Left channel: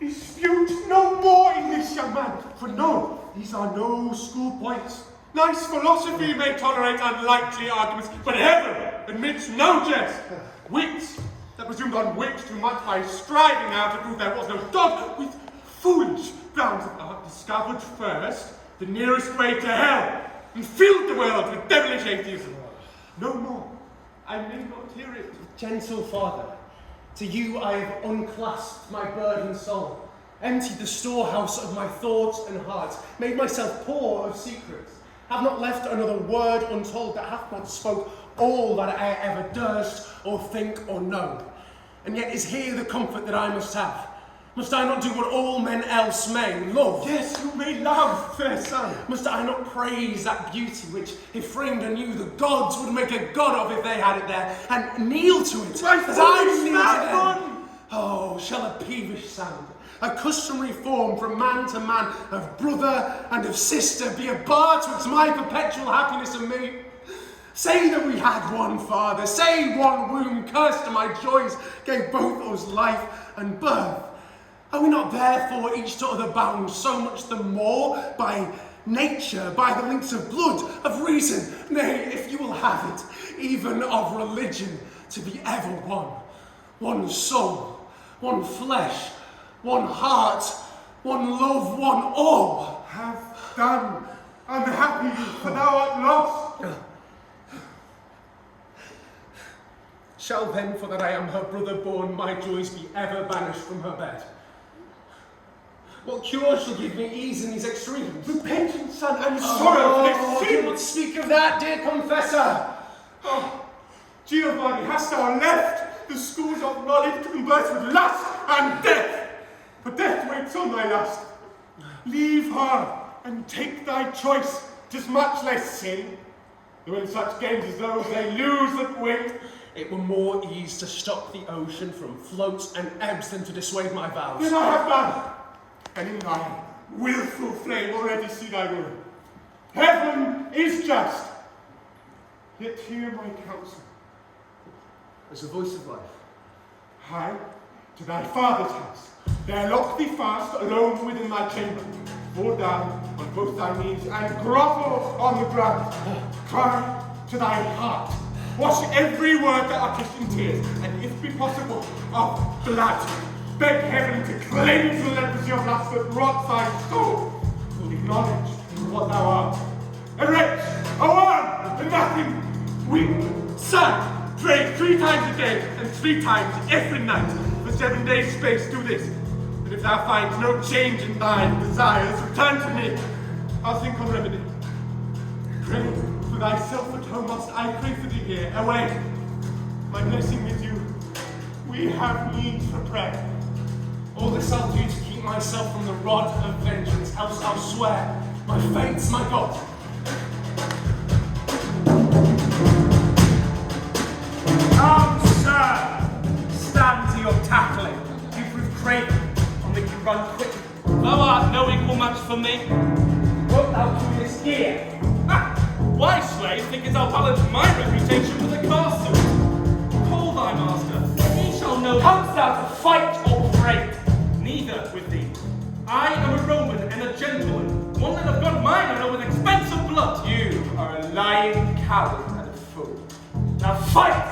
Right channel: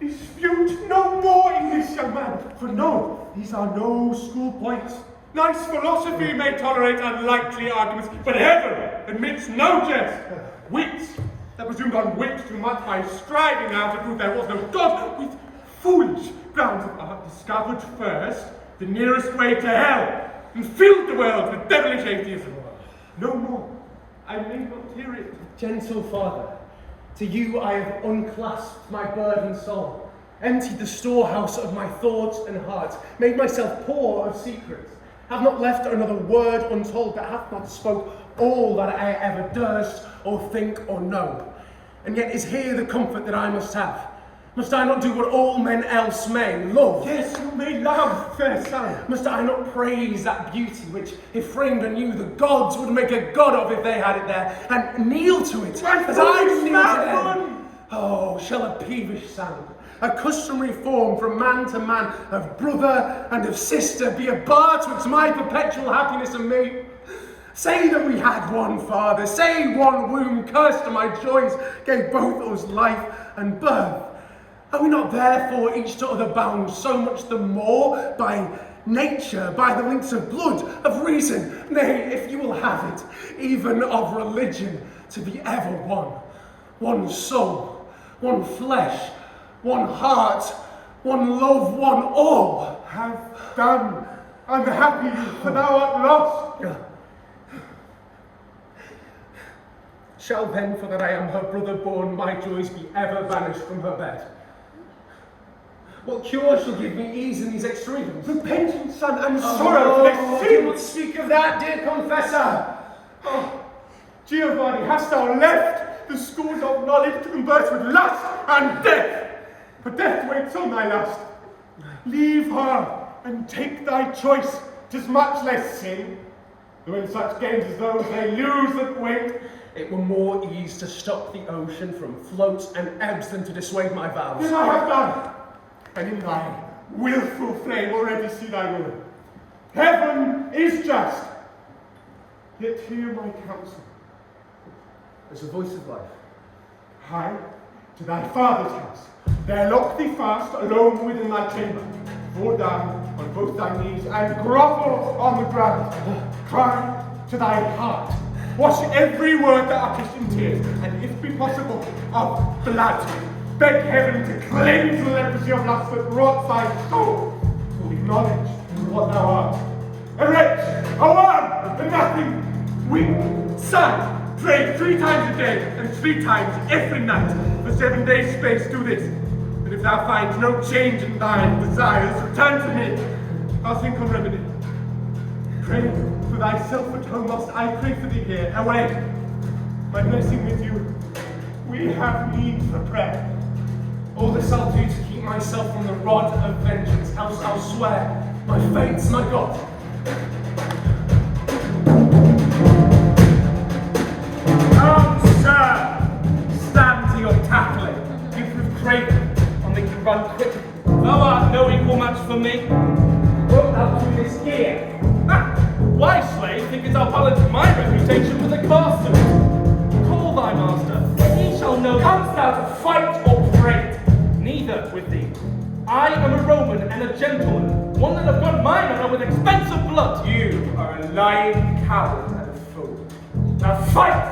Dispute no more in this, young man, for no, these are no school points. Nice philosophy may tolerate unlikely arguments, but heaven admits no jest. Wits that presumed on wit too much by striving out to prove there was no God, with foolish grounds of art discovered first the nearest way to hell, and filled the world with devilish atheism. No more, I may not hear it. Gentle father, to you I have unclasped my burdened soul, emptied the storehouse of my thoughts and heart, made myself poor of secrets, have not left another word untold, that hath not spoke all that I ever durst or think or know. And yet is here the comfort that I must have. Must I not do what all men else may, love? Yes, you may love, fair son. Must I not praise that beauty which, if framed anew, the gods would make a god of if they had it there, and kneel to it, as I kneel to them? Oh, shall a peevish sound, a customary form from man to man, of brother and of sister, be a bar twixt my perpetual happiness and me? Say that we had one father, say one womb, cursed to my joys, gave both us life and birth. Are we not therefore each to other bound so much the more by nature, by the links of blood, of reason, nay, if you will have it, even of religion, to be ever one? One soul, one flesh, one heart, one love, one all. Have done, unhappy youth, for thou art lost. Shall then, for that I am her brother born, my joys be ever banished from her bed? What cure shall give me ease in these extremes? Repentance, son, and sorrow for this sin. Do not speak of that, dear confessor. Oh, Giovanni, hast thou left the schools of knowledge to converse with lust and death? For death waits on thy lust. Leave her and take thy choice. 'Tis much less sin, though in such games as those they lose that wait. It were more ease to stop the ocean from floats and ebbs than to dissuade my vows. This I have done, and in thy wilful flame already see thy ruin. Heaven is just, yet hear my counsel. As a voice of life. Hie to thy father's house, there lock thee fast, alone within thy chamber. Fall down on both thy knees, and grovel on the ground. Cry to thy heart. Wash every word that utters in tears, and if be possible, of blood. Beg heaven to cleanse the leprosy of lust that rots thy soul. Acknowledge what thou art. A wretch, a worm, a nothing. Weep, sigh, pray 3 times a day, and 3 times every night. For 7 days' space do this. And if thou find no change in thine desires, return to me. I'll think on remedy. Pray for thyself at home, whilst I pray for thee here. Away. My blessing with you. We have need for prayer. All this I'll do to keep myself from the rod of vengeance, else I'll swear my fate's my God. Come, sir! Stand to your tackling. You prove craven, I'll make you run quicker. Thou art no equal match for me. Wilt thou do this here? Why, slave, thinkest thou balance my reputation with a car suit? Call thy master, he shall know. Comest thou to fight or trade? Neither with thee. I am a Roman and a gentleman, one that have got mine honor with expensive blood. You are a lying coward and a fool. Now fight!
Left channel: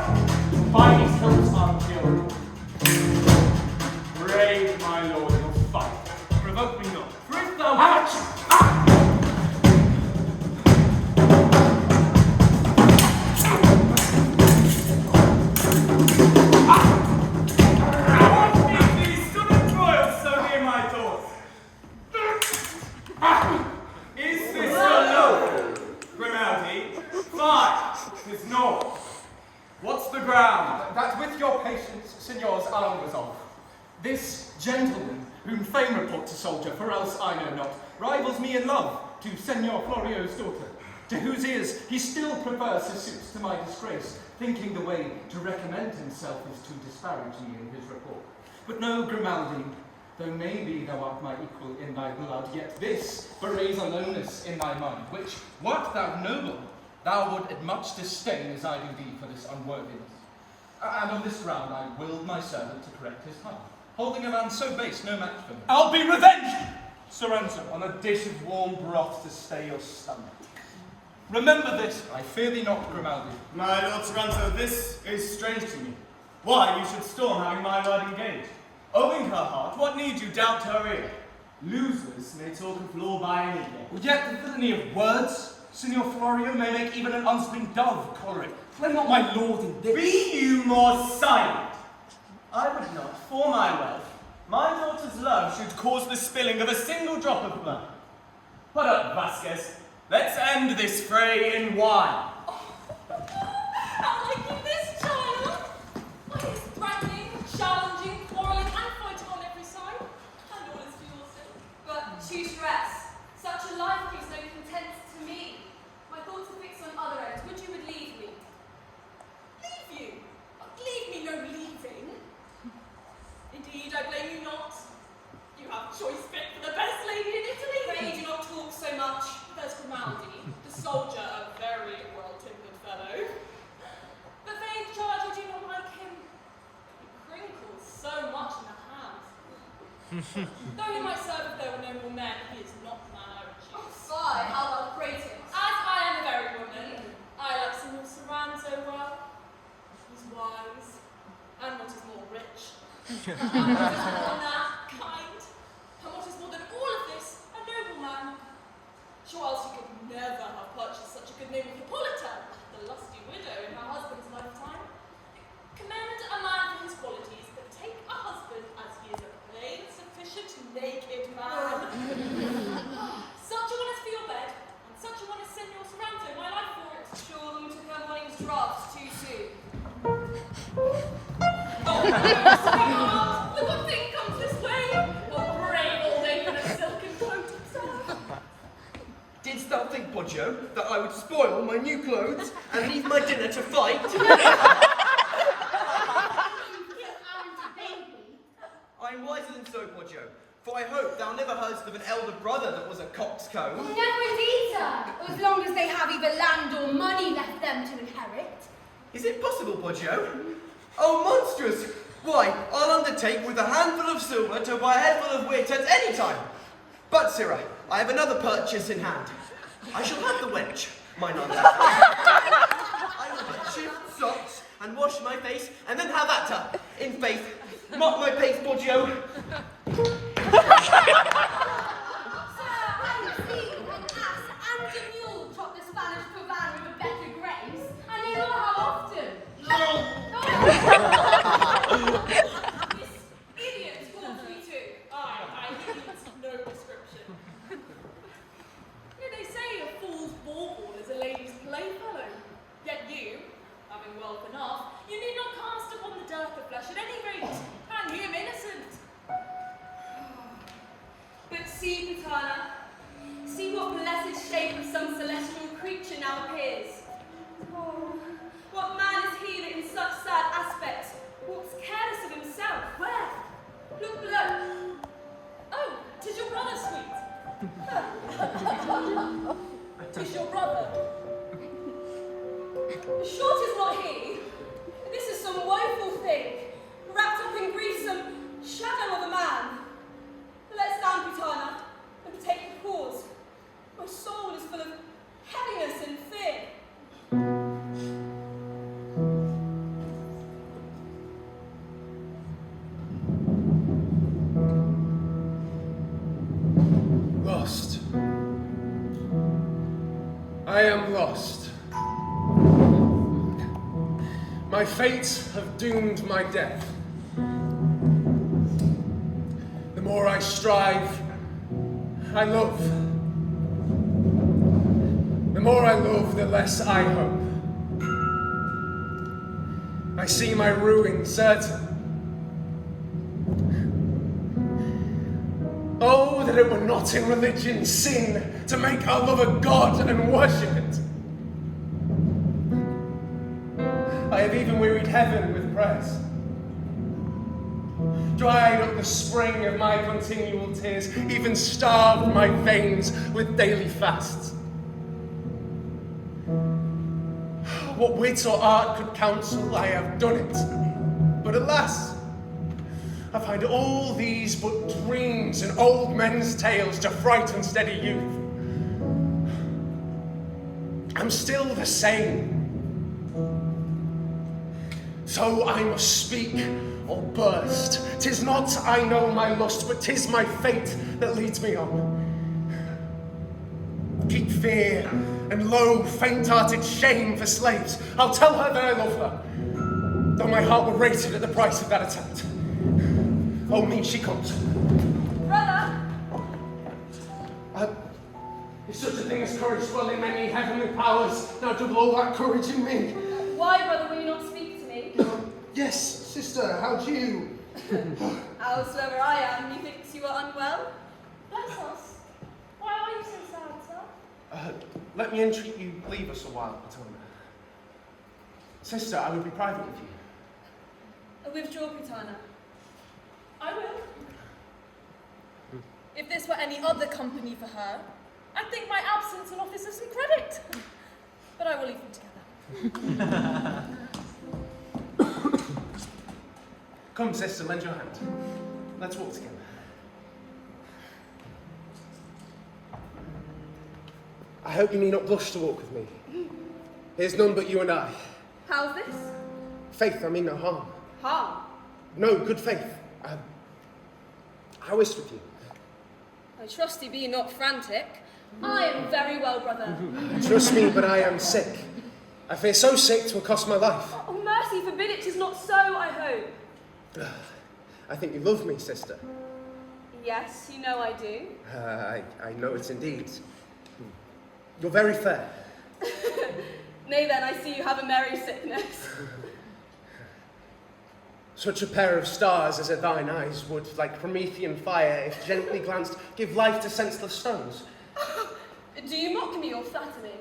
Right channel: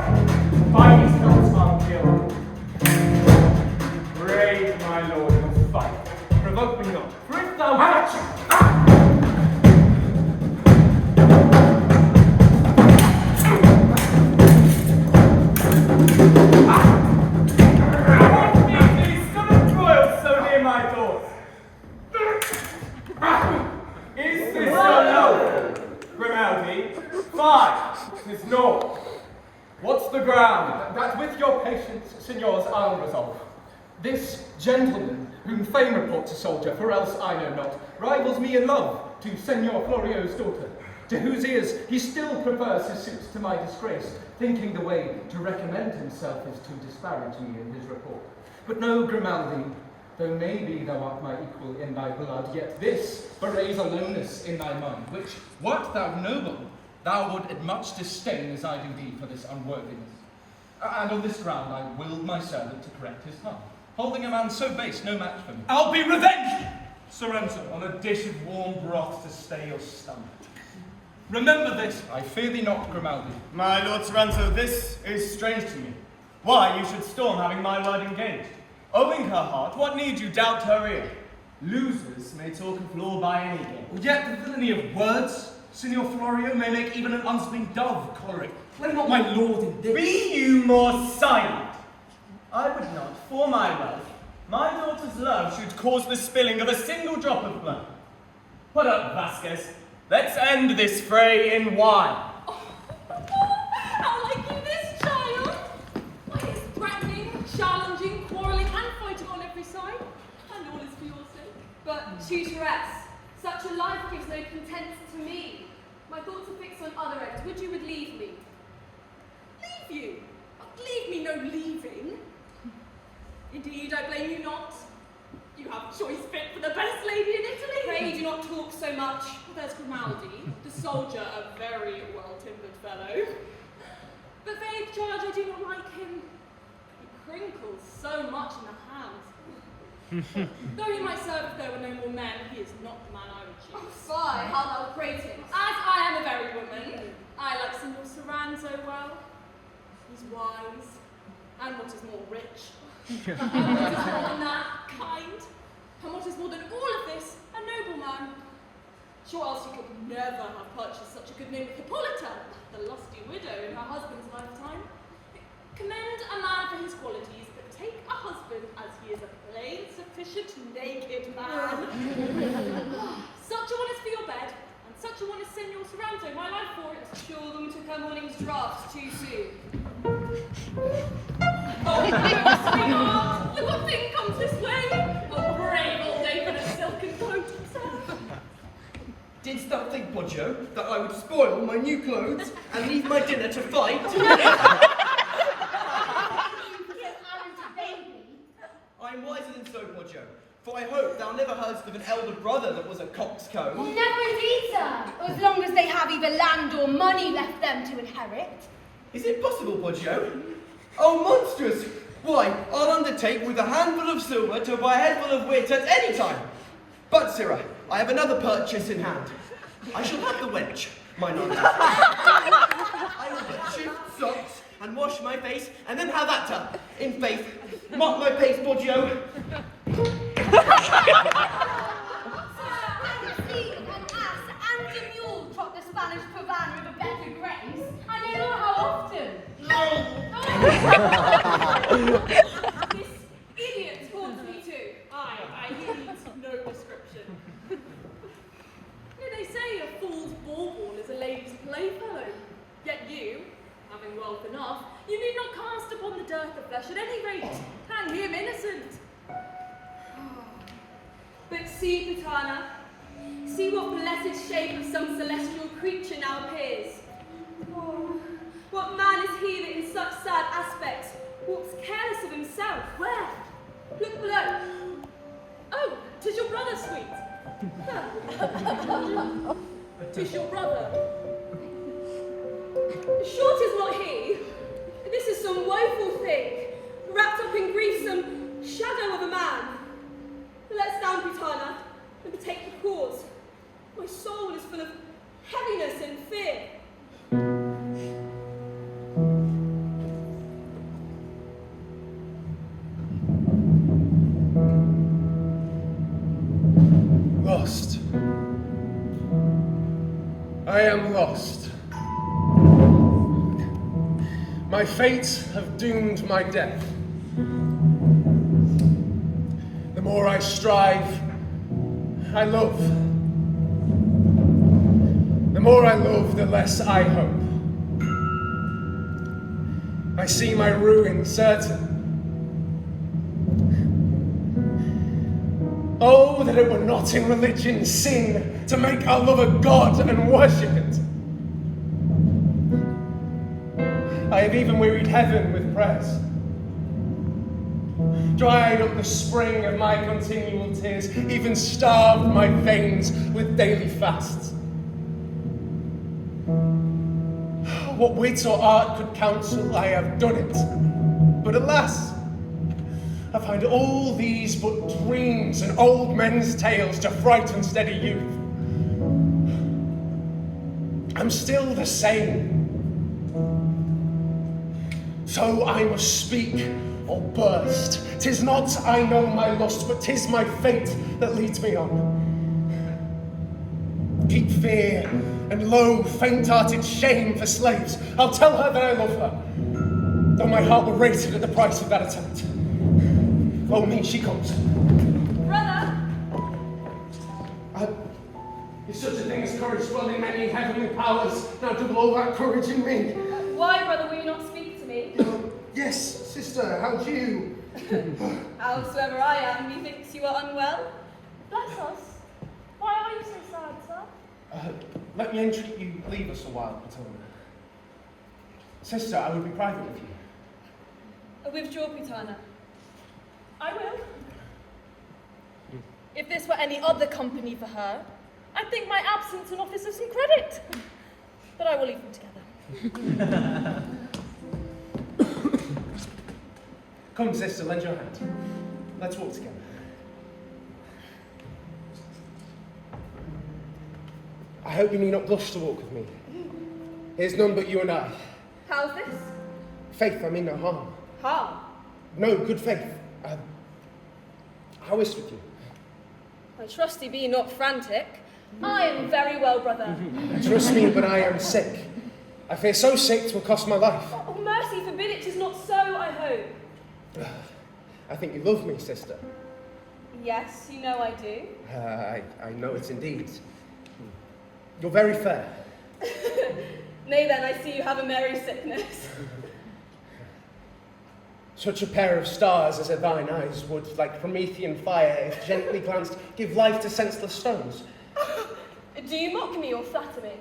By these hills are killed. Brave, my lord, and fight. Provoke me not, for if thou Is this your loaf, Grimaldi? 5 is naught. What's the ground? That with your patience, signors, I'll resolve. This gentleman, whom fame reports a soldier, for else I know not, rivals me in love to Signor Florio's daughter, to whose ears he still prefers his suits to my disgrace, thinking the way to recommend himself is to disparage me in his report. But no, Grimaldi, though maybe thou art my equal in thy blood, yet this betrays aloneness in thy mind, which, wert thou noble, thou would much disdain as I do thee for this unworthiness. And on this ground I willed my servant to correct his tongue, holding a man so base no match for me. I'll be revenged, Soranzo, on a dish of warm broth to stay your stomach. Remember this. I fear thee not, Grimaldi. My lord Soranzo, this is strange to me. Why, you should storm having my word engaged. Owing her heart, what need you doubt her ear? Losers may talk of law by any game. Yet the villainy of words, Signor Florio, may make even an unsling dove choleric. Play not my lord in this. Be you more silent. I would not, for my wealth, my daughter's love should cause the spilling of a single drop of blood. Put up, Vasques. Let's end this fray in wine. How like you this, child? Why, it's threatening, challenging, quarrelling, and fighting on every side. And all is for your sake. But, tutoress, such a life brings no content to me. My thoughts are fixed on other ends. Would you would leave me? Leave you? Leave me no leaving. Indeed, I blame you not. You have choice fit for the best lady in Italy. Pray do not talk so much. There's Grimaldi, the soldier, a very well-timbered fellow. But faith, George, I do not like him. He crinkles so much in the hands. Though he might serve if there were no more men, he is not the man I would choose. Oh, fie, how thou prating. As I am a very woman, I like Signor Soranzo well. He's wise, and what is more, rich. And what is more than that, kind. And what is more than all of this, a noble man. Sure else he could never have purchased such a good name as Hippolita, the lusty widow in her husband's lifetime. Commend a man for his qualities, but take a husband as he is a plain, sufficient, naked man. Such a one is for your bed, and such a one is Signor Soranzo, my life for it. Sure the woman took her morning's draught too soon. Oh, sweetheart, look what thing comes this way. A brave old ape in a silken coat himself. Didst thou think, Poggio, that I would spoil my new clothes and leave my dinner to fight? I'm wiser than so, Poggio, for I hope thou never heardst of an elder brother that was a coxcomb. Oh, never indeed, sir, as long as they have either land or money left them to inherit. Is it possible, Poggio? Oh, monstrous! Why, I'll undertake with a handful of silver to buy a headful of wit at any time. But, sirrah, I have another purchase in hand. I shall have the wench, my lord. I will but shift socks and wash my face, and then have at her. In faith, mark my pace, Poggio. Sir, I've seen an ass and a mule trot the Spanish provana with a better grace. I know not how often. This idiot calls me too. I need no description. They say a fool's bauble is a lady's playfellow. Yet you, having wealth enough, you need not cast upon the dearth of flesh at any rate, hang him innocent. But see, Putana, see what blessed shape of some celestial creature now appears. Oh, what man is he that in such sad aspects walks careless of himself? Where? Look below. Oh, 'tis your brother, sweet. 'Tis your brother. Sure 'tis not he. This is some woeful thing, wrapped up in grief, some shadow of a man. Let's stand, Putana, and take the cause. My soul is full of heaviness and fear. Lost. I am lost. My fates have doomed my death. The more I strive, I love. The more I love, the less I hope. I see my ruin certain. Oh, that it were not in religion's sin to make our love a god and worship it. I have even wearied heaven with prayers, dried up the spring of my continual tears, even starved my veins with daily fasts. what wit or art could counsel, I have done it. But alas, I find all these but dreams and old men's tales to frighten steady youth. I'm still the same. So I must speak or burst. 'Tis not, I know, my lust, but 'tis my fate that leads me on. Keep fear and low, faint-hearted shame for slaves. I'll tell her that I love her, though my heart were rated at the price of that attempt. Oh, me, she comes. Brother! If such a thing as courage dwelling in any heavenly powers, now double all that courage in me. Why, brother, will you not speak to me? Yes, sister, how do you? Howsoever I am, methinks you are unwell. Bless us. Why are you so sad, sir? Let me entreat you, leave us a while, Putana. Sister, I will be private with you. Withdraw, Putana. I will. If this were any other company for her, I think my absence an office of some credit. But I will leave them together. Come, sister, lend your hand. Let's walk together. I hope you need not blush to walk with me. Here's none but you and I. How's this? Faith, I mean no harm. Harm? No, good faith. How is it with you? I trust you be not frantic. I am very well, brother. Trust me, but I am sick. I fear so sick 'twill cost my life. Oh, mercy forbid it is not so, I hope. I think you love me, sister. Yes, you know I do. I know it indeed. You're very fair. Nay then, I see you have a merry sickness. Such a pair of stars as are thine eyes would, like Promethean fire, if gently glanced, give life to senseless stones. Do you mock me or flatter me?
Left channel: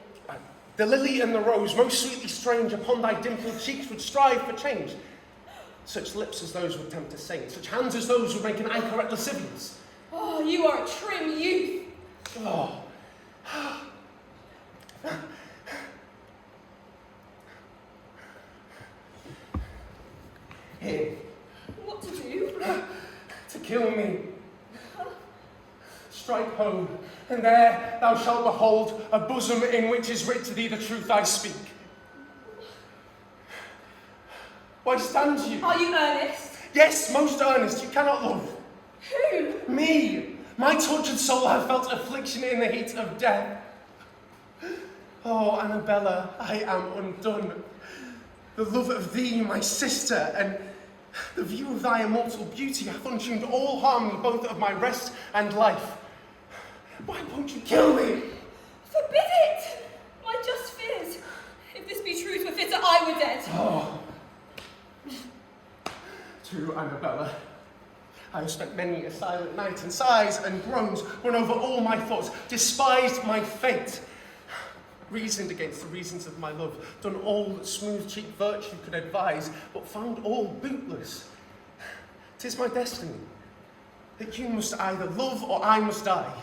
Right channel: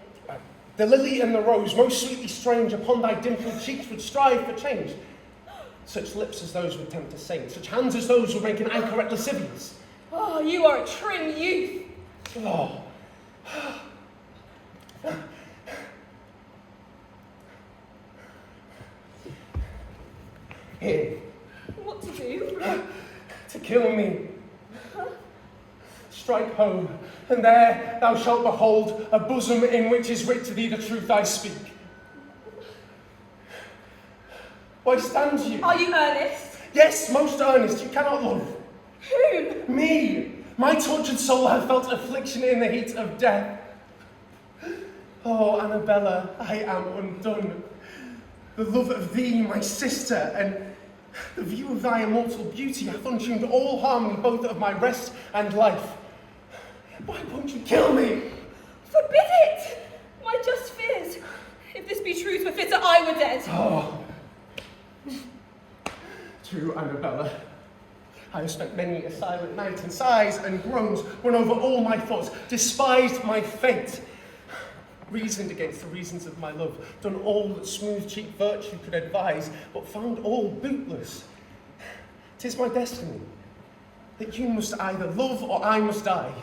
The lily and the rose, most sweetly strange, upon thy dimpled cheeks would strive for change. Such lips as those would tempt a saint, such hands as those would make an anchor at lascivious. Oh, you are a trim youth. Oh. Here. What to do? To kill me. Strike home, and there thou shalt behold a bosom in which is writ to thee the truth I speak. Why stand you? Are you earnest? Yes, most earnest. You cannot love. Whom? Me. My tortured soul hath felt affliction in the heat of death. Oh, Annabella, I am undone. The love of thee, my sister, and the view of thy immortal beauty hath untuned all harmony both of my rest and life. Why won't you kill me? Forbid it! My just fears. If this be truth, were fitter I were dead. Oh. True, Annabella. I have spent many a silent night, and sighs and groans run over all my thoughts, despised my fate, reasoned against the reasons of my love, done all that smooth-cheeked virtue could advise, but found all bootless. 'Tis my destiny that you must either love or I must die.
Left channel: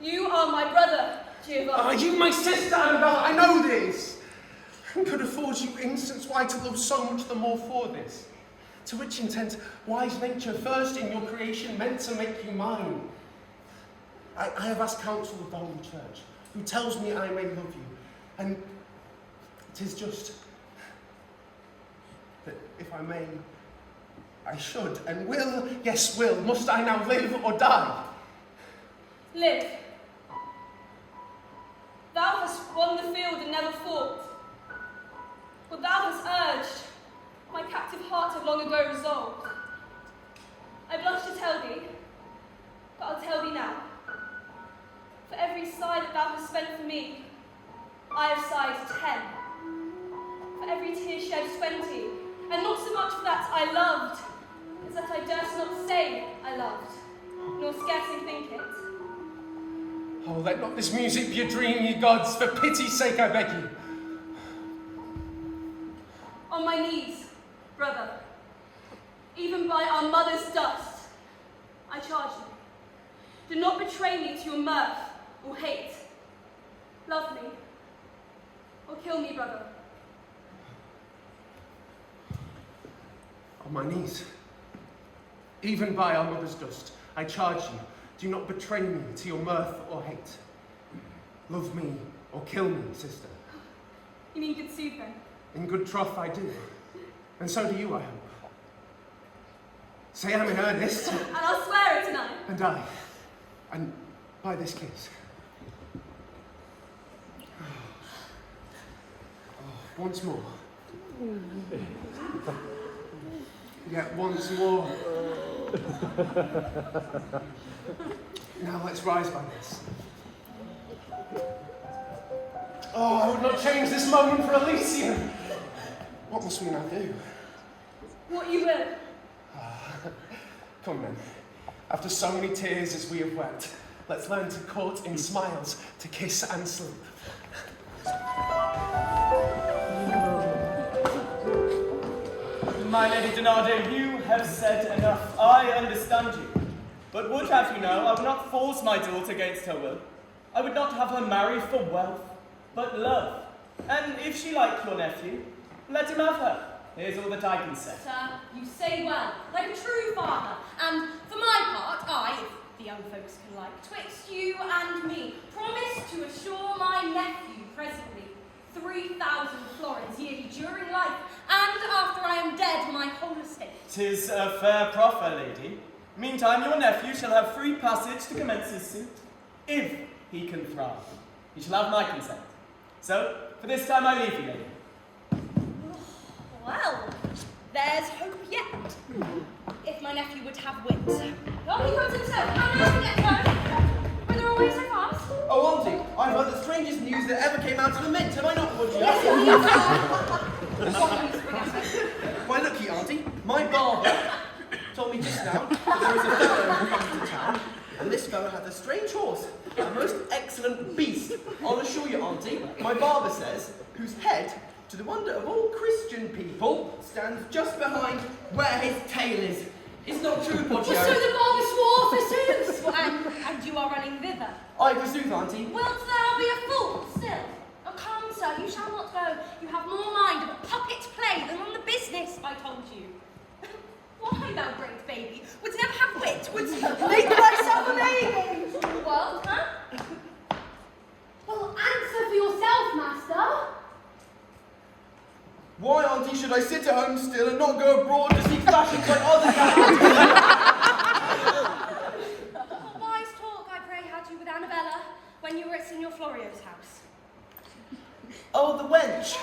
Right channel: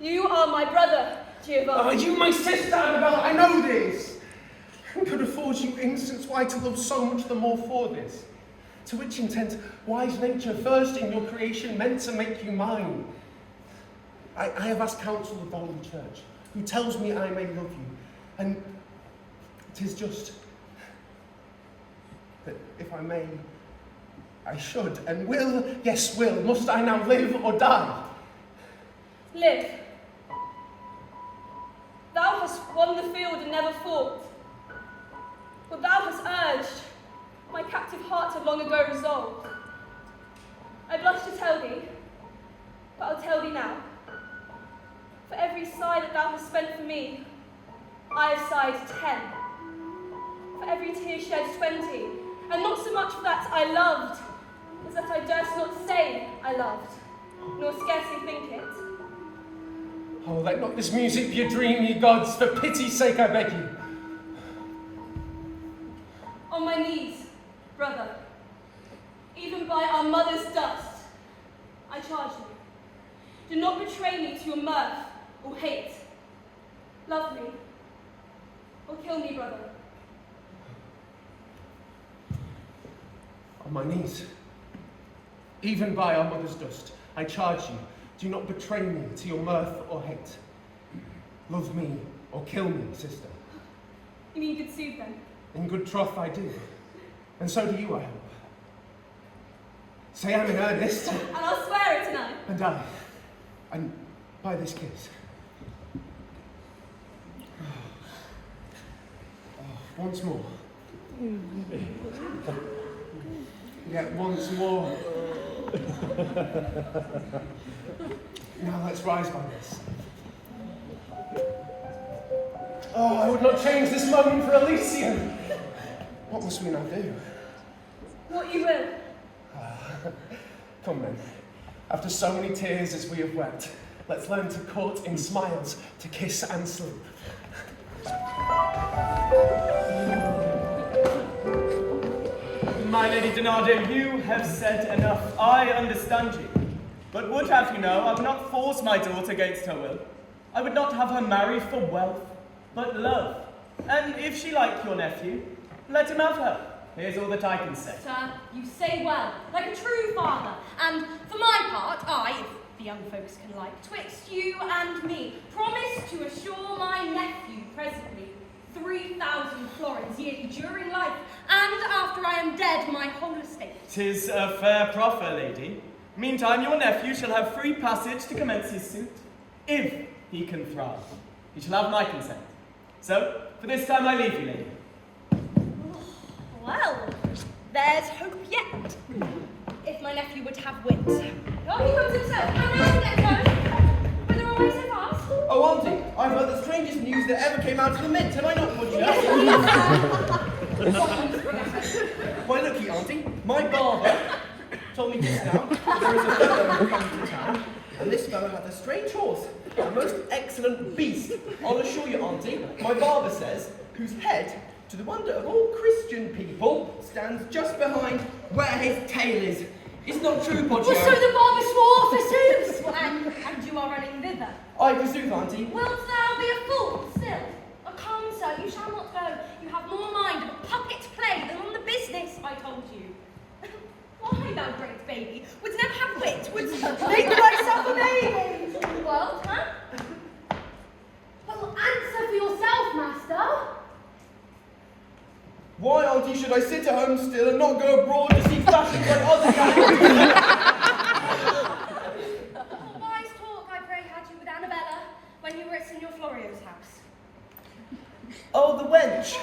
You are my brother, Giovanni. Are you my sister, Annabella? I know this. And could afford you instance why to love so much the more for this. To which intent wise nature first in your creation meant to make you mine. I have asked counsel of the Holy Church, who tells me I may love you, and 'tis just that if I may, I should and will, yes will, must I now live or die? Live. Thou hast won the field and never fought. What thou hast urged, my captive heart had long ago resolved. I blush to tell thee, but I'll tell thee now. For every sigh that thou hast spent for me, I have sighed 10. For every tear shed 20, and not so much for that I loved, as that I durst not say I loved, nor scarcely think it. Oh, let not this music be a dream, ye gods, for pity's sake I beg you. On my knees, brother, even by our mother's dust, I charge you. Do not betray me to your mirth or hate. Love me, or or kill me, brother. On my knees, even by our mother's dust, I charge you, do not betray me to your mirth or hate. Love me or kill me, sister. You mean you could soothe them? In good troth I do, and so do you, I hope. Say I'm in earnest. And I'll swear it tonight. And by this kiss. Once more. Yet once more. Now let's rise by this. Oh, I would not change this moment for Elysium. What must we now do? What you will. Come then. After so many tears as we have wept, let's learn to court in smiles, to kiss and sleep. My Lady Donada, you have said enough. I understand you. But would have you know, I would not force my daughter against her will. I would not have her marry for wealth, but love. And if she liked your nephew, let him have her. Here's all that I can say. Sir, you say well, like a true father. And for my part, I, if the young folks can like, twixt you and me, promise to assure my nephew presently 3,000 florins yearly during life, and after I am dead, my whole estate. 'Tis a fair proffer, lady. Meantime, your nephew shall have free passage to commence his suit, if he can thrive. He shall have my consent. So, for this time I leave you, lady. Well, there's hope yet. If my nephew would have wit. Oh, he comes himself. Come on, get home. Were there always so fast? Oh, Auntie, I've heard the strangest news that ever came out of the Mint. Have I not, Poggio? Yes, Why, look here, Auntie. My barber told me just now that there was a fellow who comes to town, and this fellow had a strange horse, a most excellent beast. I'll assure you, Auntie, my barber says, whose head, to the wonder of all Christian people, stands just behind where his tail is. It's not true, Poggio. Well, so the barber swore for sooth. Well, and you are running thither. I forsooth, Auntie. Wilt thou be a fool still? Oh, come, sir, you shall not go. You have more mind of a puppet play than on the business, I told you. Why, thou great baby, wouldst never have wit, wouldst make thyself a baby? Well, huh? Well, answer for yourself, master. Why, Auntie, should I sit at home still and not go abroad to seek fashions like other guys? What wise talk, I pray, had you with Annabella when you were at Signor Florio's house? Oh, the wench!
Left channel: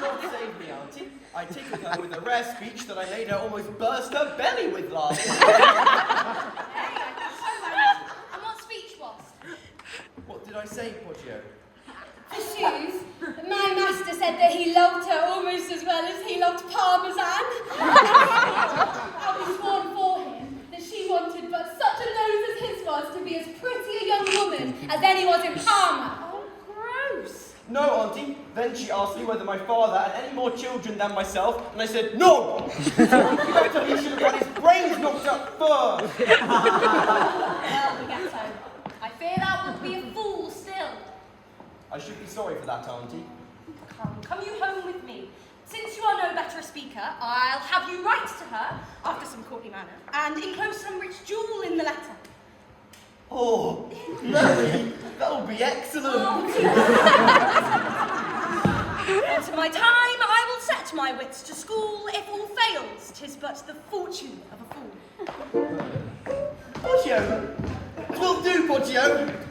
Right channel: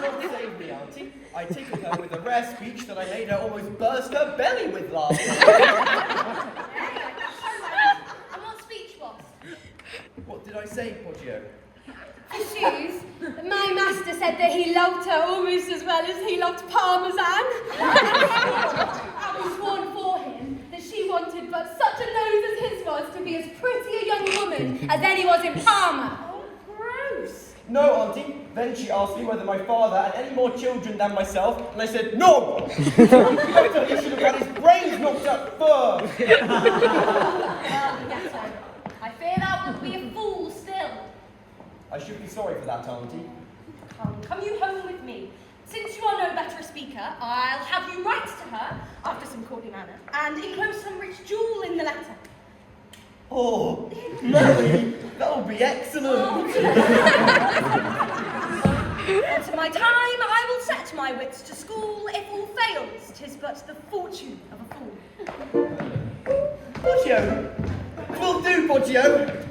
God save me, Auntie. I tickled her with a rare speech that I made her almost burst her belly with laughter. Hey, so right. And what speech was? What did I say, Poggio? For shoes, my master said that he loved her almost as well as he loved Parmesan. I'll be sworn for him that she wanted but such a nose as his was to be as pretty a young woman as any was in Parma. Oh, gross. No, Auntie. Then she asked me whether my father had any more children than myself, and I said, no! Better he should have had his brains knocked up first! Well, Bergetto, I fear thou wilt be a fool still. I should be sorry for that, Auntie. Come you home with me. Since you are no better a speaker, I'll have you write to her, after some courtly manner, and enclose some rich jewel in the letter. Oh, Mary, that'll be excellent! Unto my time, I will set my wits to school. If all fails, 'tis but the fortune of a fool. Poggio! Twill do, Poggio!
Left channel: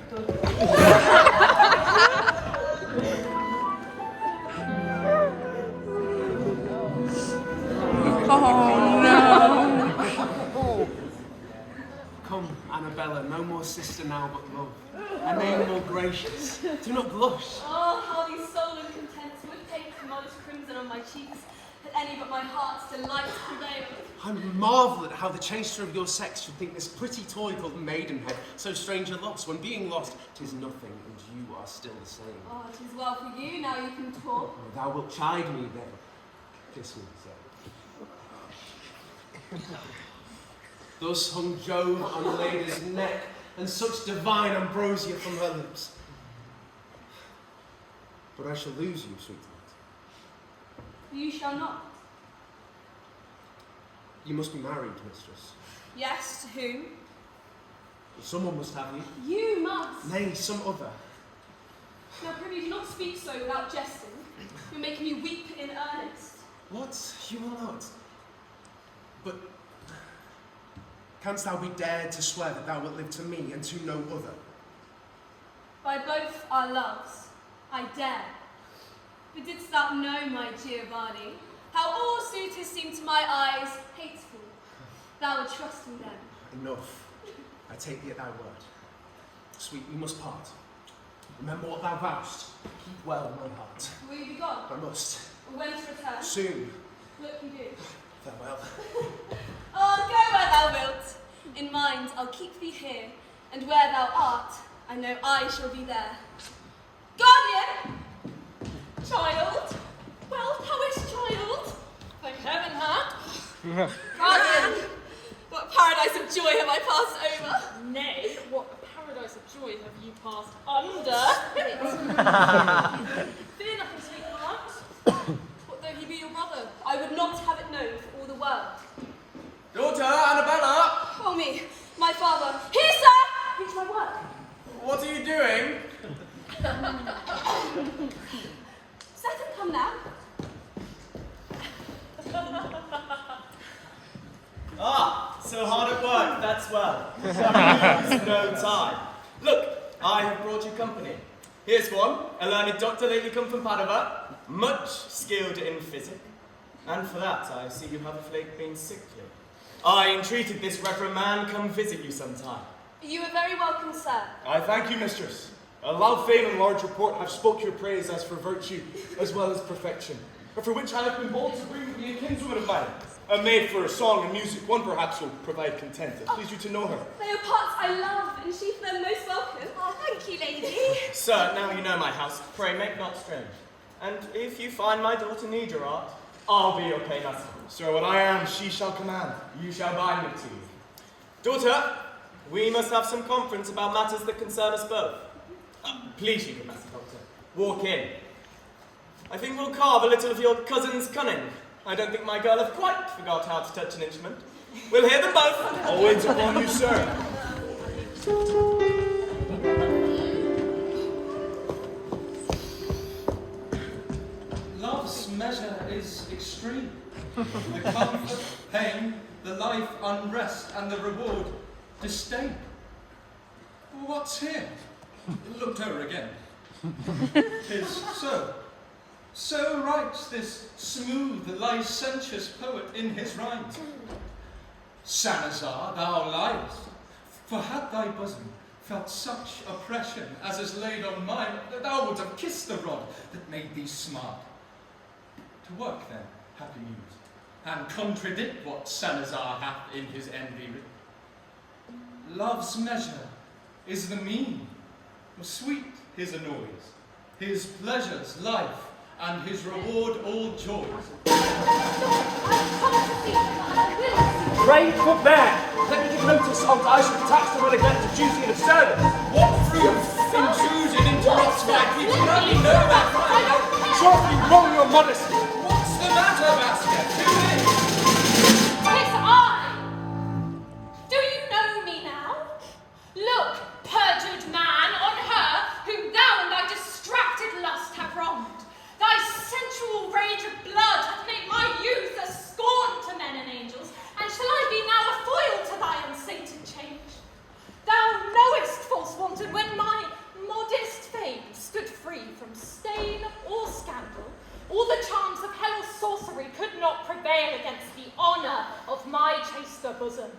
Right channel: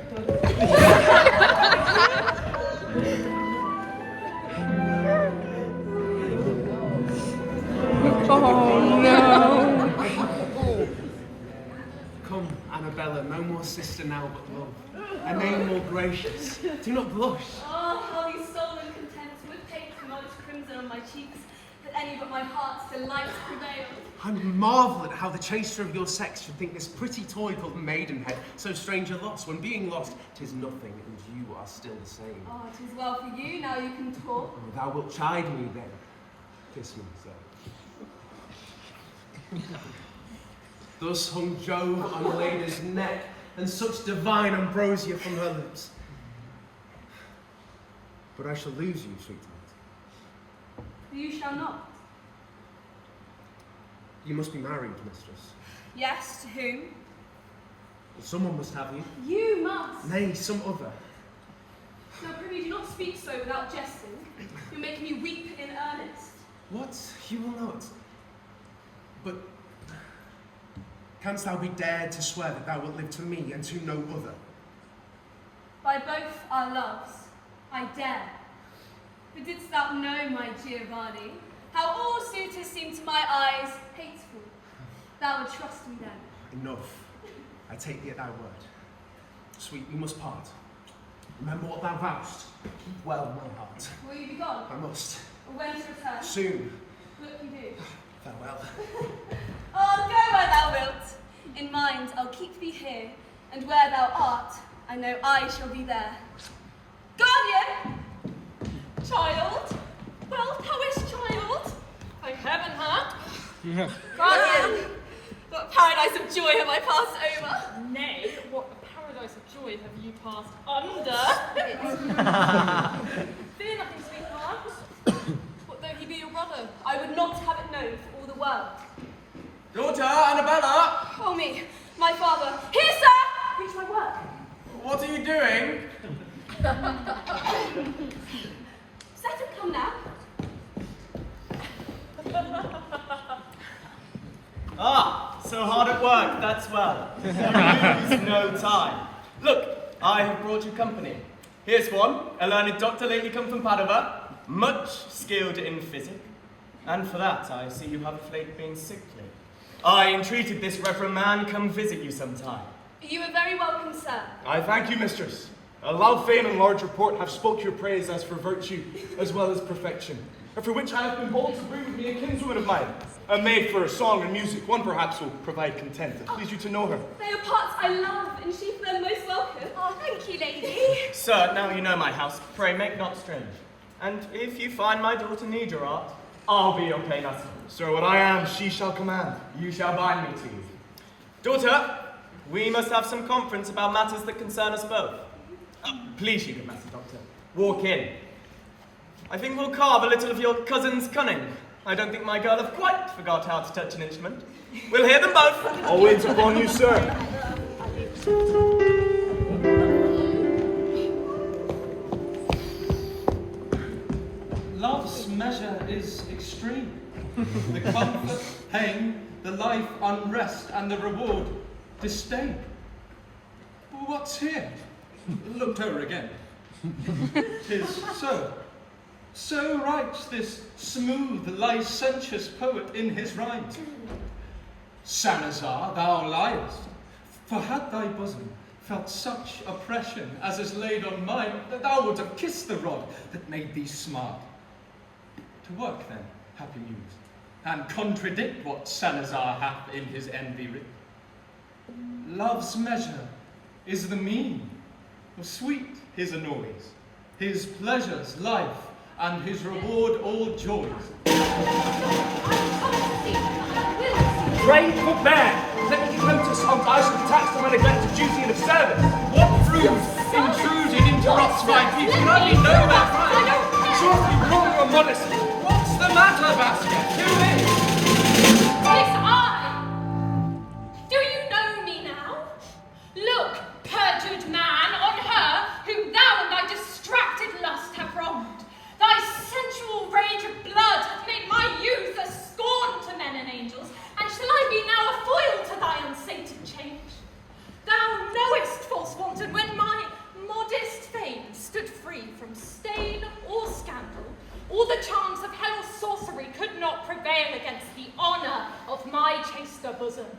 Oh no! Come, Annabella, no more sister now but love. A name more gracious. Do not blush. Oh, how these sullen contents would take the modest crimson on my cheeks, that any but my heart's delight prevail. I marvel at how the chaster of your sex should think this pretty toy called maidenhead so strange a loss, when being lost, 'tis nothing, and you are still the same. Oh, it is well for you, now you can talk. Oh, thou wilt chide me then. Kiss me, sir. Thus hung Jove on Leda's neck, and such divine ambrosia from her lips. but I shall lose you, sweetheart. You shall not. You must be married, mistress. Yes, to whom? Someone must have you. You must. Nay, some other. Now, prithee, do not speak so without jesting. You'll make me weep in earnest. What? You will not. But canst thou be dared to swear that thou wilt live to me and to no other? By both our loves, I dare. But didst thou know, my Giovanni, how all suitors seem to my eyes hateful, thou would trust in them. Enough. I take thee at thy word. Sweet, we must part. Remember what thou vowest. Keep well my heart. Will you be gone? I must. Or when to return? Soon. Look you do. Farewell. Oh, go where thou wilt. In mind, I'll keep thee here, and where thou art, I know I shall be there. Guardian! Child? Well, how is child? By heaven, huh? Guardian! What paradise of joy have I passed over? Nay, what paradise of joy have you passed under? Fear nothing, sweetheart. What though he be your brother? I would not have it known for all the world. Daughter, Annabella! Oh me, my father. Here, sir! Reach my work. What are you doing? Set and come now. Ah, so hard at work, that's well. Lose no time. Look, I have brought you company. Here's one, a learned doctor lately come from Padua, much skilled in physic. And for that, I see you have of late been sickly. I entreated this reverend man come visit you sometime. You are very welcome, sir. I thank you, mistress. A loud fame and large report have spoke your praise as for virtue, as well as perfection, and for which I have been bold to bring with me a kinswoman of mine, a maid for song and music. One perhaps will provide content, that please you to know her. They are parts I love, and she for them most welcome. Oh, thank you, lady. Sir, now you know my house, pray make not strange. And if you find my daughter need your art, I'll be your painter. Sir, what I am, she shall command. You shall bind me to you. Daughter, we must have some conference about matters that concern us both. Please, you good master doctor, walk in. I think we'll carve a little of your cousin's cunning. I don't think my girl have quite forgot how to touch an instrument. We'll hear them both. Always upon you, sir. Love's measure is extreme. The comfort, pain, the life unrest, and the reward disdain. What's here? Looked over again. 'Tis so. So writes this smooth, licentious poet in his rhymes. Sanazar, thou liest, for had thy bosom felt such oppression as is laid on mine, that thou would have kissed the rod that made thee smart. To work then, happy muse, and contradict what Sanazar hath in his envy writ. Love's measure is the mean, for sweet his annoys, his pleasures life, and his reward all joys. Pray forbear! Let me give notice on I shall tax the neglected duty of the servant. What rude intrusion interrupts my peace? Can I be nowhere fine? Surely you wrong your modesty. What's the matter, Vasques? Who is? Tis I! Do you know me now? Look, perjured man, on her whom thou and thy distracted lust have wronged. Thy sensual rage of blood hath made my youth a scorn to men and angels, and shall I be now a foil to thy unsated change? Thou knowest, false wanton, when my modest fame stood free from stain or scandal, all the charms of hell or sorcery could not prevail against the honour of my chaster bosom.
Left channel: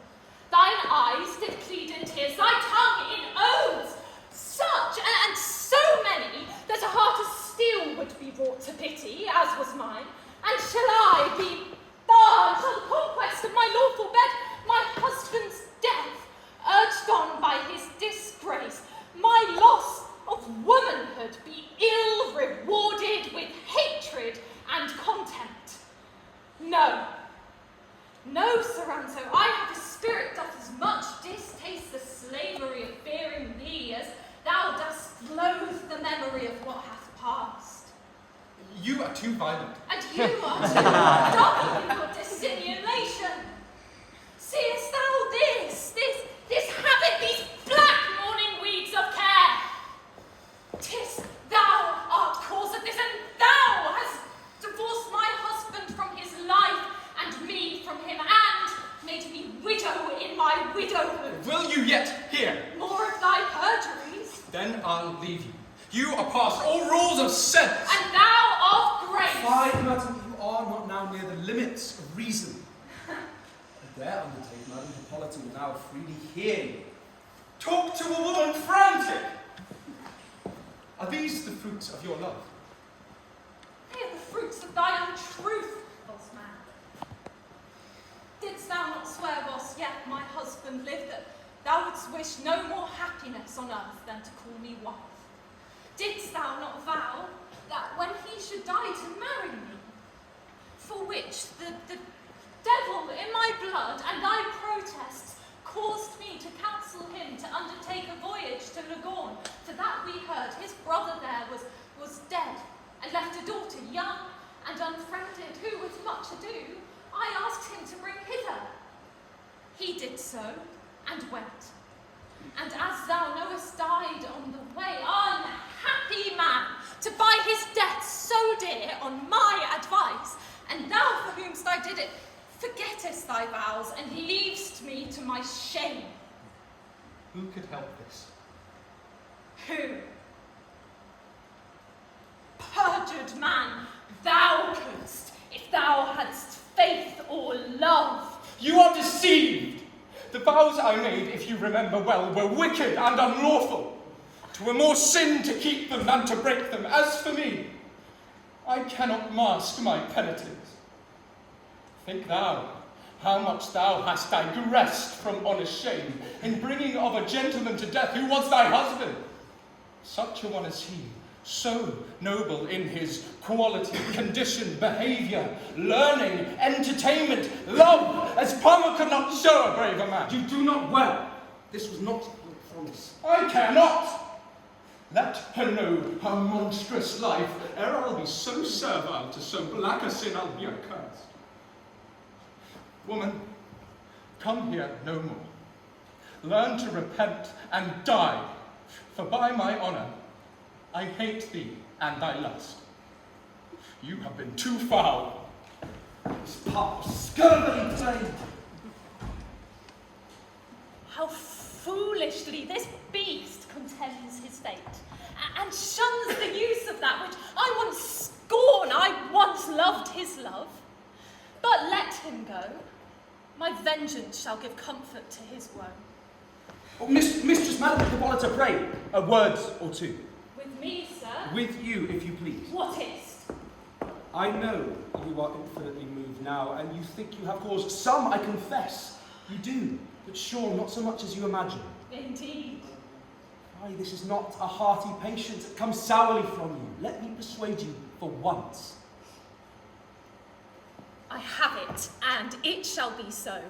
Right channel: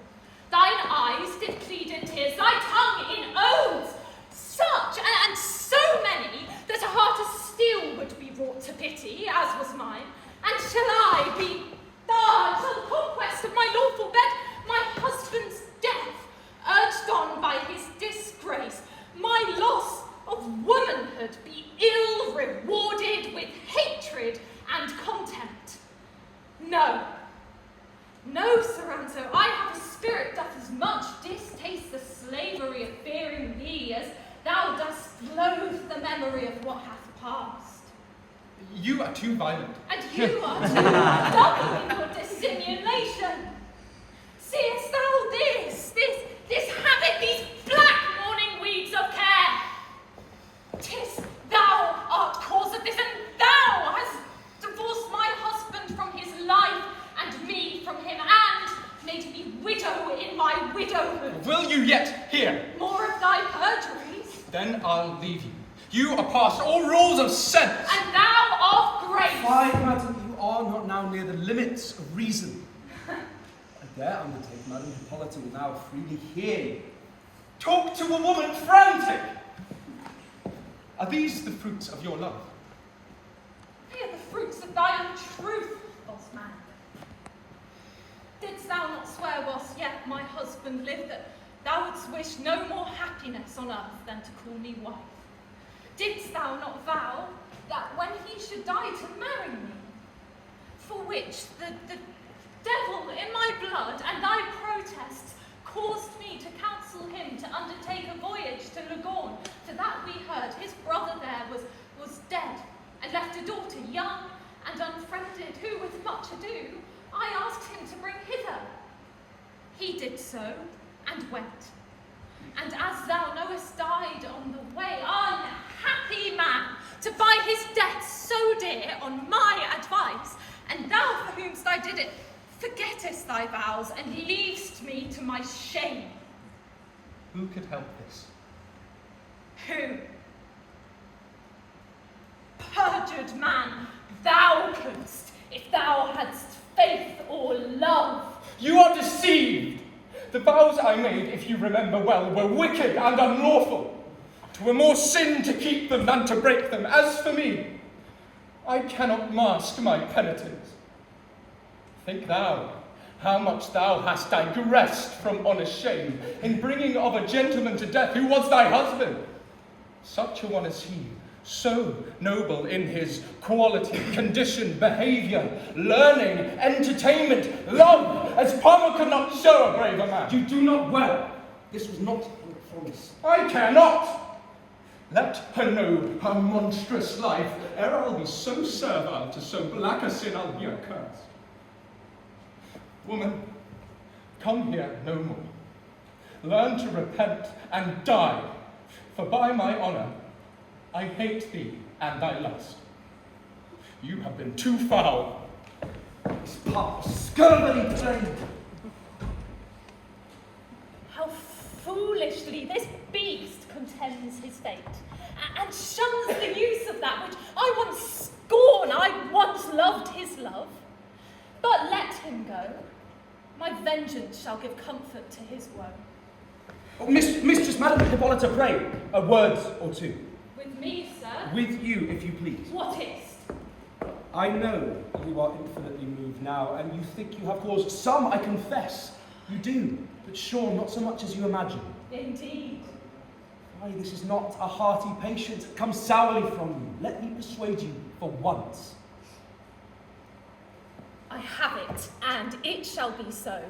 Thine eyes did plead in tears, thy tongue in oaths, such and so many that a heart of steel would be brought to pity, as was mine. And shall I be barred to the conquest of my lawful bed, my husband's death, urged on by his disgrace, my loss of womanhood be ill rewarded with hatred and contempt? No. No, Soranzo, I have a spirit that as much distaste the slavery of fearing thee as thou dost loathe the memory of what hath passed. You are too violent. And you are too doubling your dissimulation. Seest thou this habit, these black mourning weeds of care? 'Tis thou art cause of this, and thou hast divorced my husband from his life, and me from him, and made me widow in my widowhood. Will you yet hear? More of thy perjuries, Then I'll leave you. You are past all rules of sense. and thou of grace. Fie, madam, you are not now near the limits of reason. I dare undertake, Madam Hippolita will now freely hear you. Talk to a woman frantic. Are these the fruits of your love? They are the fruits of thy untruth, false man. Didst thou not swear whilst yet my husband lived that thou wouldst wish no more happiness on earth than to call me wife? Didst thou not vow that when he should die to marry me, for which the devil in my blood and thy protests caused me to counsel him to undertake a voyage to Lagorn, for that we heard his brother there was dead, and left a daughter young and unfriended, who with much ado I asked him to bring hither. He did so, and went, and as thou knowest died on the way, unhappy man, to buy his death so dear on my advice, and thou for whomst I did it, forgettest thy vows, and leavest me to my shame. Who could help this? Who? Perjured man, thou couldst, if thou hadst faith or love. You are deceived. The vows I made, if you remember well, were wicked and unlawful. 'Twere more sin to keep them than to break them. As for me, I cannot mask my penitence. Think thou how much thou hast digressed from honest shame in bringing of a gentleman to death who was thy husband. Such a one as he, so noble in his quality, condition, behaviour, learning, entertainment, love, as Palmer could not show a braver man. You do not well. This was not your promise. I care not. Let her know her monstrous life, ere I'll be so servile to so black a sin I'll be accursed. Woman, come here no more. Learn to repent and die, for by my honour, I hate thee and thy lust. You have been too foul. This part was scurvily trained. How foolishly this beast contends his fate, and shuns the use of that which I once scorned. I once loved his love. But let him go. My vengeance shall give comfort to his woe. Oh, Mistress Madam Hippolita, pray, a word or two. With me, sir? With you, if you please. What is? I know you are infinitely moved now, and you think you have caused some, I confess. You do, but sure, not so much as you imagine. Indeed. Why, this is not a hearty patience that comes sourly from you. Let me persuade you for once. I have it, and it shall be so.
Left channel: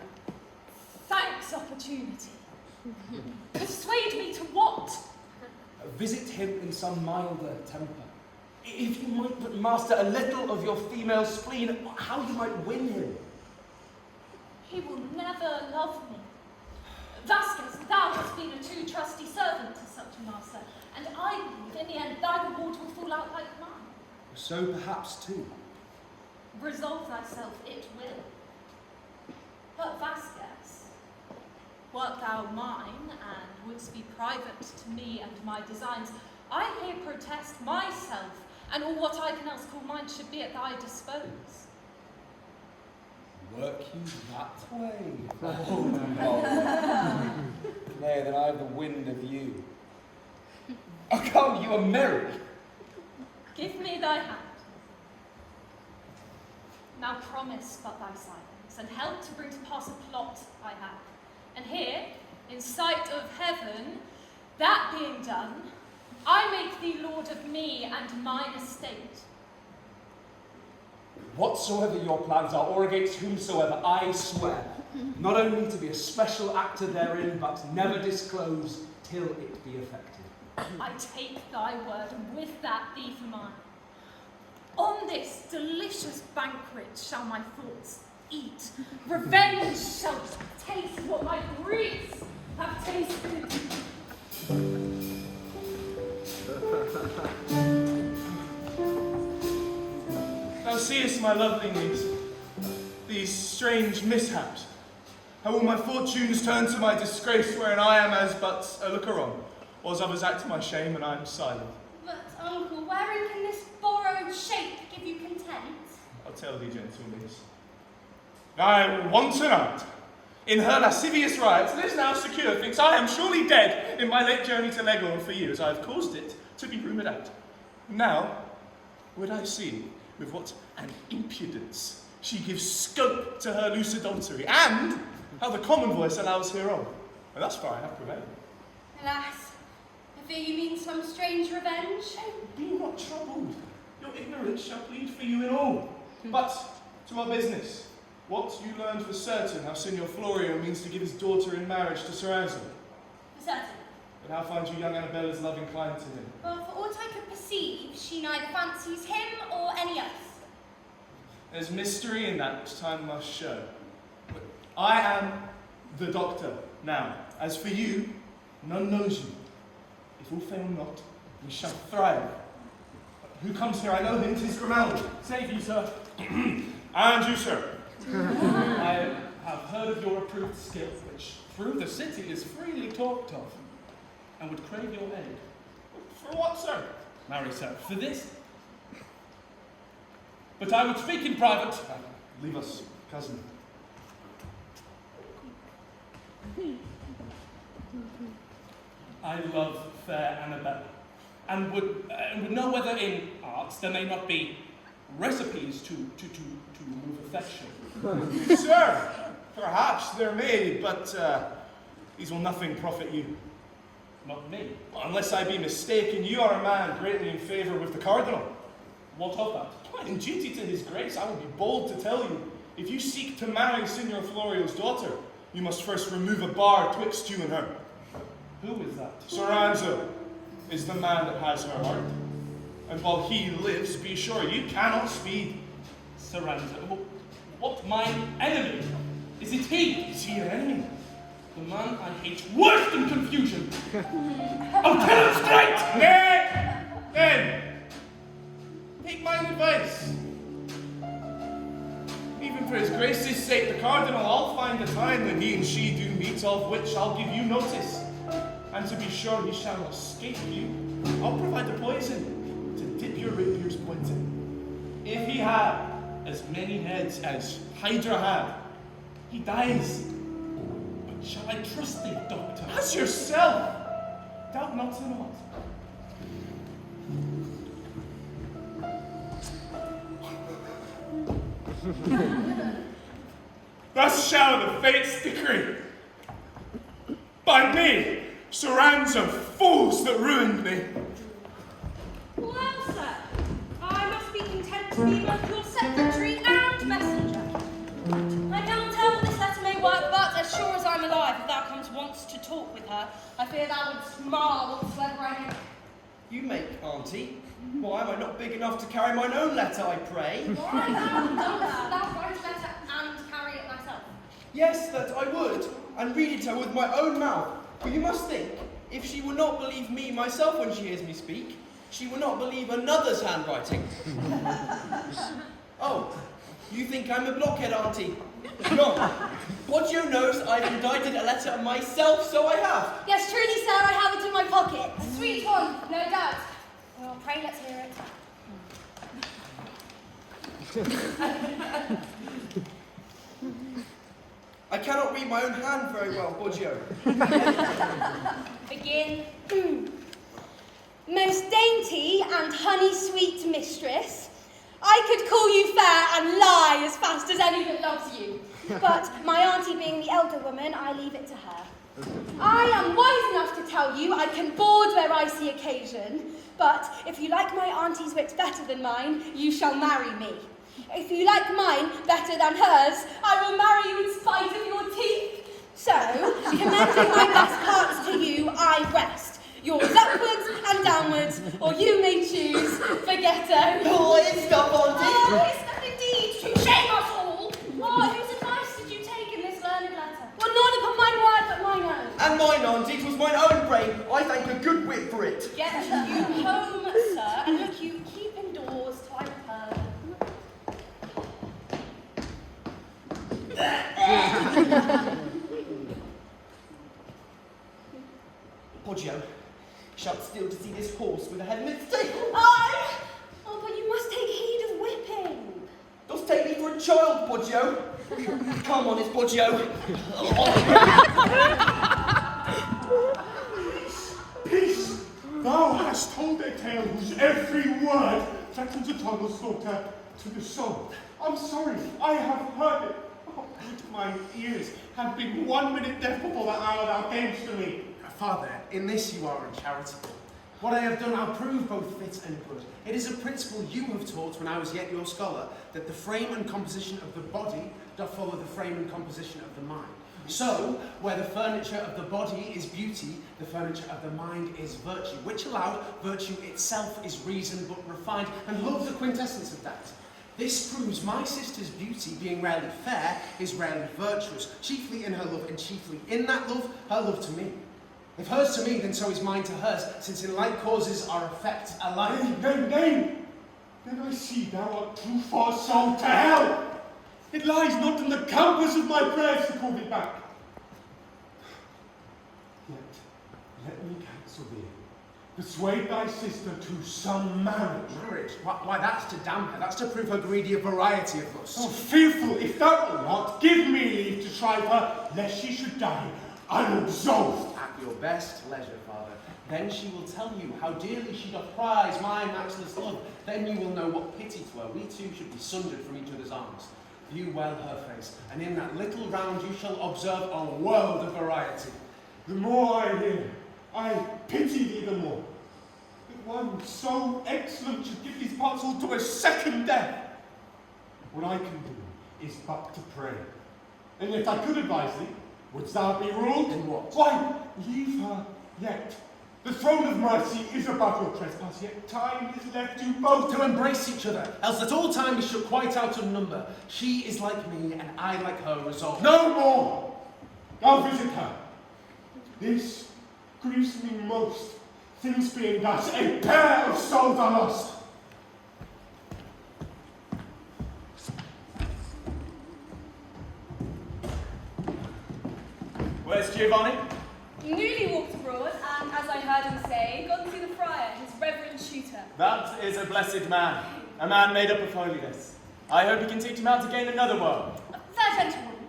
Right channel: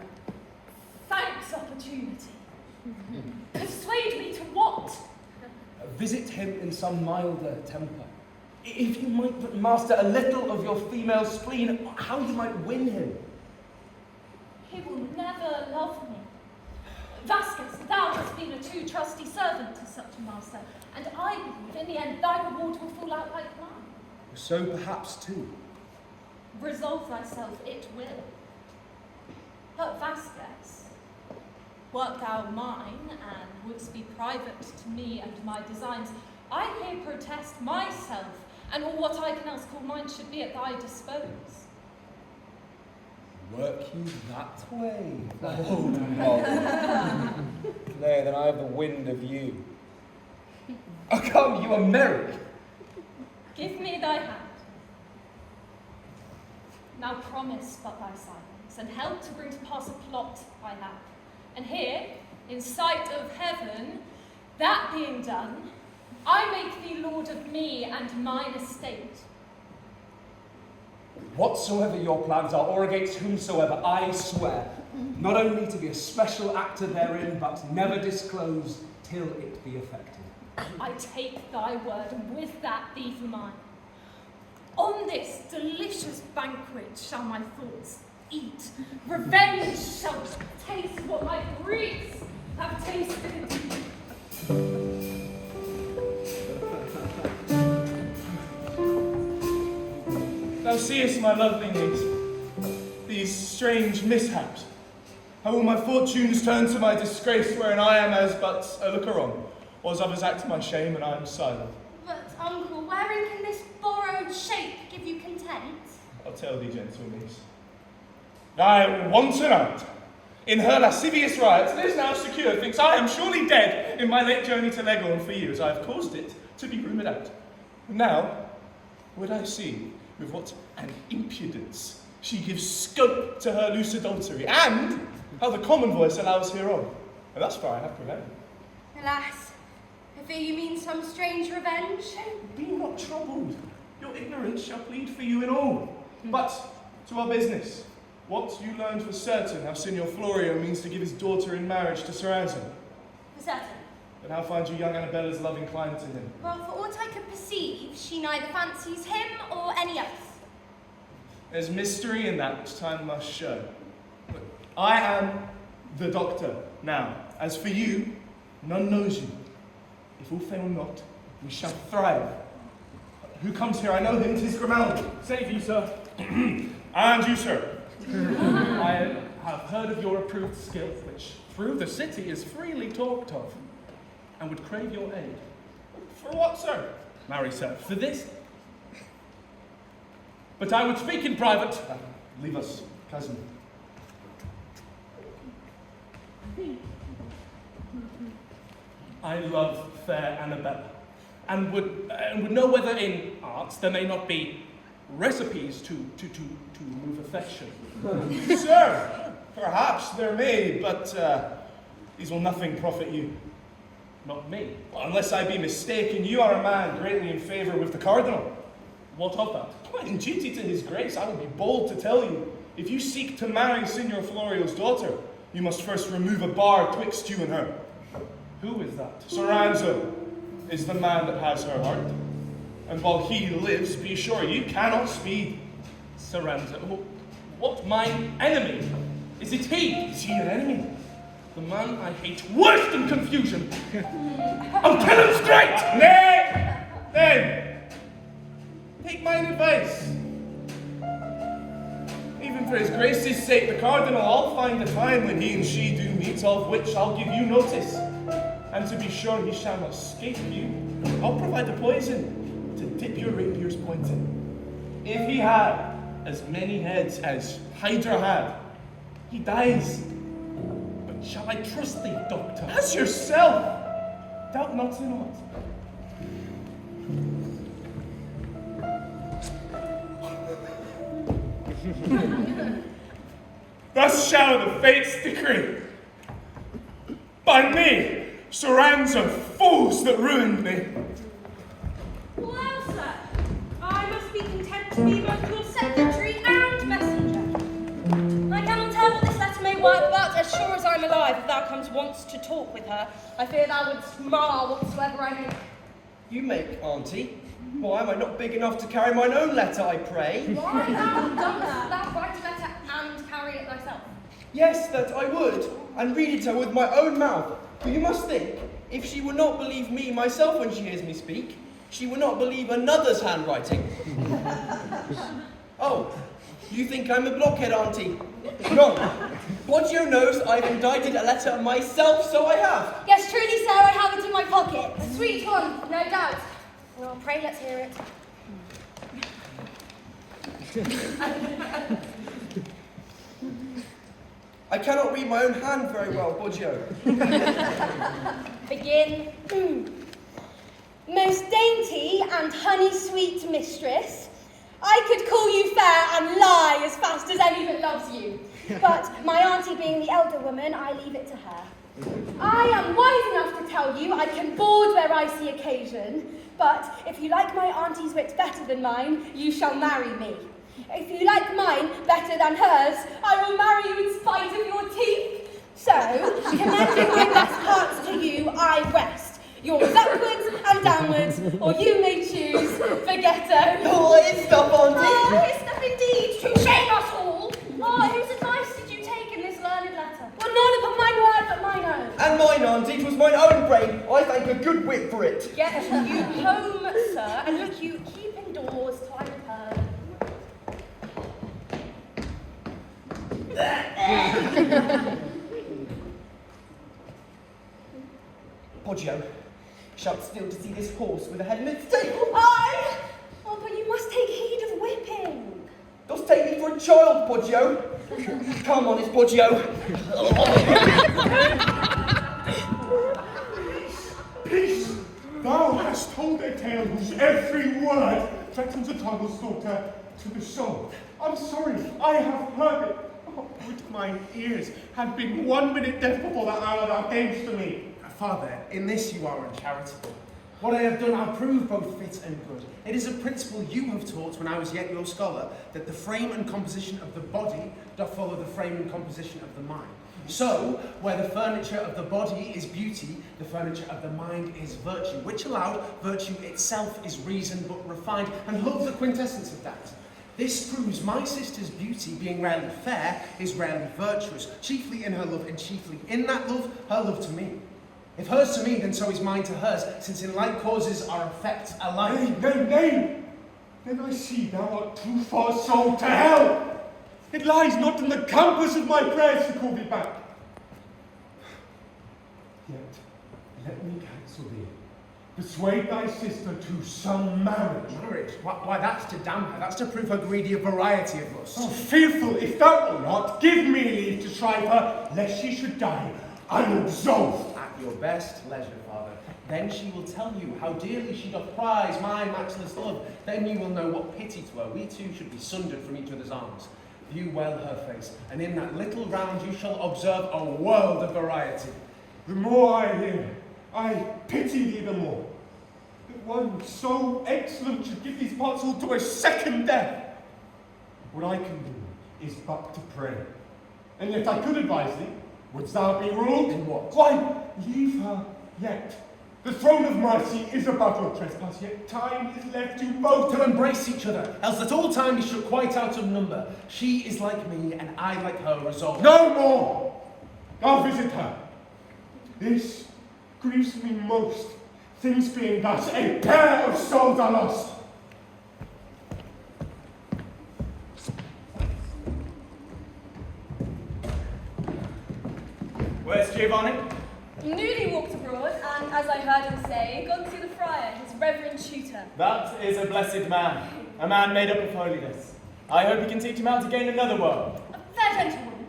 Thanks, opportunity. Persuade me to what? Visit him in some milder temper. If you might but master a little of your female spleen, how you might win him. He will never love me. Vasques, thou hast been a too trusty servant to such a master, and I believe in the end thy reward will fall out like mine. So perhaps too. Resolve thyself, it will. But Vasques, wert thou mine, and wouldst be private to me and my designs, I here protest myself, and all what I can else call mine should be at thy dispose. Work you that way? Oh, no. Nay, then I have the wind of you. Oh, come, you are merry. Give me thy hand. Now promise but thy silence, and help to bring to pass a plot I have. And here, in sight of heaven, that being done, I make thee lord of me and mine estate. Whatsoever your plans are, or against whomsoever, I swear, not only to be a special actor therein, but never disclose till it be effected. I take thy word, and with that thee for mine. On this delicious banquet shall my thoughts eat. Revenge shall taste what my griefs have tasted. Thou seest, my lovely niece, these strange mishaps. How will my fortunes turn to my disgrace, wherein I am as but a looker-on, or as others act to my shame, and I am silent? But, uncle, wherein can this borrowed shape give you content? I'll tell thee, gentle niece. I want tonight, in her lascivious rites, lives now secure, thinks I am surely dead in my late journey to Leghorn. For years I have caused it to be rumoured out. Now, would I see with what an impudence she gives scope to her loose adultery, and how the common voice allows hereof. And thus far I have prevailed. Alas, I fear you mean some strange revenge. Be not troubled. Your ignorance shall plead for you in all. But to our business. What you learned for certain how Signor Florio means to give his daughter in marriage to Soranzo. For certain. And how find you young Annabella's love inclined to him? Well, for aught I could perceive, she neither fancies him or any else. There's mystery in that which time must show. But I am the doctor now. As for you, none knows you. If all fail not, we shall thrive. Who comes here? I know him, 'tis Grimaldi. Save you, sir. And you, sir. I have heard of your approved skill, which through the city is freely talked of, and would crave your aid. For what, sir? Marry, sir, for this. But I would speak in private. Leave us, cousin. I love fair Annabella, and would know whether in arts there may not be recipes to remove affection. Sir, perhaps there may, but these will nothing profit you. Not me. Well, unless I be mistaken, you are a man greatly in favour with the Cardinal. What of that? Well, in duty to his grace, I would be bold to tell you, if you seek to marry Signor Florio's daughter, you must first remove a bar twixt you and her. Who is that? Soranzo is the man that has her heart. And while he lives, be sure you cannot speed. Soranzo. What, mine enemy? Is it he? Is he an enemy? The man I hate worse than confusion. Oh, tell him straight! Nay! Then, take mine advice. Even for his grace's sake, the Cardinal, I'll find the time when he and she do meet, of which I'll give you notice. And to be sure he shall not escape you, I'll provide the poison to dip your rapier's point in. If he had as many heads as Hydra had, he dies. But shall I trust thee, doctor? As yourself! Doubt not in aught. Thus shall the fates decree. By me, Soranzo, fools that ruined me. Well, sir, I must be content to be both your secretary and messenger. I cannot tell what this letter may work, but as sure as I'm alive, if thou comes once to talk with her, I fear thou wouldst mar whatsoever I make. You make, auntie. Why am I not big enough to carry mine own letter, I pray? Why dost thou write a letter and carry it thyself? Yes, that I would, and read it her with my own mouth. For you must think, if she will not believe me myself when she hears me speak, she will not believe another's handwriting. Oh, you think I'm a blockhead, auntie? No. Poggio knows I've indited a letter myself, so I have. Yes, truly, sir, I have it in my pocket. A sweet one, no doubt. Well, pray let's hear it. I cannot read my own hand very well, Poggio. Begin. Most dainty and honey-sweet mistress, I could call you fair and lie as fast as any that loves you. But my auntie being the elder woman, I leave it to her. I am wise enough to tell you I can board where I see occasion, but if you like my auntie's wit better than mine, you shall marry me. If you like mine better than hers, I will marry you in spite of your teeth. So, commending my best parts to you, I rest. Yours upwards and downwards, or you may choose Bergetto. Oh, it's stuff, Auntie. Oh, it's stuff indeed, to shame us all. Oh, whose advice did you take in this learned letter? Well, none upon mine word, but mine own. And mine, Auntie, 'twas mine own brain. I thank a good wit for it. Get you home, sir, and look you keep indoors till I return. Poggio, shalt still to see this horse with a head in its stable. Aye! Oh, but you must take heed of whipping. Dost take me for a child, Poggio? Come, honest Poggio. Peace! Thou hast told a tale whose every word threatens a trouble slaughter to the soul. I'm sorry, I have heard it. Oh, would my ears had been 1 minute deaf before that hour thou camest to me. Father, in this you are uncharitable. What I have done I'll prove both fit and good. It is a principle you have taught when I was yet your scholar, that the frame and composition of the body doth follow the frame and composition of the mind. So, where the furniture of the body is beauty, the furniture of the mind is virtue, which allowed, virtue itself is reason but refined, and love's the quintessence of that. This proves my sister's beauty, being rarely fair, is rarely virtuous, chiefly in her love, and chiefly in that love, her love to me. If hers to me, then so is mine to hers, since in like causes our effects alike. Nay. Then I see thou art too far sold to hell. It lies not in the compass of my prayers to call thee back. Yet, let me counsel thee. Persuade thy sister to some marriage. Marriage? Why, that's to damn her. That's to prove her greedy of variety of lust. Oh, fearful, if thou wilt not, give me leave to shrive her, lest she should die unabsolved. At your best leisure, Father. Then she will tell you how dearly she doth prize my matchless love. Then you will know what pity to her. We two should be sundered from each other's arms. View well her face, and in that little round you shall observe a world of variety. The more I hear, I pity thee the more. That one so excellent should give these parts all to a second death. What I can do is but to pray. And yet I could advise thee. Wouldst thou be ruled? In what? Why, leave her yet. The throne of mercy is above your trespass, yet time is left you both to embrace each other, else at all times you shall quite out of number. She is like me, and I like her, resolved. No more! I'll visit her. This grieves me most, things being thus, a pair of souls are lost. Where's Giovanni? Newly walked abroad, and as I heard him say, gone to see the Friar, his reverend tutor. That is a blessed man. A man made up of holiness. I hope he can teach him how to gain another world. Fair gentleman,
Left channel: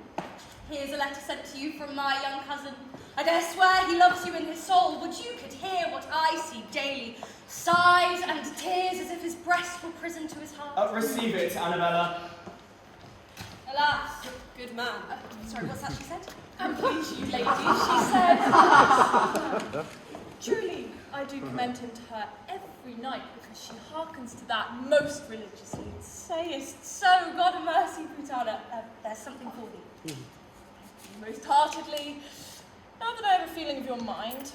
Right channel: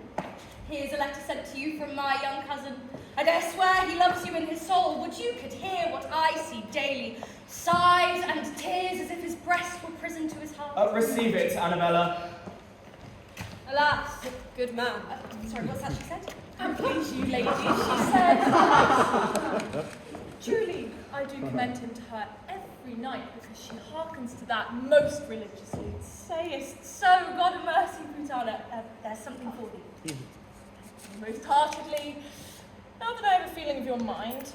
here's a letter sent to you from my young cousin. I dare swear he loves you in his soul. Would you could hear what I see daily. Sighs and tears as if his breast were prison to his heart. Receive it, Annabella. Alas, good man. Sorry, what's that she said? And please you, lady, she said. Truly, I do commend him to her every night, because she hearkens to that most religiously. Sayest so, God of mercy, Putana. There's something for thee. Most heartedly. Now that I have a feeling of your mind,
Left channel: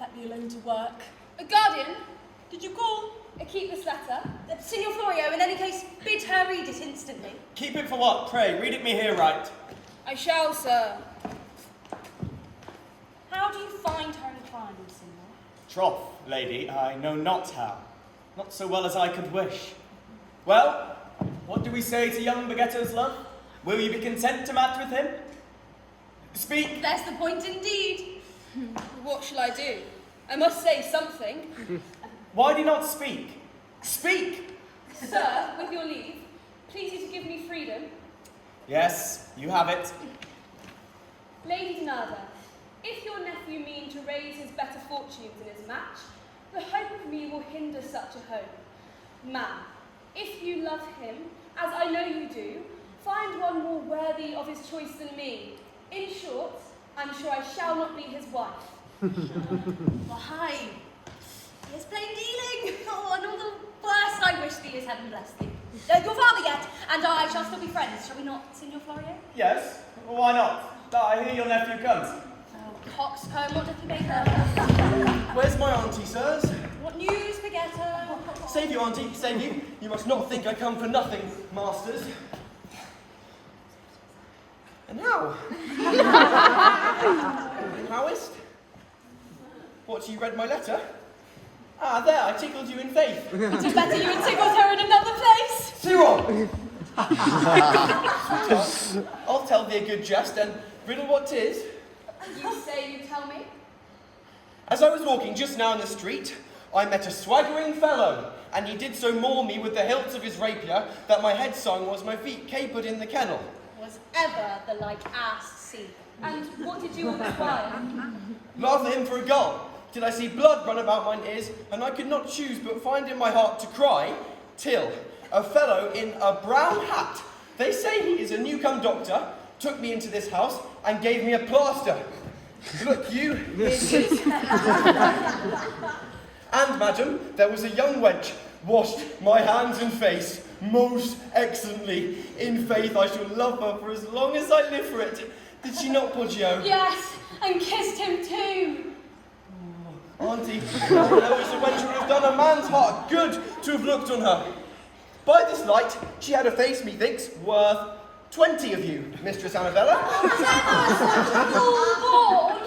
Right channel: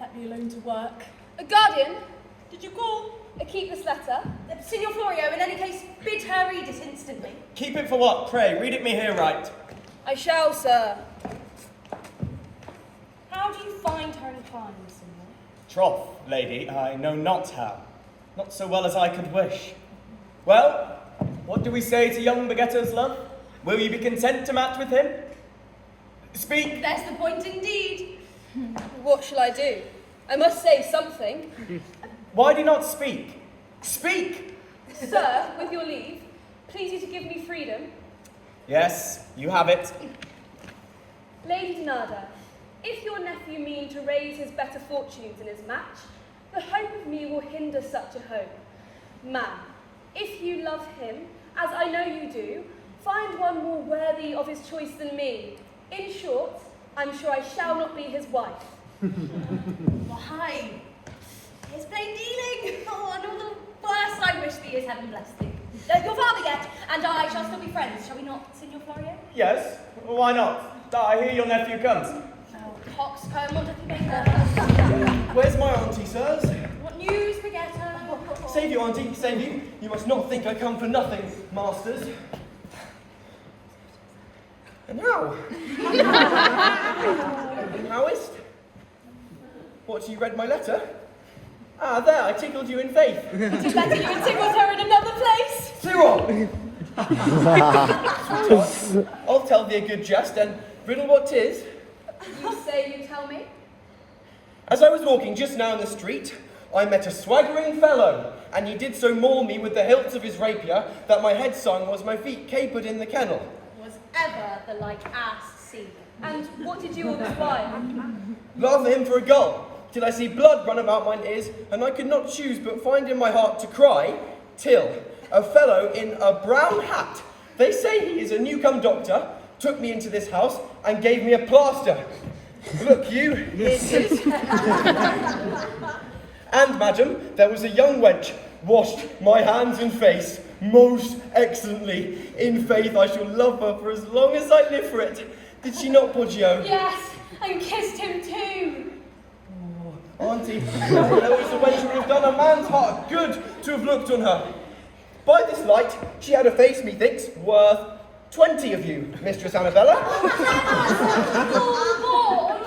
let me alone to work. Guardian, Did you call? keep this letter. Signor Florio, in any case, bid her read it instantly. Keep it for what? Pray, read it me here right. I shall, sir. How do you find her inclined, Signor? Troth, lady, I know not how. Not so well as I could wish. Well, what do we say to young Bergetto's love? Will you be content to match with him? Speak! There's the point indeed. What shall I do? I must say something. Why do you not speak? Speak! Sir, with your leave, please you to give me freedom. Yes, you have it. Lady Donada, if your nephew mean to raise his better fortunes in his match, the hope of me will hinder such a hope. Ma'am, if you love him, as I know you do, find one more worthy of his choice than me. In short, I'm sure I shall not be his wife. Why? It's plain dealing. Oh, and all the worst I wish thee is heaven bless thee. Your father yet, and I shall still be friends, shall we not, Signor Florio? Yes, why not? I hear your nephew comes. Oh, coxcomb, what doth he make her? Where's my auntie, sirs? What news, Bergetto? Save you, auntie, save you. You must not think I come for nothing, masters. And how? How is? What, you read my letter? Ah, there, I tickled you in faith. Would you better you had tickled her in another place? Cyril! I'll tell thee a good jest, and riddle what 'tis. You say you tell me? As I was walking just now in the street, I met a swaggering fellow, and he did so maul me with the hilts of his rapier that my head sung was my feet capered in the kennel. Was ever the like ass seen? And what did you all describe? Rather him for a gull, till I see blood run about mine ears, and I could not choose but find in my heart to cry, till a fellow in a brown hat, they say he is a new-come doctor, took me into this house and gave me a plaster. Look you, here it is. And, madam, there was a young wench, washed my hands and face most excellently. In faith, I shall love her for as long as I live for it. Did she not, Poggio? Yes, and kissed him too. Oh, auntie, no knows the wench would have done a man's heart good to have looked on her. By this light, she had a face, methinks, worth 20 of you, Mistress Annabella.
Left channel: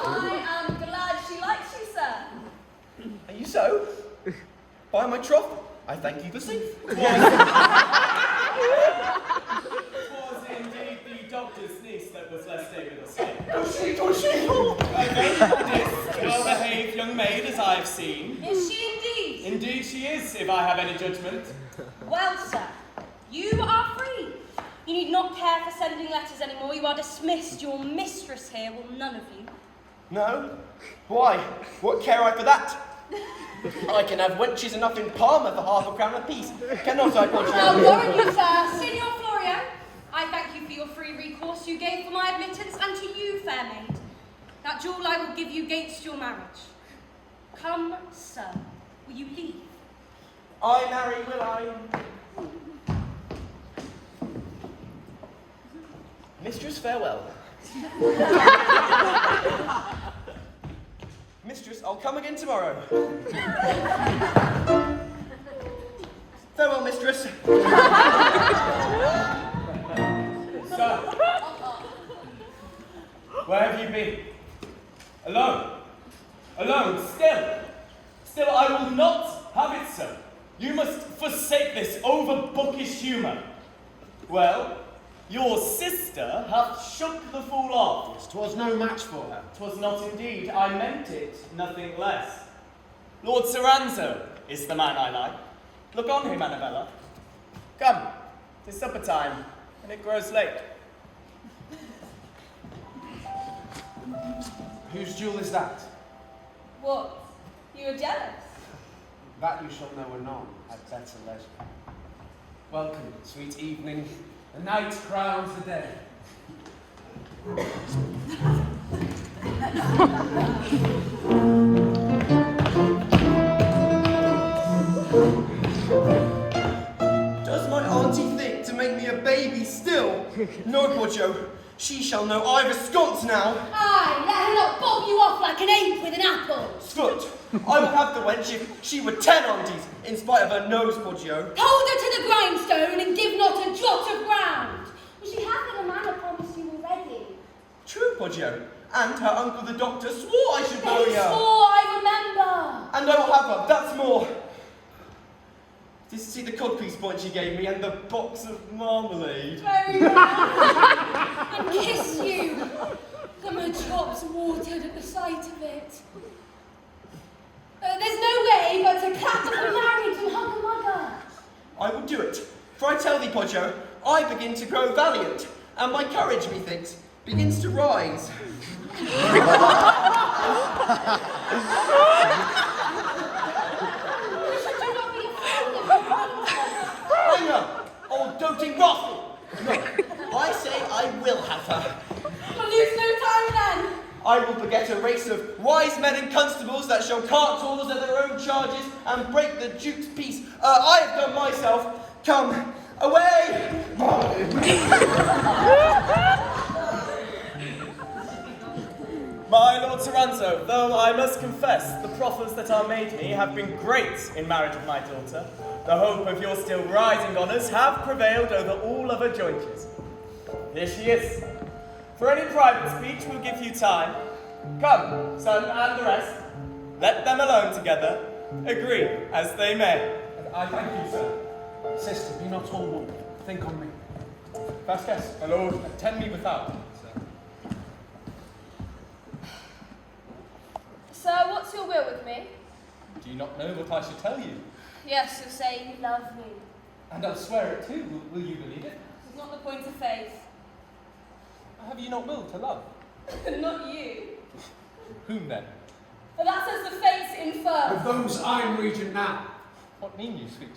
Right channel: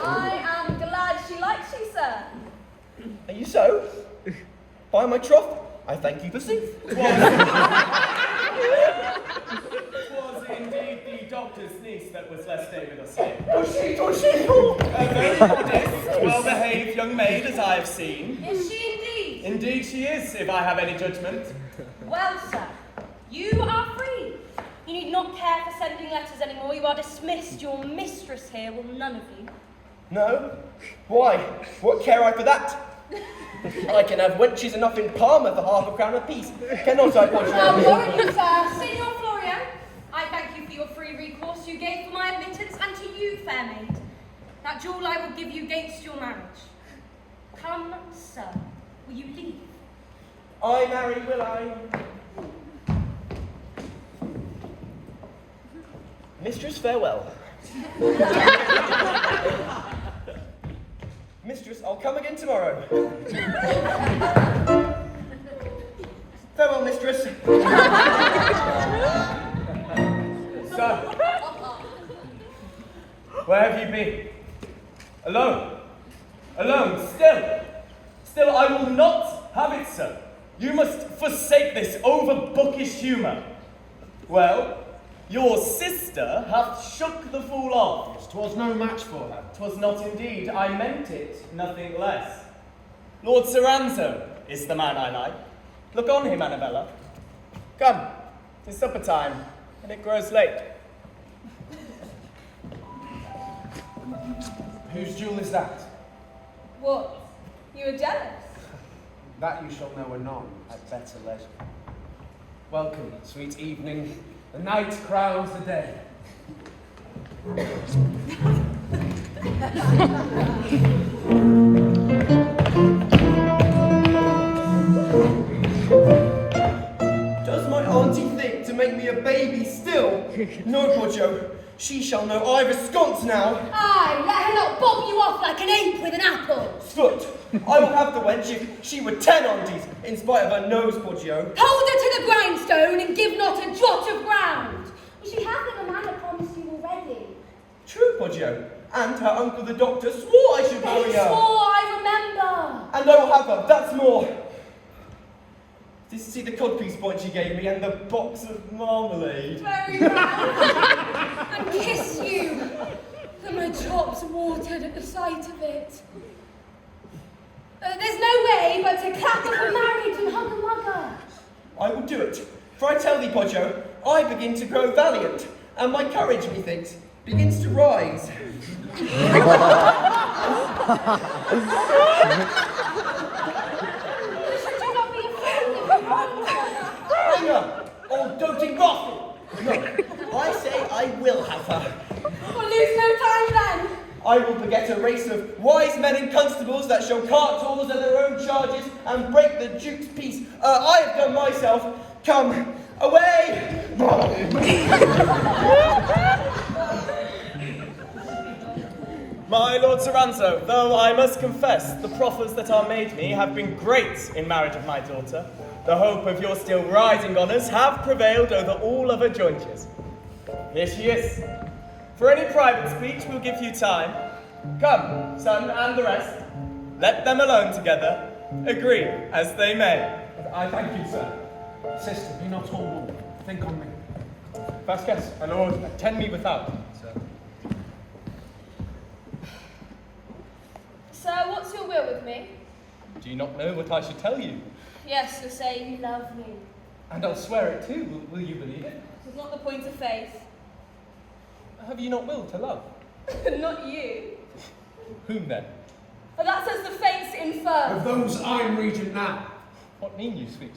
I am glad she likes you, sir. Are you so? By my troth, I thank you for sooth. Was indeed the doctor's niece that was last staying with us here. Was she? A very modest, well-behaved young maid, as I have seen. Is she indeed? Indeed she is, if I have any judgment. Well, sir, you are free. You need not care for sending letters anymore. You are dismissed. Your mistress here will none of you. No? Why? What care I for that? I can have wenches enough in Parma for half a crown apiece. Cannot I, Poggio? Now, won't you, sir? Signor Florio, I thank you for your free recourse you gave for my admittance, and to you, fair maid. That jewel I will give you against your marriage. Come, sir. Will you leave? I marry, will I? Mistress, farewell. Mistress, I'll come again tomorrow. Farewell, mistress. Sir, where have you been? Alone? Alone, still? Still, I will not have it so. You must forsake this over-bookish humour. Well, your sister hath shook the fool off. 'Twas no match for her. 'Twas not indeed, I meant it, nothing less. Lord Soranzo is the man I like. Look on him, Annabella. Come, 'tis supper time, and it grows late. Whose jewel is that? What? You are jealous? That you shall know anon at better leisure. Welcome, sweet evening. The night crowns the day. Does my auntie think to make me a baby still? No, Poggio. She shall know I've a sconce now. Aye, let her not bob you off like an ape with an apple. Foot. I would have the wench if she were 10 aunties, in spite of her nose, Poggio. Hold her to the grindstone and give not a jot of ground. Well, she hath in a manner promised you already. True, Poggio. And her uncle the doctor swore I should marry They her. swore, I remember. And I will have her, that's more. Did you see the codpiece point she gave me and the box of marmalade? Very well. And kiss you. And my chops watered at the sight of it. There's no way but to clap up a marriage and hug a mugger. I will do it. For I tell thee, Poggio, I begin to grow valiant, and my courage, methinks, begins to rise. You should not be afraid of her. Hang her, old doting rascal! No, I say I will have her. We'll lose no time then. I will beget a race of wise men and constables that shall cart tools at their own charges and break the duke's peace. I have done myself. Come, away! My Lord Soranzo, though I must confess the proffers that are made me have been great in marriage of my daughter, the hope of your still rising honours have prevailed over all other jointures. Here she is. For any private speech, we'll give you time. Come, son and the rest. Let them alone together. Agree as they may. I thank you, sir. Sister, be not all woman. Think on me. Vasques, my lord, attend me without, sir. Sir, what's your will with me? Do you not know what I should tell you? Yes, you say you love me. And I'll swear it too. Will you believe it? It's not the point of faith. Have you not will to love? Not you. Whom then? For that says the fates infer. Of those I'm reading now. What mean you, sweet?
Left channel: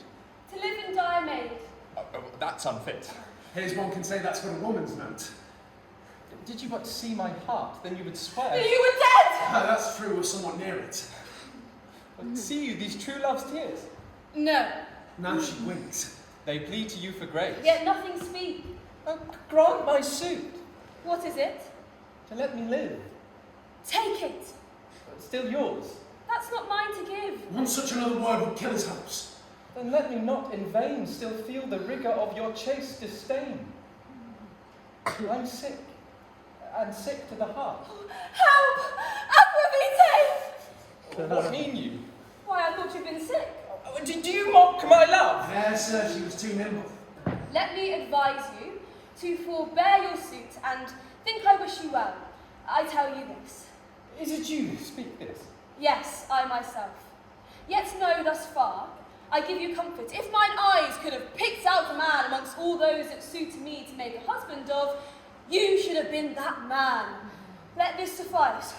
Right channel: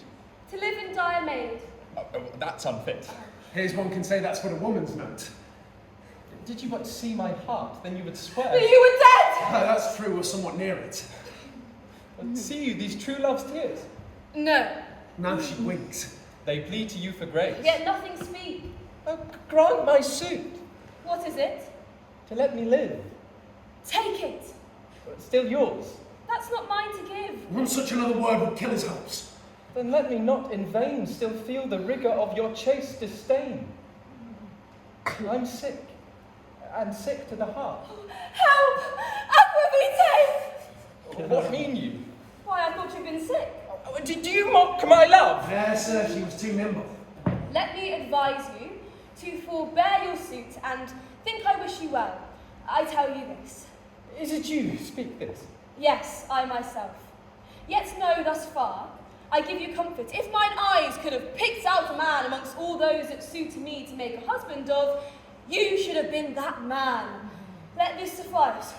To live and die a maid. That's unfit. Here's one can say that's what a woman's meant. Did you but see my heart, then you would swear. But you were dead! That's true, or somewhat near it. But see you these true love's tears? No. Now she winks. They plead to you for grace. Yet nothing speak. Grant my suit. What is it? To let me live. Take it. Still yours. That's not mine to give. One such another word would kill his hopes. Then let me not in vain still feel the rigour of your chaste disdain. I'm sick, and sick to the heart. Help! Aquavitae! What mean you? Why, I thought you'd been sick. Did you mock my love? Yes, sir, she was too nimble. Let me advise you to forbear your suit and think I wish you well. I tell you this. Is it you who speak this? Yes, I myself. Yet know thus far, I give you comfort. If mine eyes could have picked out a man amongst all those that suit me to make a husband of, you should have been that man. Let this suffice.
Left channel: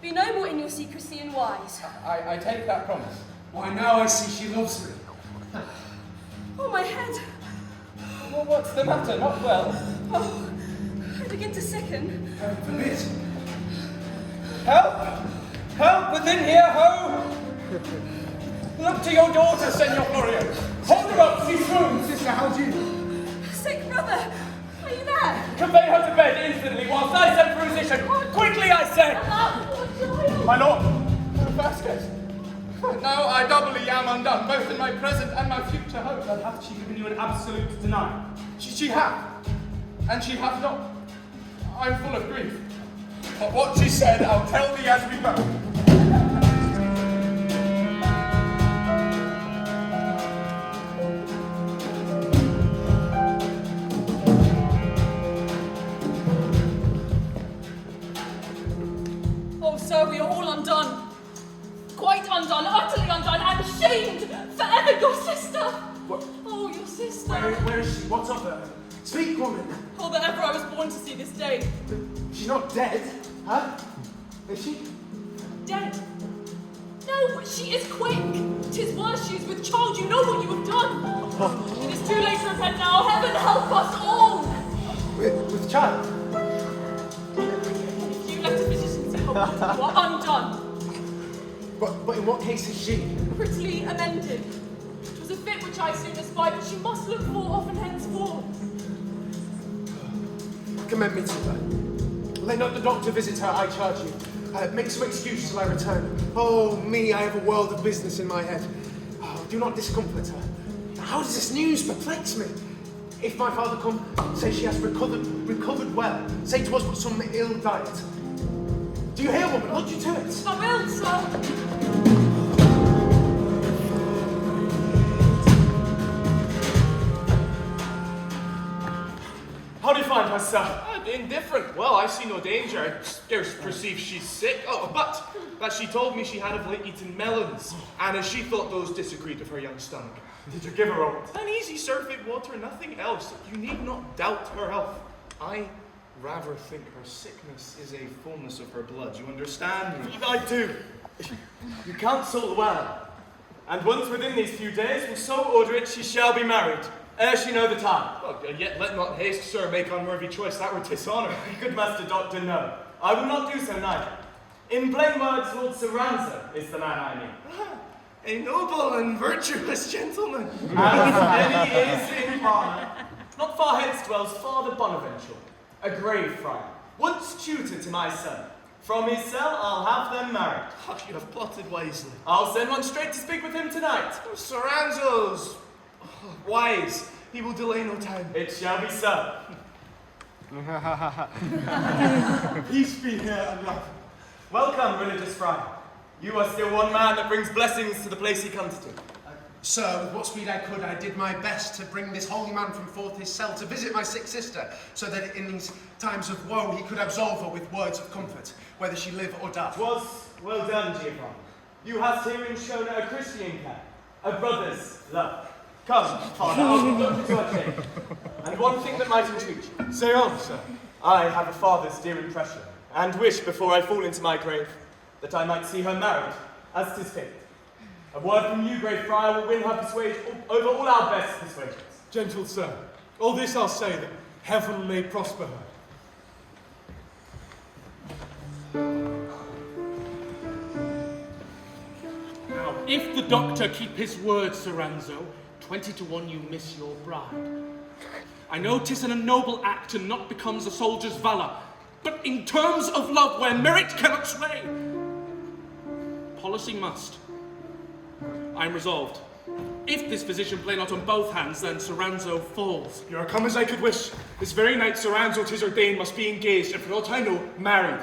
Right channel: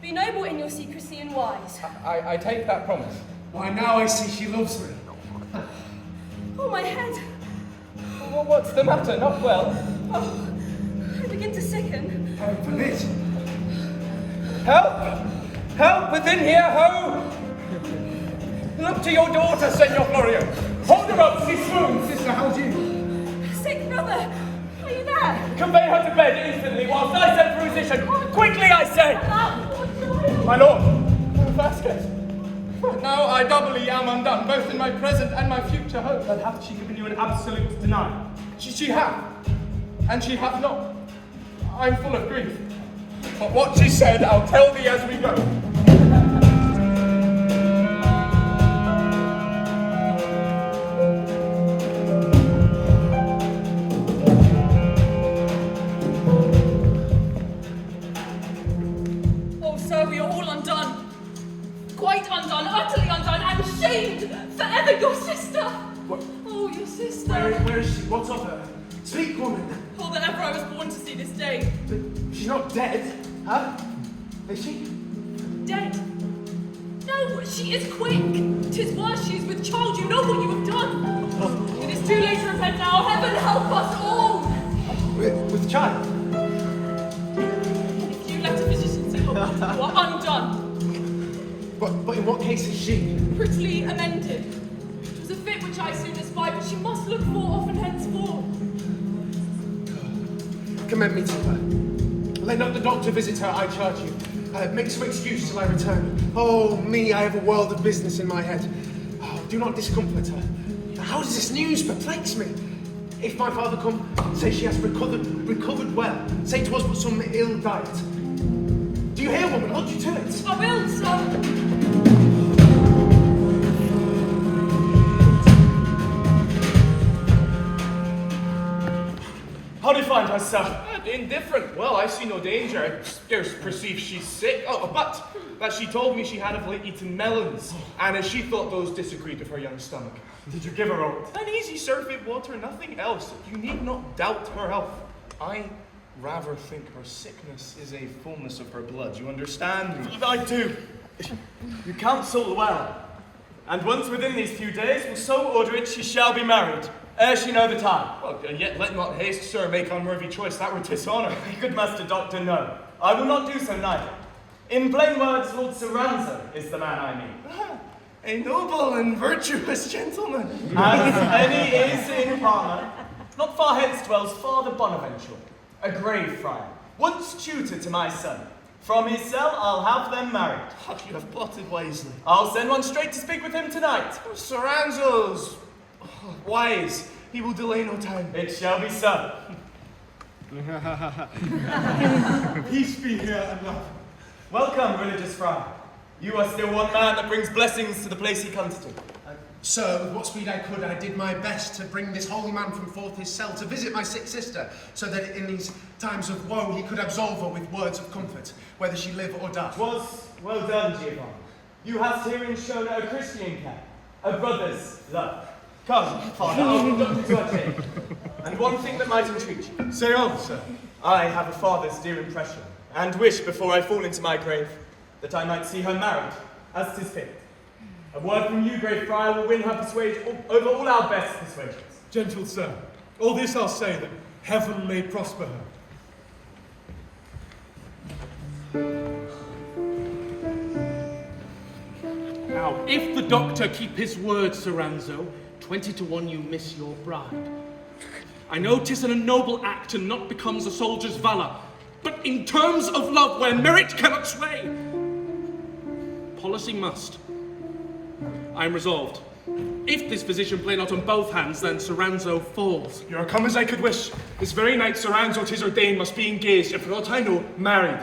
Be noble in your secrecy and wise. I take that promise. Why, now I see she loves me. Oh, my head. Well, what's the matter? Not well? Oh, I begin to sicken. Heaven forbid. Help! Help within here, ho! Look to your daughter, Senor Florio. Hold her up, she swoons. Sister, how's you? Sick brother, are you there? Convey her to bed instantly whilst I send for a physician. Quickly, I say! My lord, Vasques. Now I doubly am undone, both in my present and my future hope. Then hath she given you an absolute denial? She hath, and she hath not. I'm full of grief. But what she said, I'll tell thee as we go. Oh, sir, we are all undone. Quite undone, utterly undone, and shamed forever. Your sister. What? Oh, your sister. Where is she? What of her? Speak, woman. Oh, that ever I was born to see this day. She's not dead, huh? Is she? Dead? No, but she is quick. 'Tis worse, she is with child. You know what you have done. It is too late to repent now. Heaven help us all. With child? If you let a physician see her, you are undone. But in what case is she? Prettily amended. It was a fit which I soon espied, but she must look more often henceforth. Commend me to her. Let not the doctor visit her, I charge you. Make some excuse till I return. Oh, me, I have a world of business in my head. Oh, do not discomfort her. How does this news perplex me? If my father come, say she has recovered well. Say 'twas but some ill diet. Do you hear, woman? Look you to it. I will, sir. How do you find her, sir? Indifferent. Well, I see no danger. I scarce perceive she's sick. Oh, but that she told me she had of late eaten melons, and as she thought those disagreed with her young stomach. Did you give her oat? An easy surfeit water, nothing else. You need not doubt her health. I rather think her sickness is a fullness of her blood. You understand me? I do. You counsel well. And once within these few days, will so order it she shall be married, ere she know the time. Well, yet let not haste, sir, make unworthy choice. That were dishonour. Good master doctor, no. I will not do so neither. In plain words, Lord Soranzo is the man I mean. A noble and virtuous gentleman. As any is in Parma. Not far hence dwells Father Bonaventura, a grave friar, once tutor to my son. From his cell, I'll have them married. You have plotted wisely. I'll send one straight to speak with him tonight. Soranzo's wise. He will delay no time. It shall be so. Peace be here and love. Welcome, religious friar. You are still one man that brings blessings to the place he comes to. Sir, with what speed I could, I did my best to bring this holy man from forth his cell to visit my sick sister, so that in these times of woe he could absolve her with words of comfort, whether she live or die. 'Twas well done, Giovanni. You hast herein shown a Christian care, a brother's love. Come, father, I'll conduct you to our chamber. And one thing that might entreat you. Say on, sir. I have a father's dear impression, and wish before I fall into my grave, that I might see her married, as 'tis fit. A word from you, great friar, will win her persuasion over all our best persuasions. Gentle sir, all this I'll say, that heaven may prosper her. Now, if the doctor keep his word, Soranzo, 20 to 1 you miss your bride. I know 'tis an noble act and not becomes a soldier's valour, but in terms of love where merit cannot sway, policy must. I am resolved. If this physician play not on both hands, then Soranzo falls. You are come as I could wish. This very night Soranzo, 'tis ordained, must be engaged, and for aught I know, married.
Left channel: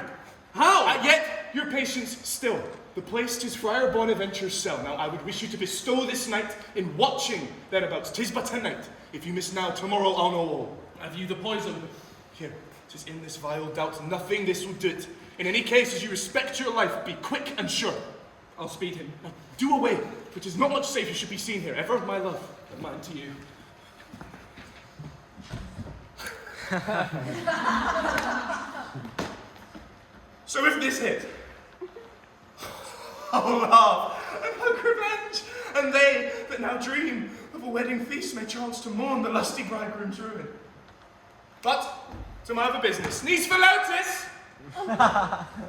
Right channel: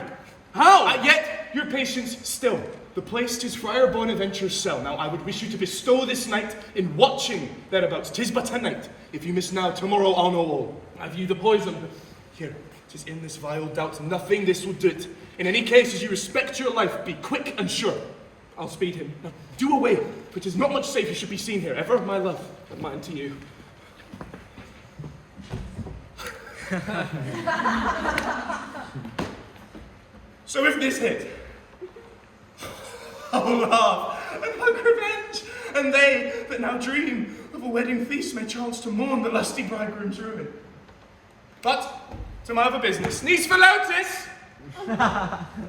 How? Yet, your patience still. The place 'tis Friar Bonaventura's cell. Now I would wish you to bestow this night in watching thereabouts. 'Tis but a night. If you miss now, tomorrow I'll know all. Have you the poison? Here, 'tis in this vile doubt, nothing this will do it. In any case, as you respect your life, be quick and sure. I'll speed him. Now, do away, for 'tis not much safe you should be seen here. Ever my love, and mine to you. So if this hit, I'll laugh and hug revenge, and they that now dream of a wedding feast may chance to mourn the lusty bridegroom's ruin. But to my other business, niece Philotis!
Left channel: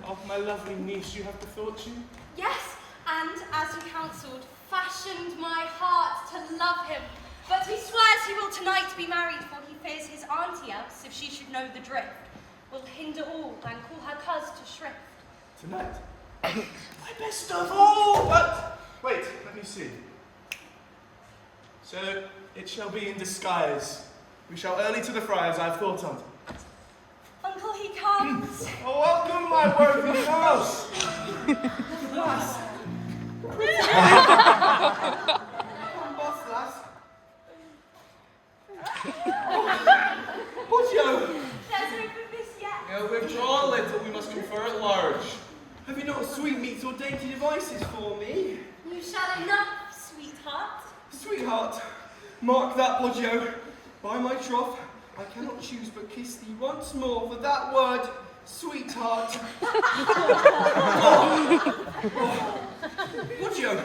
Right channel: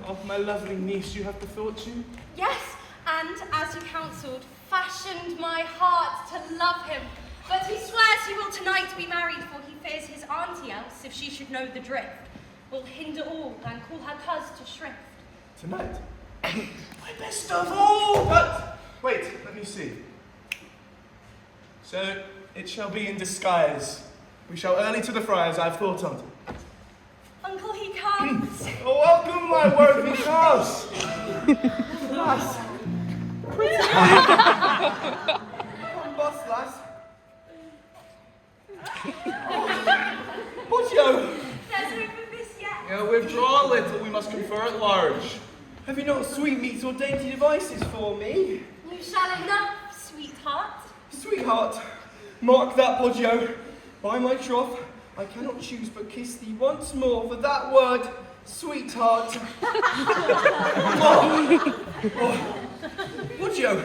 Of my lovely niece you have bethought you? Yes, and as you counselled, fashioned my heart to love him. But he swears he will tonight be married, for he fears his auntie else, if she should know the drift, will hinder all and call her coz to shrift. Tonight? My best of all! But, wait, let me see. So, it shall be in disguise. We shall early to the friars I've thought on. Uncle, he comes. Oh, welcome, my worthy house! Lass. Come, boss, lass. Poggio! There's no for this yet. Withdraw a little, we must confer at large. Have you not sweetmeats or dainty devices for me? You shall enough, sweetheart. Sweetheart, mark that, Poggio. By my troth, I cannot choose but kiss thee once more for that word, sweetheart. Poggio,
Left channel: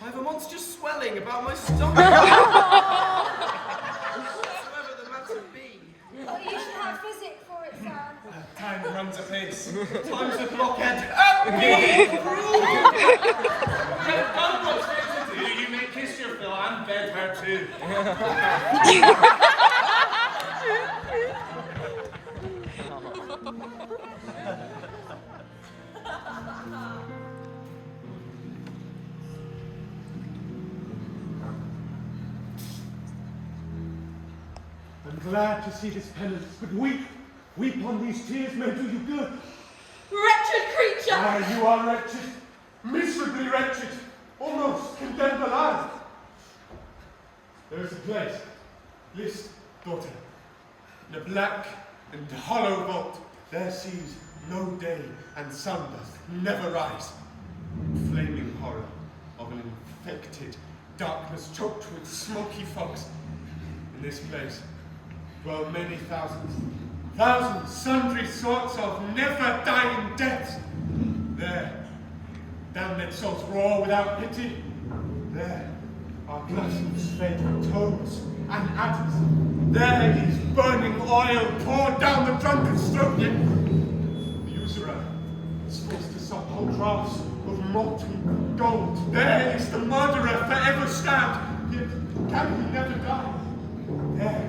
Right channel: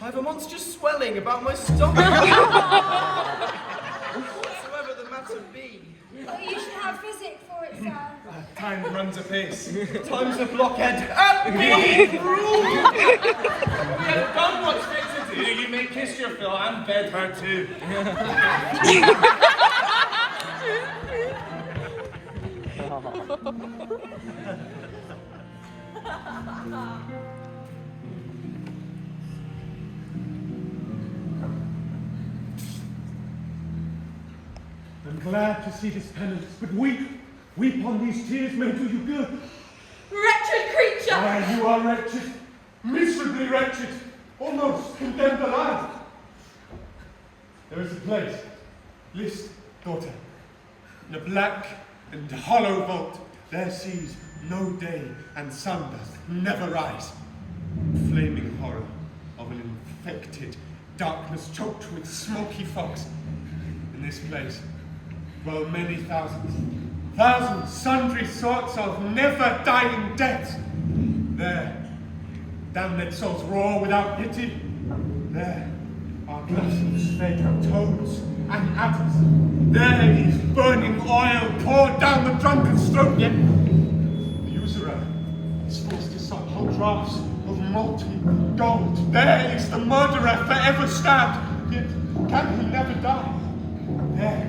I have a monstrous swelling about my stomach. Whatsoever the matter be. You should have physic for it, sir. Time runs apace. Time's a blockhead. At me, rule! We have done what's fit to do. You may kiss your fill and bed her too. I'm glad to see this penance, but weep on these tears may do you good. Wretched creature! Ah, you are wretched, miserably wretched, almost condemned alive. There is a place, list, daughter, in a black and hollow vault. There sees no day, and sun doth never rise. Flaming horror of an infected darkness choked with smoky fogs. In this place dwell many thousands, sundry sorts of never-dying deaths. There, damned souls roar without pity. There are gluttons fed toads and adders. There is burning oil poured down the drunkard's throat, yet the usurer is forced to suck whole draughts of molten gold. There is the murderer forever stabbed, yet can he never die. There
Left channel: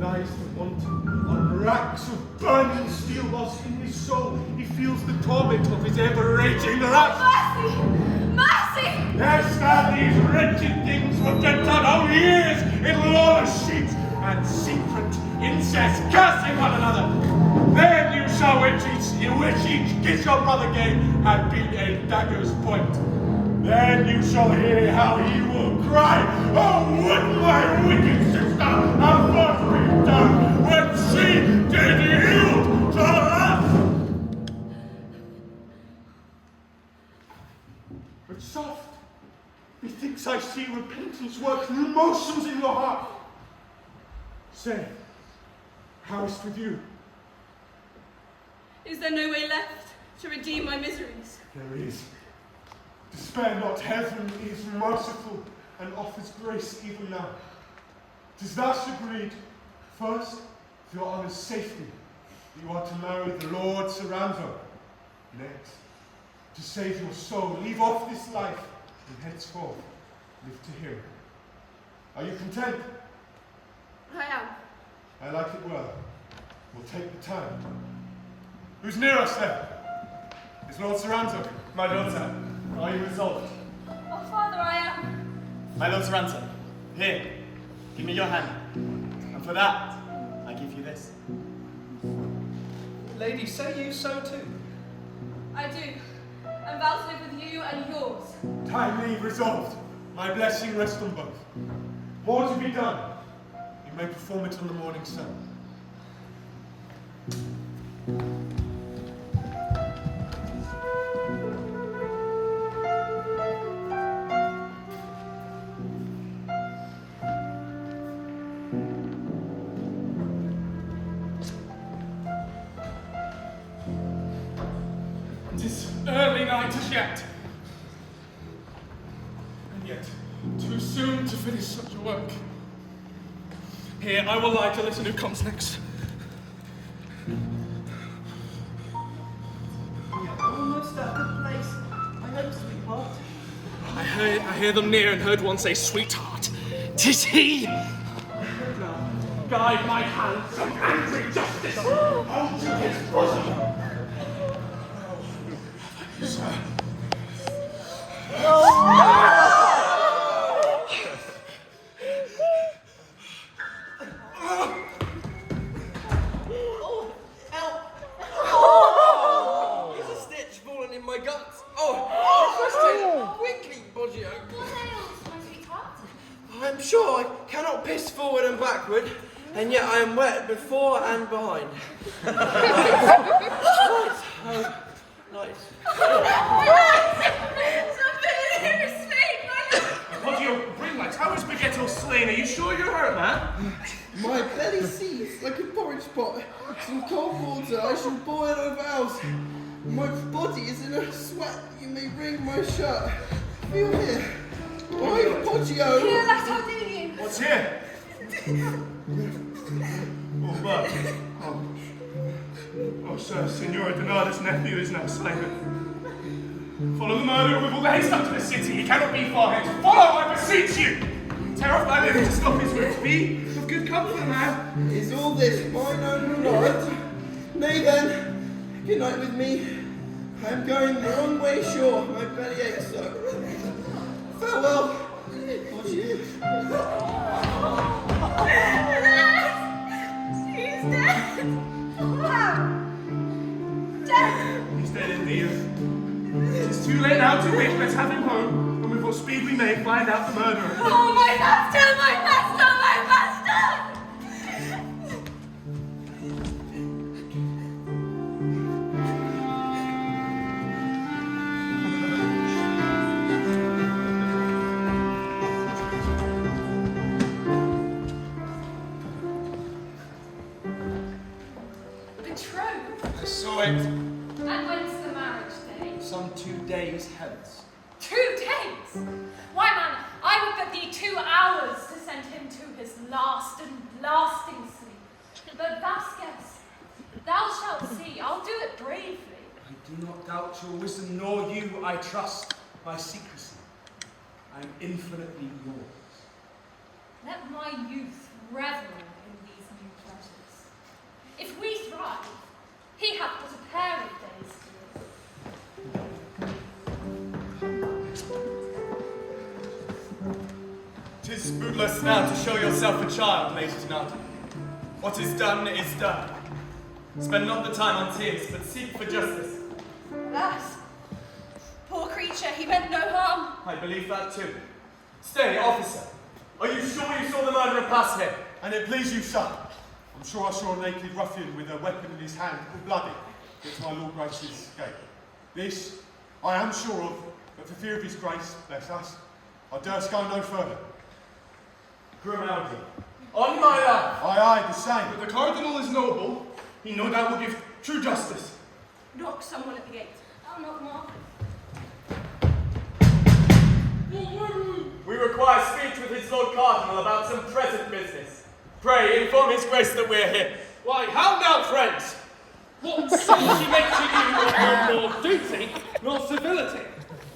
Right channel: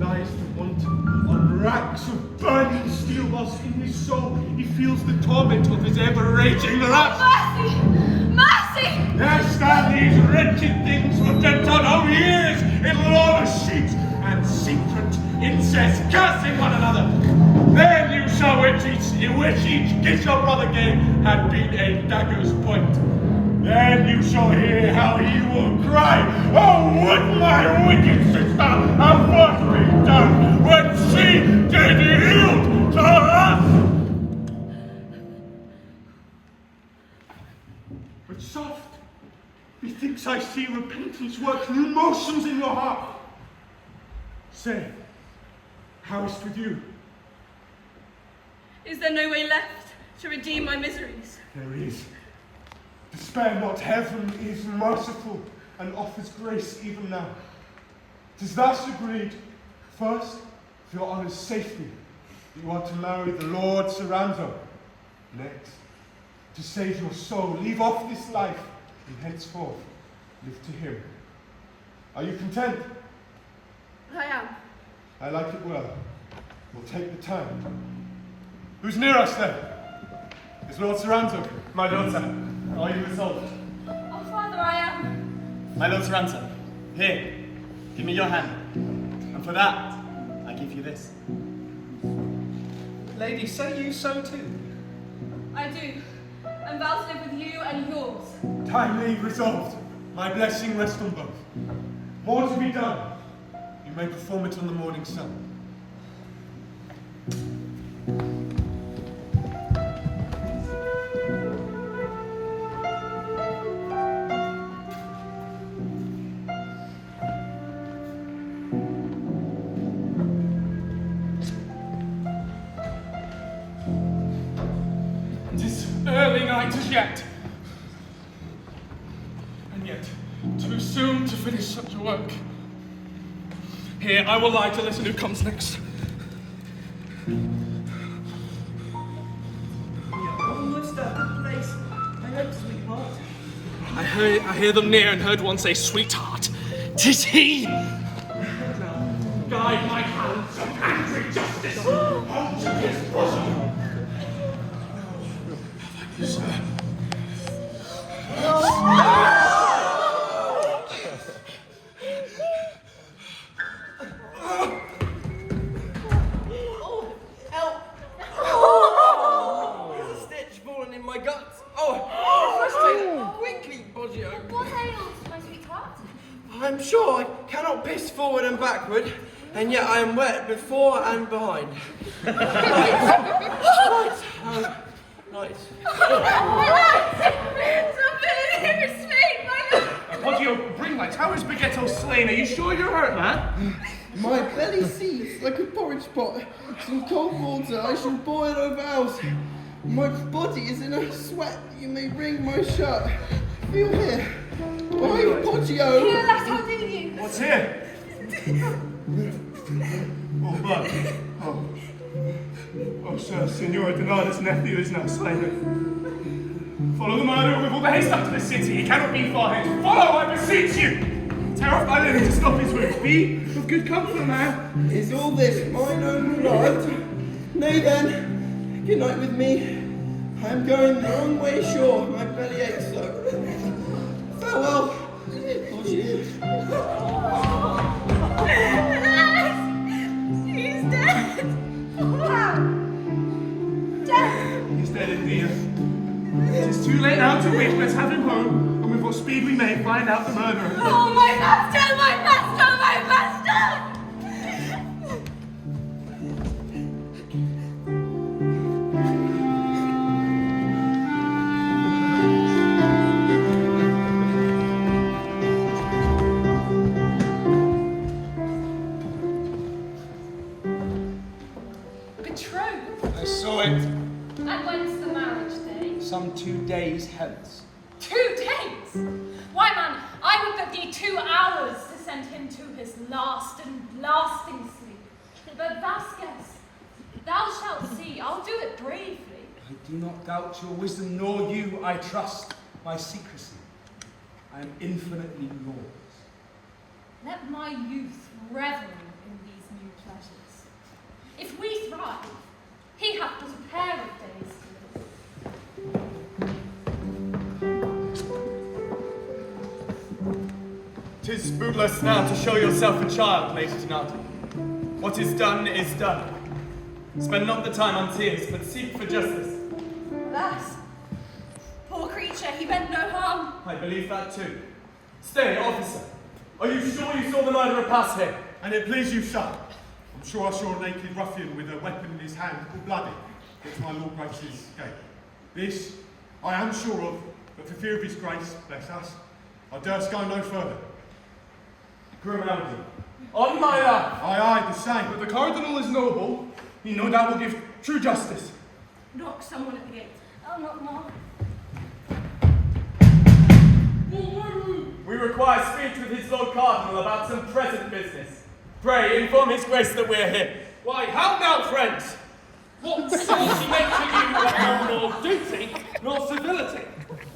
lies the want on racks of burning steel, whilst in his soul he feels the torment of his ever-raging lust. Mercy! Mercy! There stand these wretched things who have been done our years in lawless sheets and secret incest, cursing one another. Then you shall wish each kiss your brother gave had been a dagger's point. Then you shall hear how he will cry, "Oh, would my wicked sister have first been done when she did yield to us!" But soft, methinks I see repentance work new motions in your heart. Say, how is it with you? Is there no way left to redeem my miseries? There is. Despair not, heaven is merciful and offers grace even now. 'Tis thus agreed, first, for your honour's safety, that you are to marry the Lord Soranzo. Next, to save your soul, leave off this life, and henceforth live to him. Are you content? I am. I like it well. We'll take the time. Who's near us then? Is Lord Soranzo? My daughter, are you resolved? Oh, Father, I am. My Lord Soranzo, here, give me your hand. And for that, I give you this. Lady, say you so too? I do. And vow to live with you and yours. Timely resolved. My blessing rests on both. More to be done. You may perform it on the morning sun. Early night as yet. And yet, too soon to finish such a work. Here, I will lie to listen who comes next. Almost at the place. I hope, sweetheart. I hear them near and heard one say, "Sweetheart, 'tis he!" Guide my hands in angry justice. Hold to his bosom. My guts. Oh, quickly, Poggio. What ails, my sweetheart? I'm sure I cannot piss forward and backward, and yet I am wet before and behind. Right. Poggio, bring lights. How is Bergetto slain? Are you sure you're hurt, man? My belly seethes like a porridge pot. Some cold water I shall boil over house. My body is in a sweat. You may wring my shirt. Feel here. Why, Poggio? Here, let how do you? What's here? Oh, blood. Oh, sir, Signora Donada's nephew is now slain. Follow the murderer with all the haste up to the city. He cannot be far hence. Follow, I beseech you. Tear off my linen to stop his wounds. Be of good comfort, man. Is all this mine own right? Nay then, good night with me. I am going the wrong way sure. My belly aches so. Farewell, Poggio. He's dead. Wow. Dead. He's dead indeed. It is too late now to wait. Let's have him home, and with what speed we may find out the murderer. Oh, my master, my master, my master! I saw it And when's the marriage day? some 2 days hence. 2 days? Why, man, I would but need 2 hours to send him to his last and lasting sleep. But Vasques, thou shalt see, I'll do it bravely. I do not doubt your wisdom, nor you, I trust, my secrecy. I am infinitely yours. Let my youth revel in these new pleasures. If we thrive, he hath but a pair of days to live. 'Tis bootless now to show yourself a child, Lady Donada. What is done is done. Spend not the time on tears, but seek for justice. Alas, poor creature, he meant no harm. I believe that too. Stay, officer. Are you sure you saw the murderer pass here? And it please you, sir. I'm sure I saw a naked ruffian with a weapon in his hand, all bloody, which my Lord Grace's escape. This I am sure of, but for fear of his grace, bless us, I durst go no further. Grimaldi. On my life! Aye, the same. But the Cardinal is noble. He no doubt will give true justice. Knock someone at the gate. Oh, not more. We require speech with his Lord Cardinal about some present business. Pray, inform his grace that we are here. Why, how now, friends? What saucy nature you have done nor duty, nor civility?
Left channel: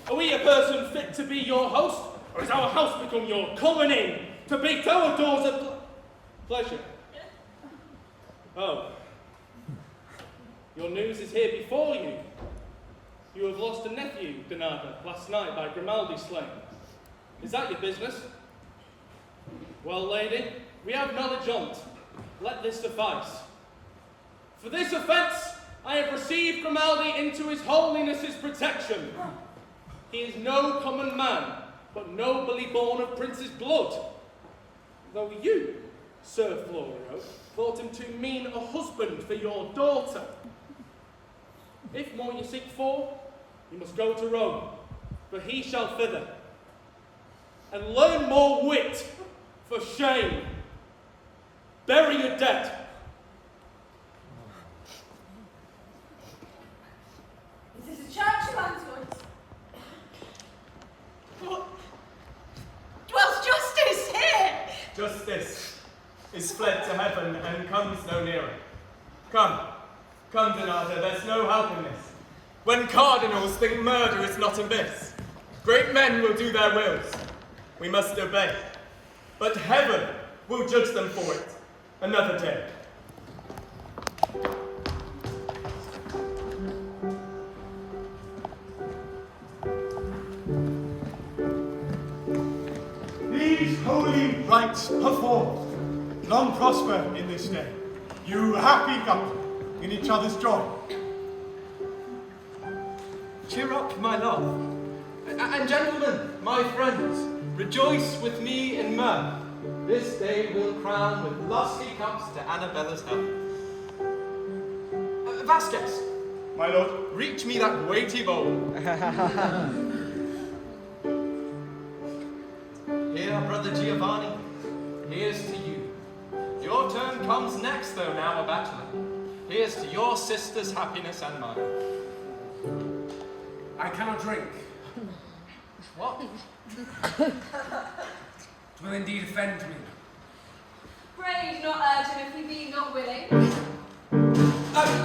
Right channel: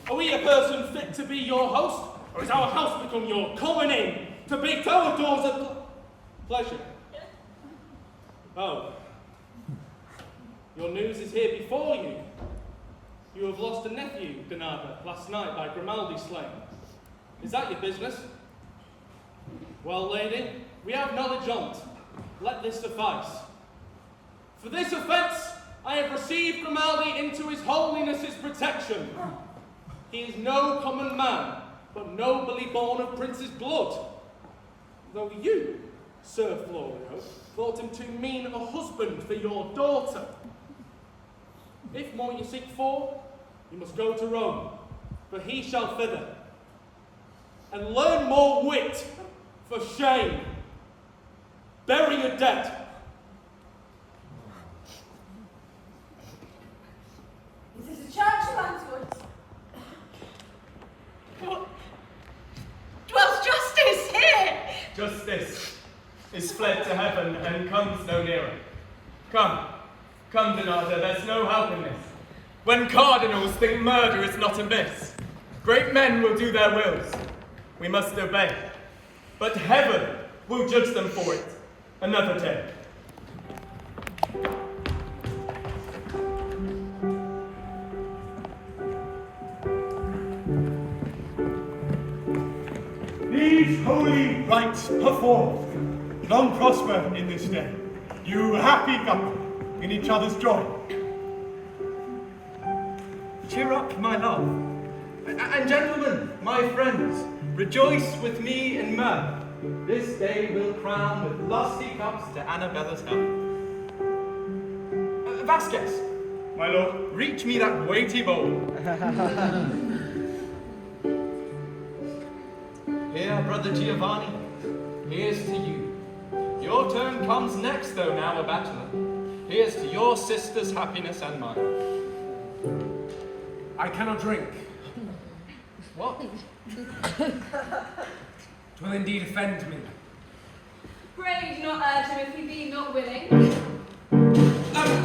Are we a person fit to be your host, or is our house become your common inn, to beat our doors at pleasure? Oh, your news is here before you. You have lost a nephew, Donada, last night by Grimaldi slain. Is that your business? Well, lady, we have knowledge on't. Let this suffice. For this offence, I have received Grimaldi into his holiness's protection. He is no common man, but nobly born of prince's blood. Though you, Sir Florio, thought him to mean a husband for your daughter. If more you seek for, you must go to Rome, for he shall thither. And learn more wit, for shame. Bury your dead. Is this a church man's voice? What? Dwells justice here! Justice is fled to heaven and comes no nearer. Come, Donada, there's no help in this. When cardinals think murder is not amiss, great men will do their wills. We must obey. But heaven will judge them for it another day. These holy rites performed, long prosper in this day. You happy couple, in each other's joy. Cheer up, my love. And gentlemen, my friends, rejoice with me in mirth. This day we'll crown with lusty cups to Annabella's health. Vasques, My lord. reach me that weighty bowl. Here, brother Giovanni, here's to you. Your turn comes next, though now a bachelor. Here's to your sister's happiness and mine. I cannot drink. What? 'Twill indeed offend me. Pray do not urge him if he be not willing.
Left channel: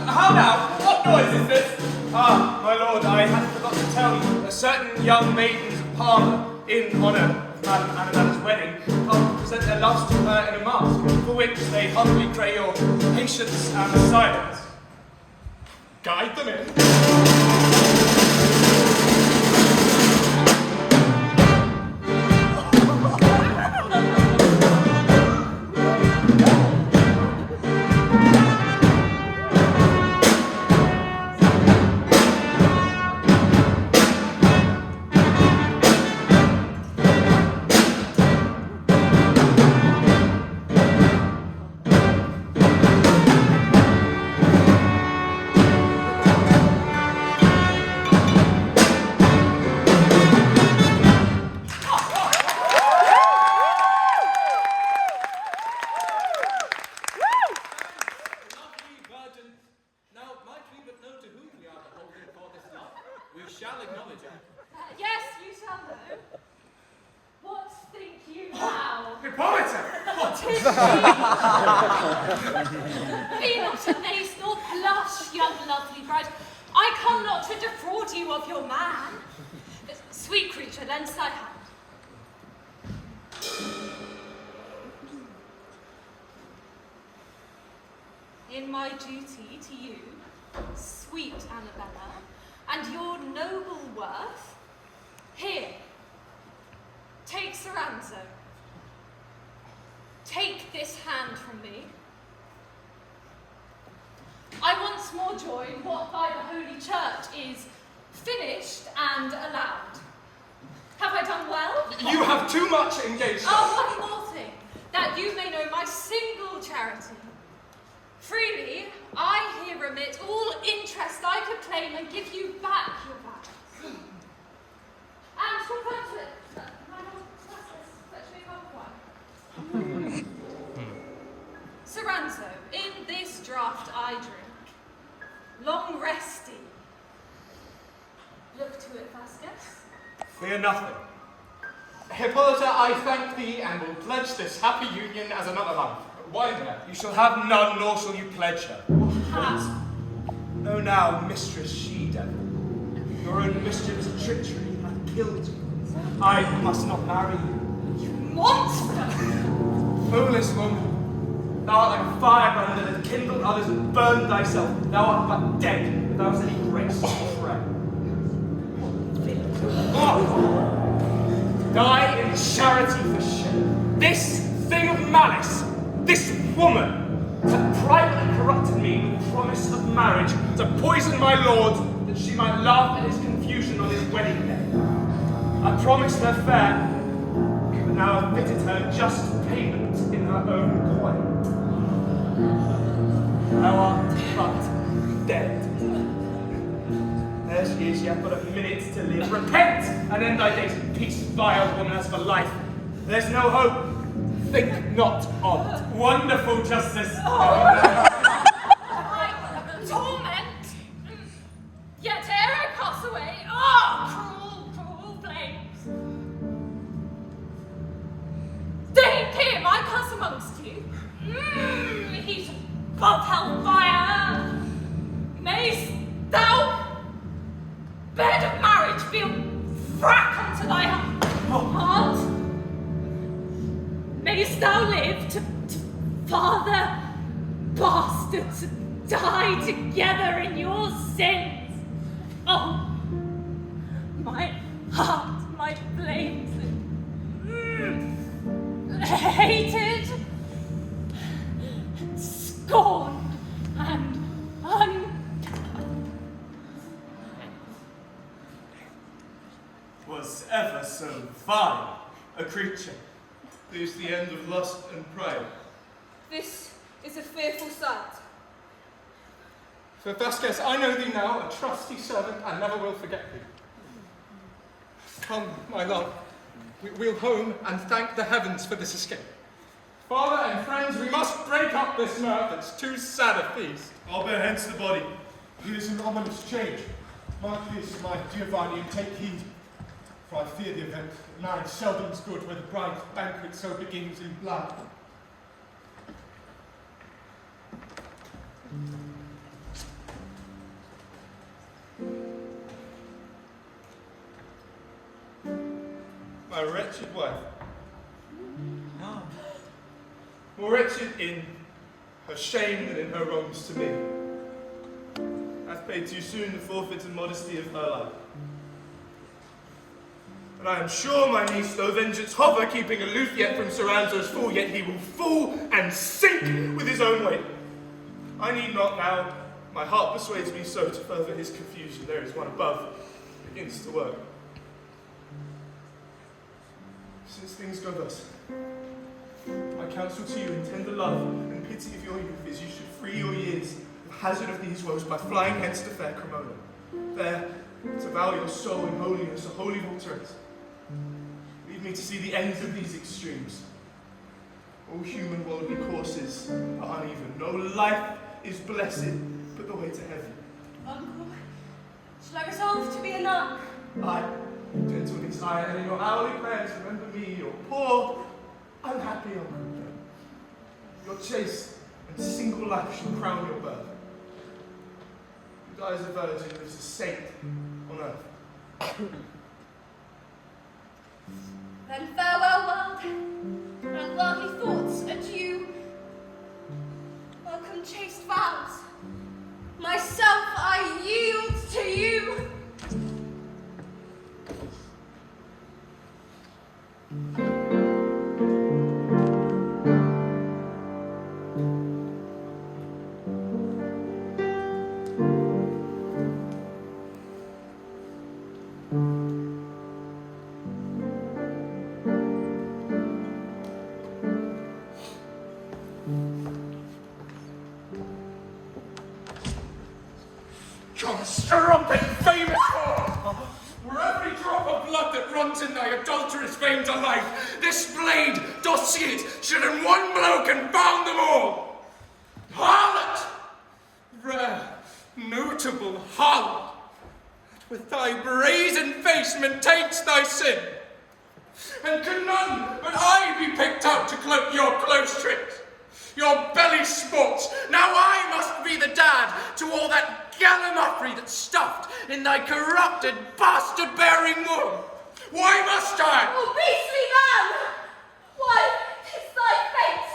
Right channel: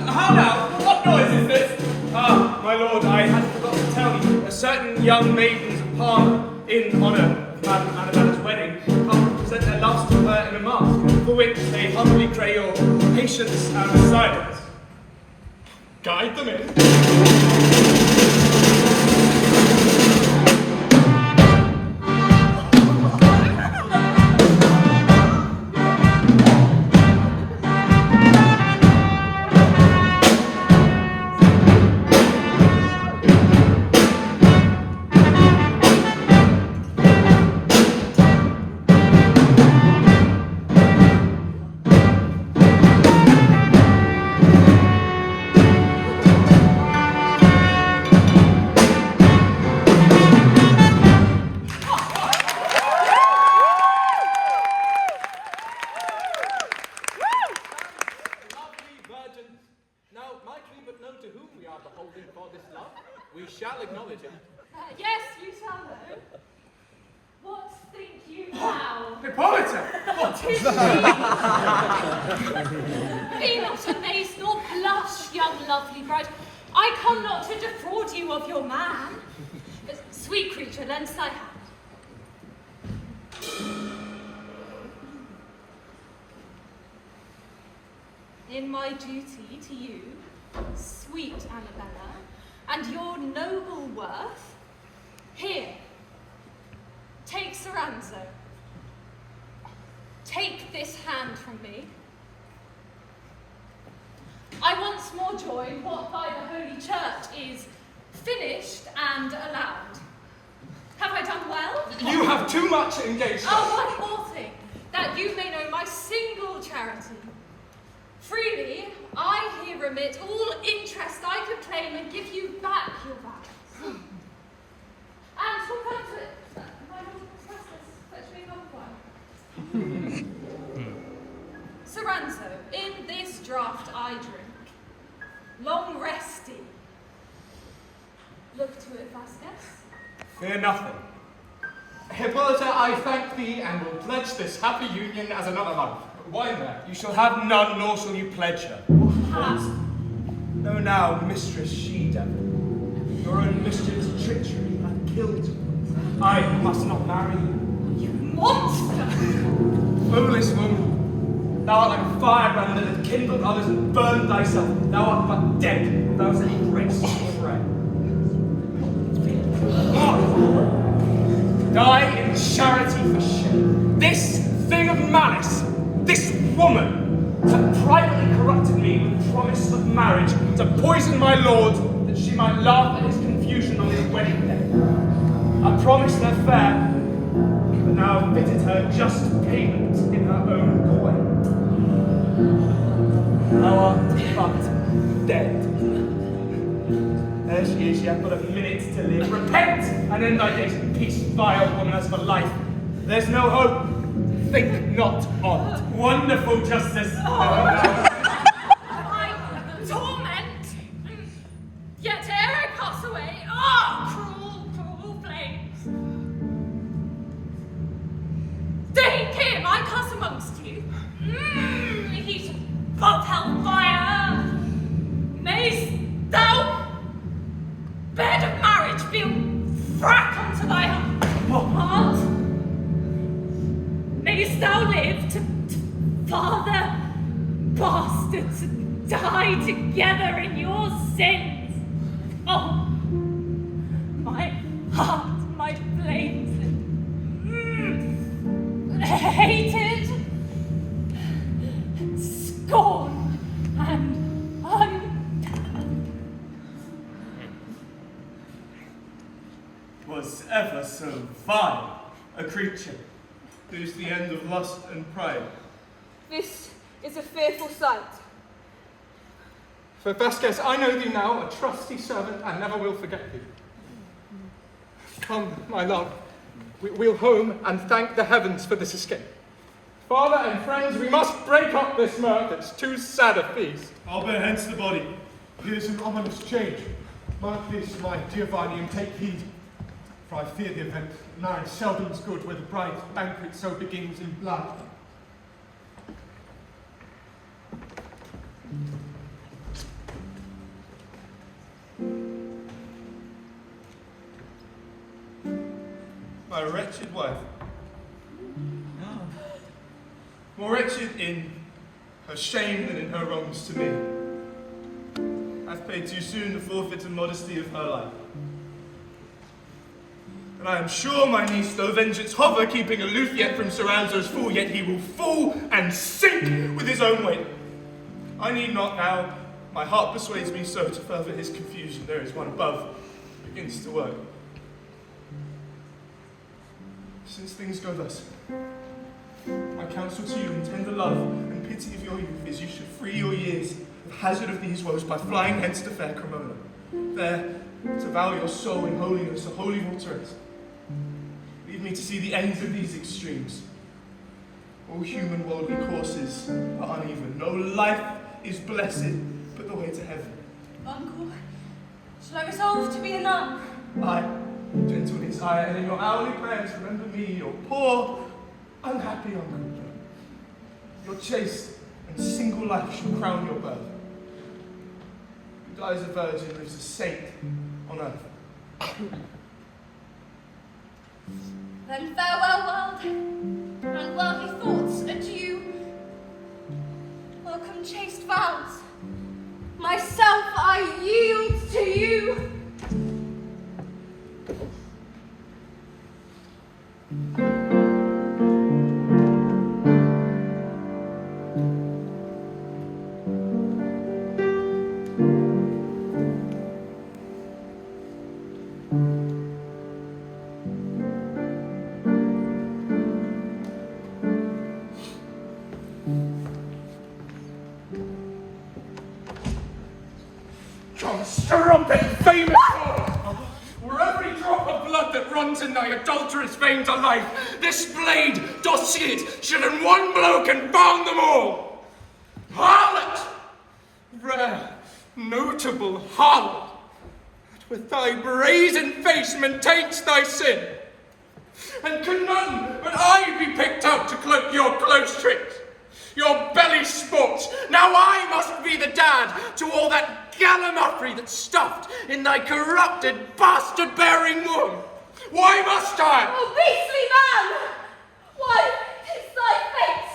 How now? What noise is this? Ah, my lord, I had forgot to tell you. A certain young maiden's parlour, in honour of Madam Annabella's wedding, come to present their loves to her in a mask, for which they humbly pray your patience and silence. Guide them in. Yes, you shall know. What think you now? Hippolita! What is she? Be not amazed nor blush, young lovely bride. I come not to defraud you of your man. Sweet creature, lend thy hand. in my duty to you, sweet Annabella, and your noble worth, here, take Soranzo. Take this hand from me. I once more join what by the Holy Church is finished and allowed. Have I done well? You have too much engaged. Oh, one more thing, that you may know my single charity. Freely, I here remit all interest I could claim and give you back your vows. And for comfort, my Lord Vasques, fetch me one wine. Soranzo, in this draught I drink, long resting. Look to it, Vasques. Fear nothing. Hippolita, I thank thee and will pledge this happy union as another life. Wine there. You shall have none, nor shall you pledge her. Know now, mistress she-devil, your own mischief's treachery hath killed you. I must not marry you. You monster! Foolish woman, thou art like a firebrand that hath kindled others and burned thyself. Thou art but dead without any grace to pray. Die in charity for shame. This thing of malice, this woman, hath privately corrupted me with promise of marriage to poison my lord, that she might laugh at his confusion on his wedding day. I promised her fair, but now have fitted her just payment in her own coin. Thou art but dead. There she is, she hath but a minute to live. Repent, and end thy days in peace, vile woman, as for life. There's no hope. Think not on't. Wonderful justice. My torment! Yet ere I pass away, cruel, cruel flames! Deign him, I pass amongst you. Heat above hell fire! Mayst thou, bed of marriage, be a frack unto thy heart! Mayst thou live to father bastards and die together in your sins. Oh, my heart, my flames, hated, scorned, and Was ever so vile a creature? Who's the end of lust and pride? This is a fearful sight. For Vasques, I know thee now, a trusty servant, and never will forget thee. Come, my lord, we'll home and thank the heavens for this escape. Father and friends, we must break up this mirth. It's too sad a feast. I'll bear hence the body. Here's an ominous change. Mark this, my Giovanni, and take heed. For I fear the event. Marriage seldom's good where the bride's banquet so begins in blood. My wretched wife. More wretched in her shame than in her wrongs to me. Hath paid too soon the forfeit and modesty of her life. And I am sure my niece, though vengeance hover, keeping aloof yet from Soranzo's fall, yet he will fall and sink with his own weight. I need not now, my heart persuades me so, to further his confusion. There is one above, begins to work. Since things go thus, my counsel to you in tender love and pity of your youth is you should free your years of hazard of these woes by flying hence to fair Cremona, there to vow your soul in holiness a holy votaress. Leave me to see the ends of these extremes. All human worldly courses are uneven. No life is blessed but the way to heaven. Uncle, shall I resolve to be a nun? I, gentle desire, and in your hourly prayers remember me, your poor, unhappy uncle. Your chaste and single life shall crown your birth. Who dies a virgin lives a saint on earth. Then farewell, world. Unworthy thoughts adieu. Welcome, chaste vows. Myself I yield to you. Strumpet famous were every drop of blood that runs in thy adulterous veins alive, this blade doth see it, should in one blow confound them all. Harlot! Rare, notable harlot, that with thy brazen face maintainst thy sin, and can none but I be picked out to cloak your close tricks, your belly sports. Now I must be the dad to all that gallimaufry that's stuffed in thy corrupted, bastard-bearing womb. Why must I? Oh, beastly man! Why, 'tis thy fate.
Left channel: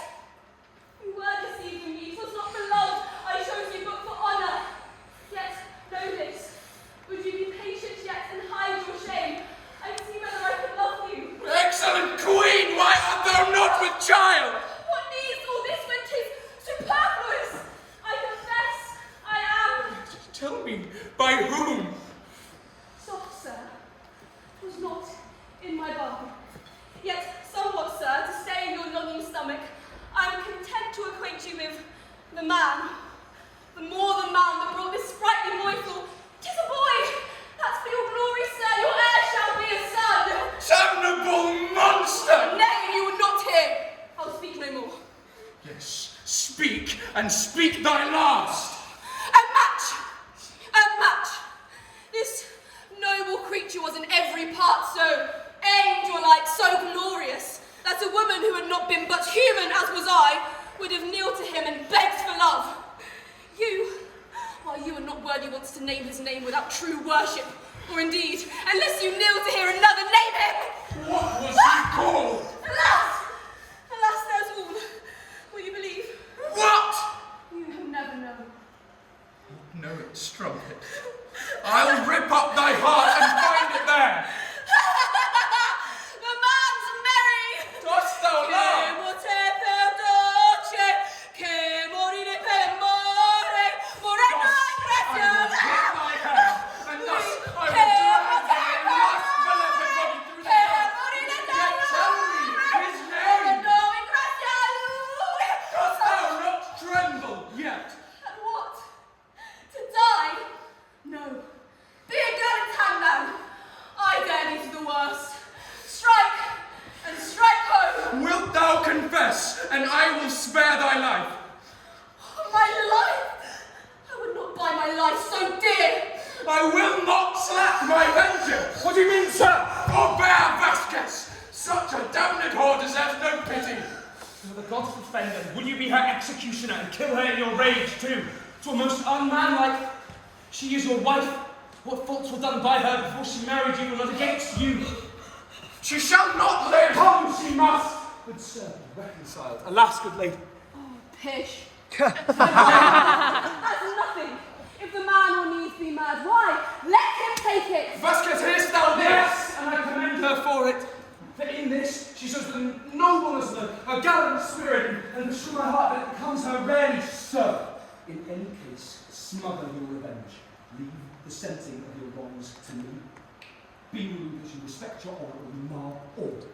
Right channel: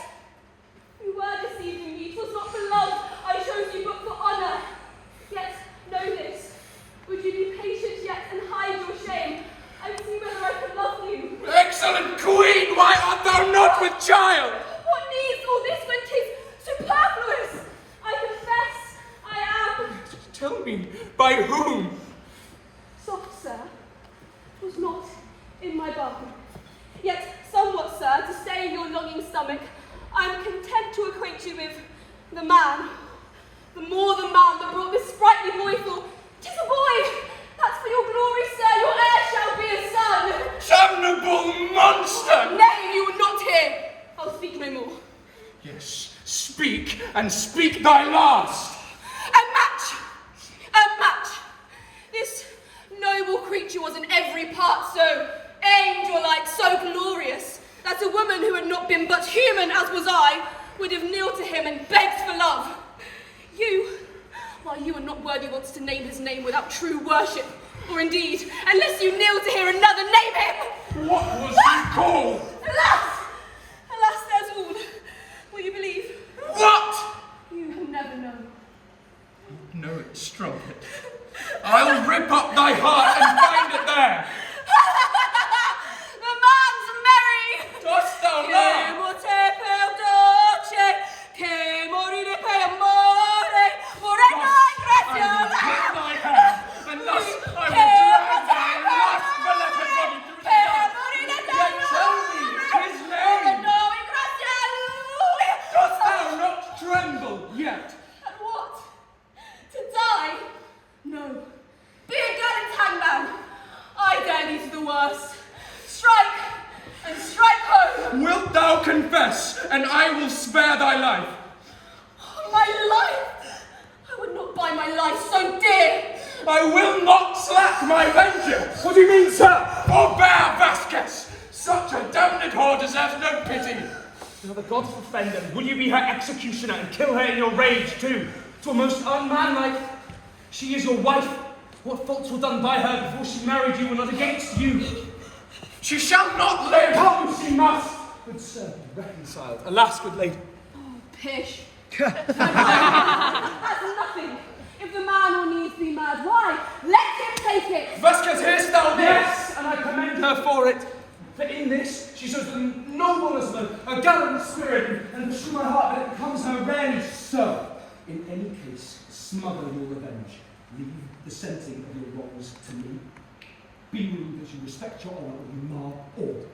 You were deceiving me, 'twas not for love I chose you, but for honour. Yet, know this, would you be patient yet and hide your shame, and see whether I can love you? Excellent queen, why art thou not with child? What needs all this when 'tis superfluous? I confess, I am. Tell me, by whom? Soft, sir, was not in my bargain. Yet somewhat, sir, to stay in your longing stomach, I am content to acquaint you with the man, the more than man that brought this sprightly boyful. 'Tis a boy! That's for your glory, sir, your heir shall be a son! Damnable monster! Nay, you will not hear. I'll speak no more. Yes, speak, and speak thy last. A match! A match! This noble creature was in every part so angel-like, so glorious, that a woman who had not been but human as was I, would have kneeled to him and begged for love. You, while you are not worthy once to name his name without true worship, or indeed, unless you kneel to hear another name him. What was he called? Alas! Alas, there's all. Will you believe? What? You have never known. No, it's strumpet. I'll rip up thy heart and find it there. The man's merry! Dost thou laugh? Che morire per amore, vorrei I will hit thy hand, and thus I will drag thy last beloved body through the dark. Yet tell me his name. Dost thou not tremble yet? And what? To die? No. Be a gallant hangman. I dare thee to the worst. Strike, and strike home. Wilt thou confess, and I will spare thy life? My life? I would not buy my life so dear. I will not slack my vengeance. What do you mean, sir? Forbear, Vasques. Such a damned whore deserves no pity. Now the gods defend her. Will you be her executioner and kill her in your rage too? 'Twere most unmanlike. She is your wife. What faults were done by her before she married you were not against you. She shall not live. Come, she must. Good sir, be reconciled. Alas, good lady. Oh, pish. That's nothing. If the man will needs be mad, why? Let him take it. Vasques, hearest thou this? Yes, and I commend her for it. For in this, she shows the nobleness of a gallant spirit, and pursue my heart that it becomes her rarely so. In any case, smother your revenge. Leave the sensing of your wrongs to me. Be moved that you respect your honour or you mar all.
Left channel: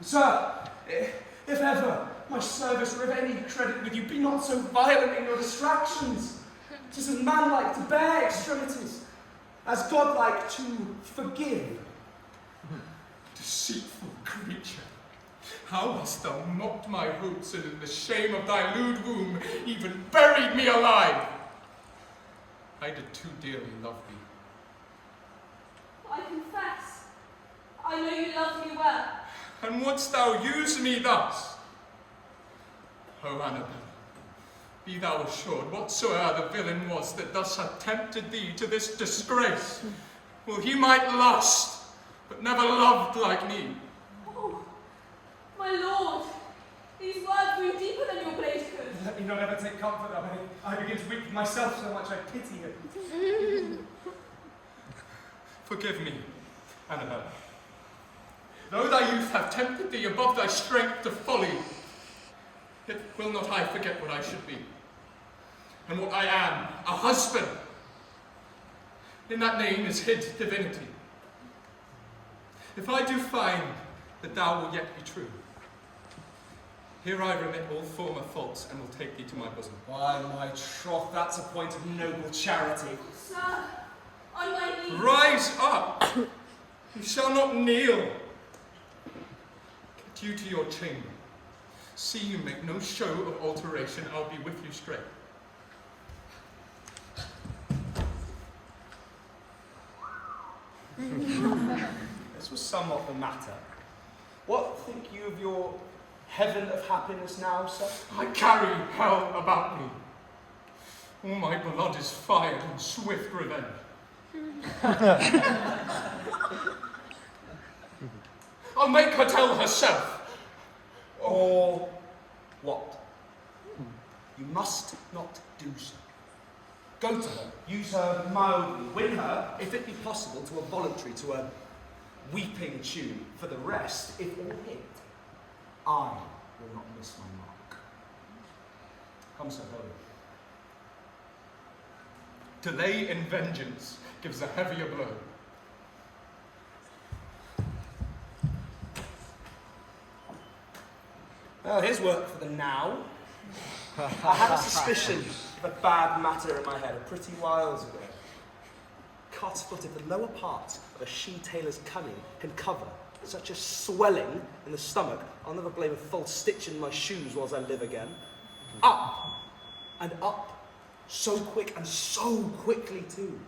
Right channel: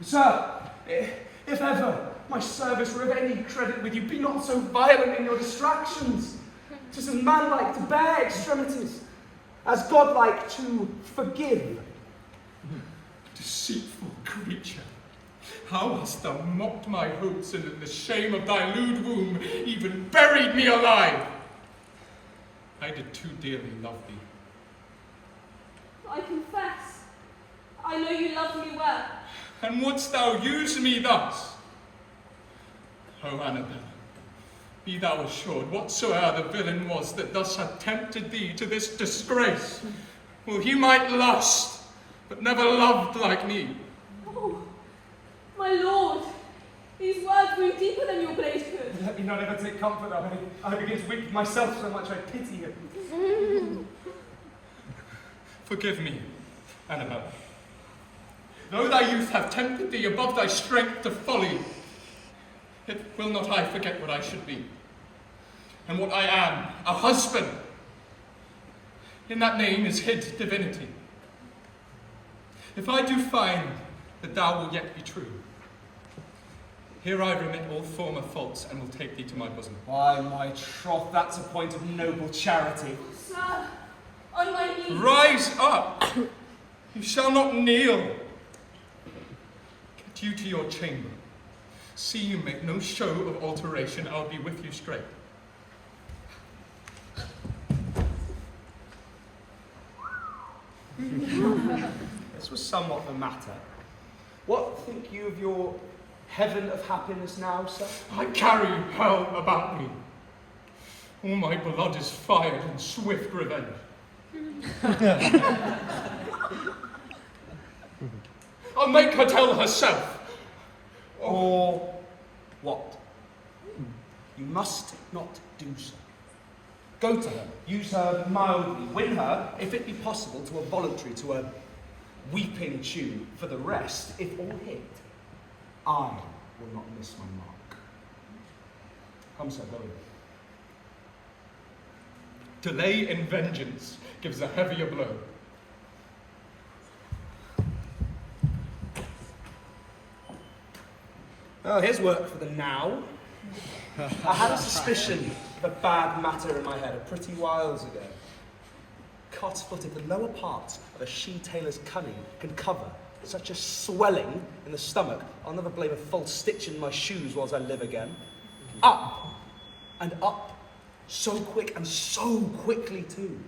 Sir, if ever my service were of any credit with you, be not so violent in your distractions. 'Tis as manlike to bear extremities, as godlike to forgive. Deceitful creature, how hast thou mocked my hopes, and in the shame of thy lewd womb even buried me alive? I did too dearly love thee. I confess. I know you love me well. And wouldst thou use me thus? O Annabella, be thou assured, whatsoe'er the villain was that thus had tempted thee to this disgrace, well, he might lust, but never loved like me. Oh, my lord, These words wound deeper than your blade could. Let me not ever take comfort of it. I begin to weep myself so much I pity him. Forgive me, Annabella. Though thy youth have tempted thee above thy strength to folly, yet will not I forget what I should be, and what I am, a husband. In that name is hid divinity. If I do find that thou wilt yet be true, here I remit all former faults and will take thee to my bosom. Why, my troth, that's a point of noble charity. Sir, on my knees. Rise up! You shall not kneel. Get you to your chamber. See you make no show of alteration, I'll be with you straight. This was somewhat the matter. What think you of your heaven of happiness now, sir? I carry hell about me. All my blood is fired in swift revenge. I'll make her tell herself. Or what? You must not do so. Go to her, use her mildly, win her, if it be possible, to a voluntary, to a weeping tune. For the rest, if all hit, I will not miss my mark. Come, sir, go. Delay in vengeance gives a heavier blow. Oh, here's work for the now. I had a suspicion of a bad matter in my head a pretty whiles ago. Cotsfoot, the lower part of a she-tailor's cunning can cover such a swelling in the stomach, I'll never blame a false stitch in my shoes whilst I live again. Up and up, so quick and so quickly too.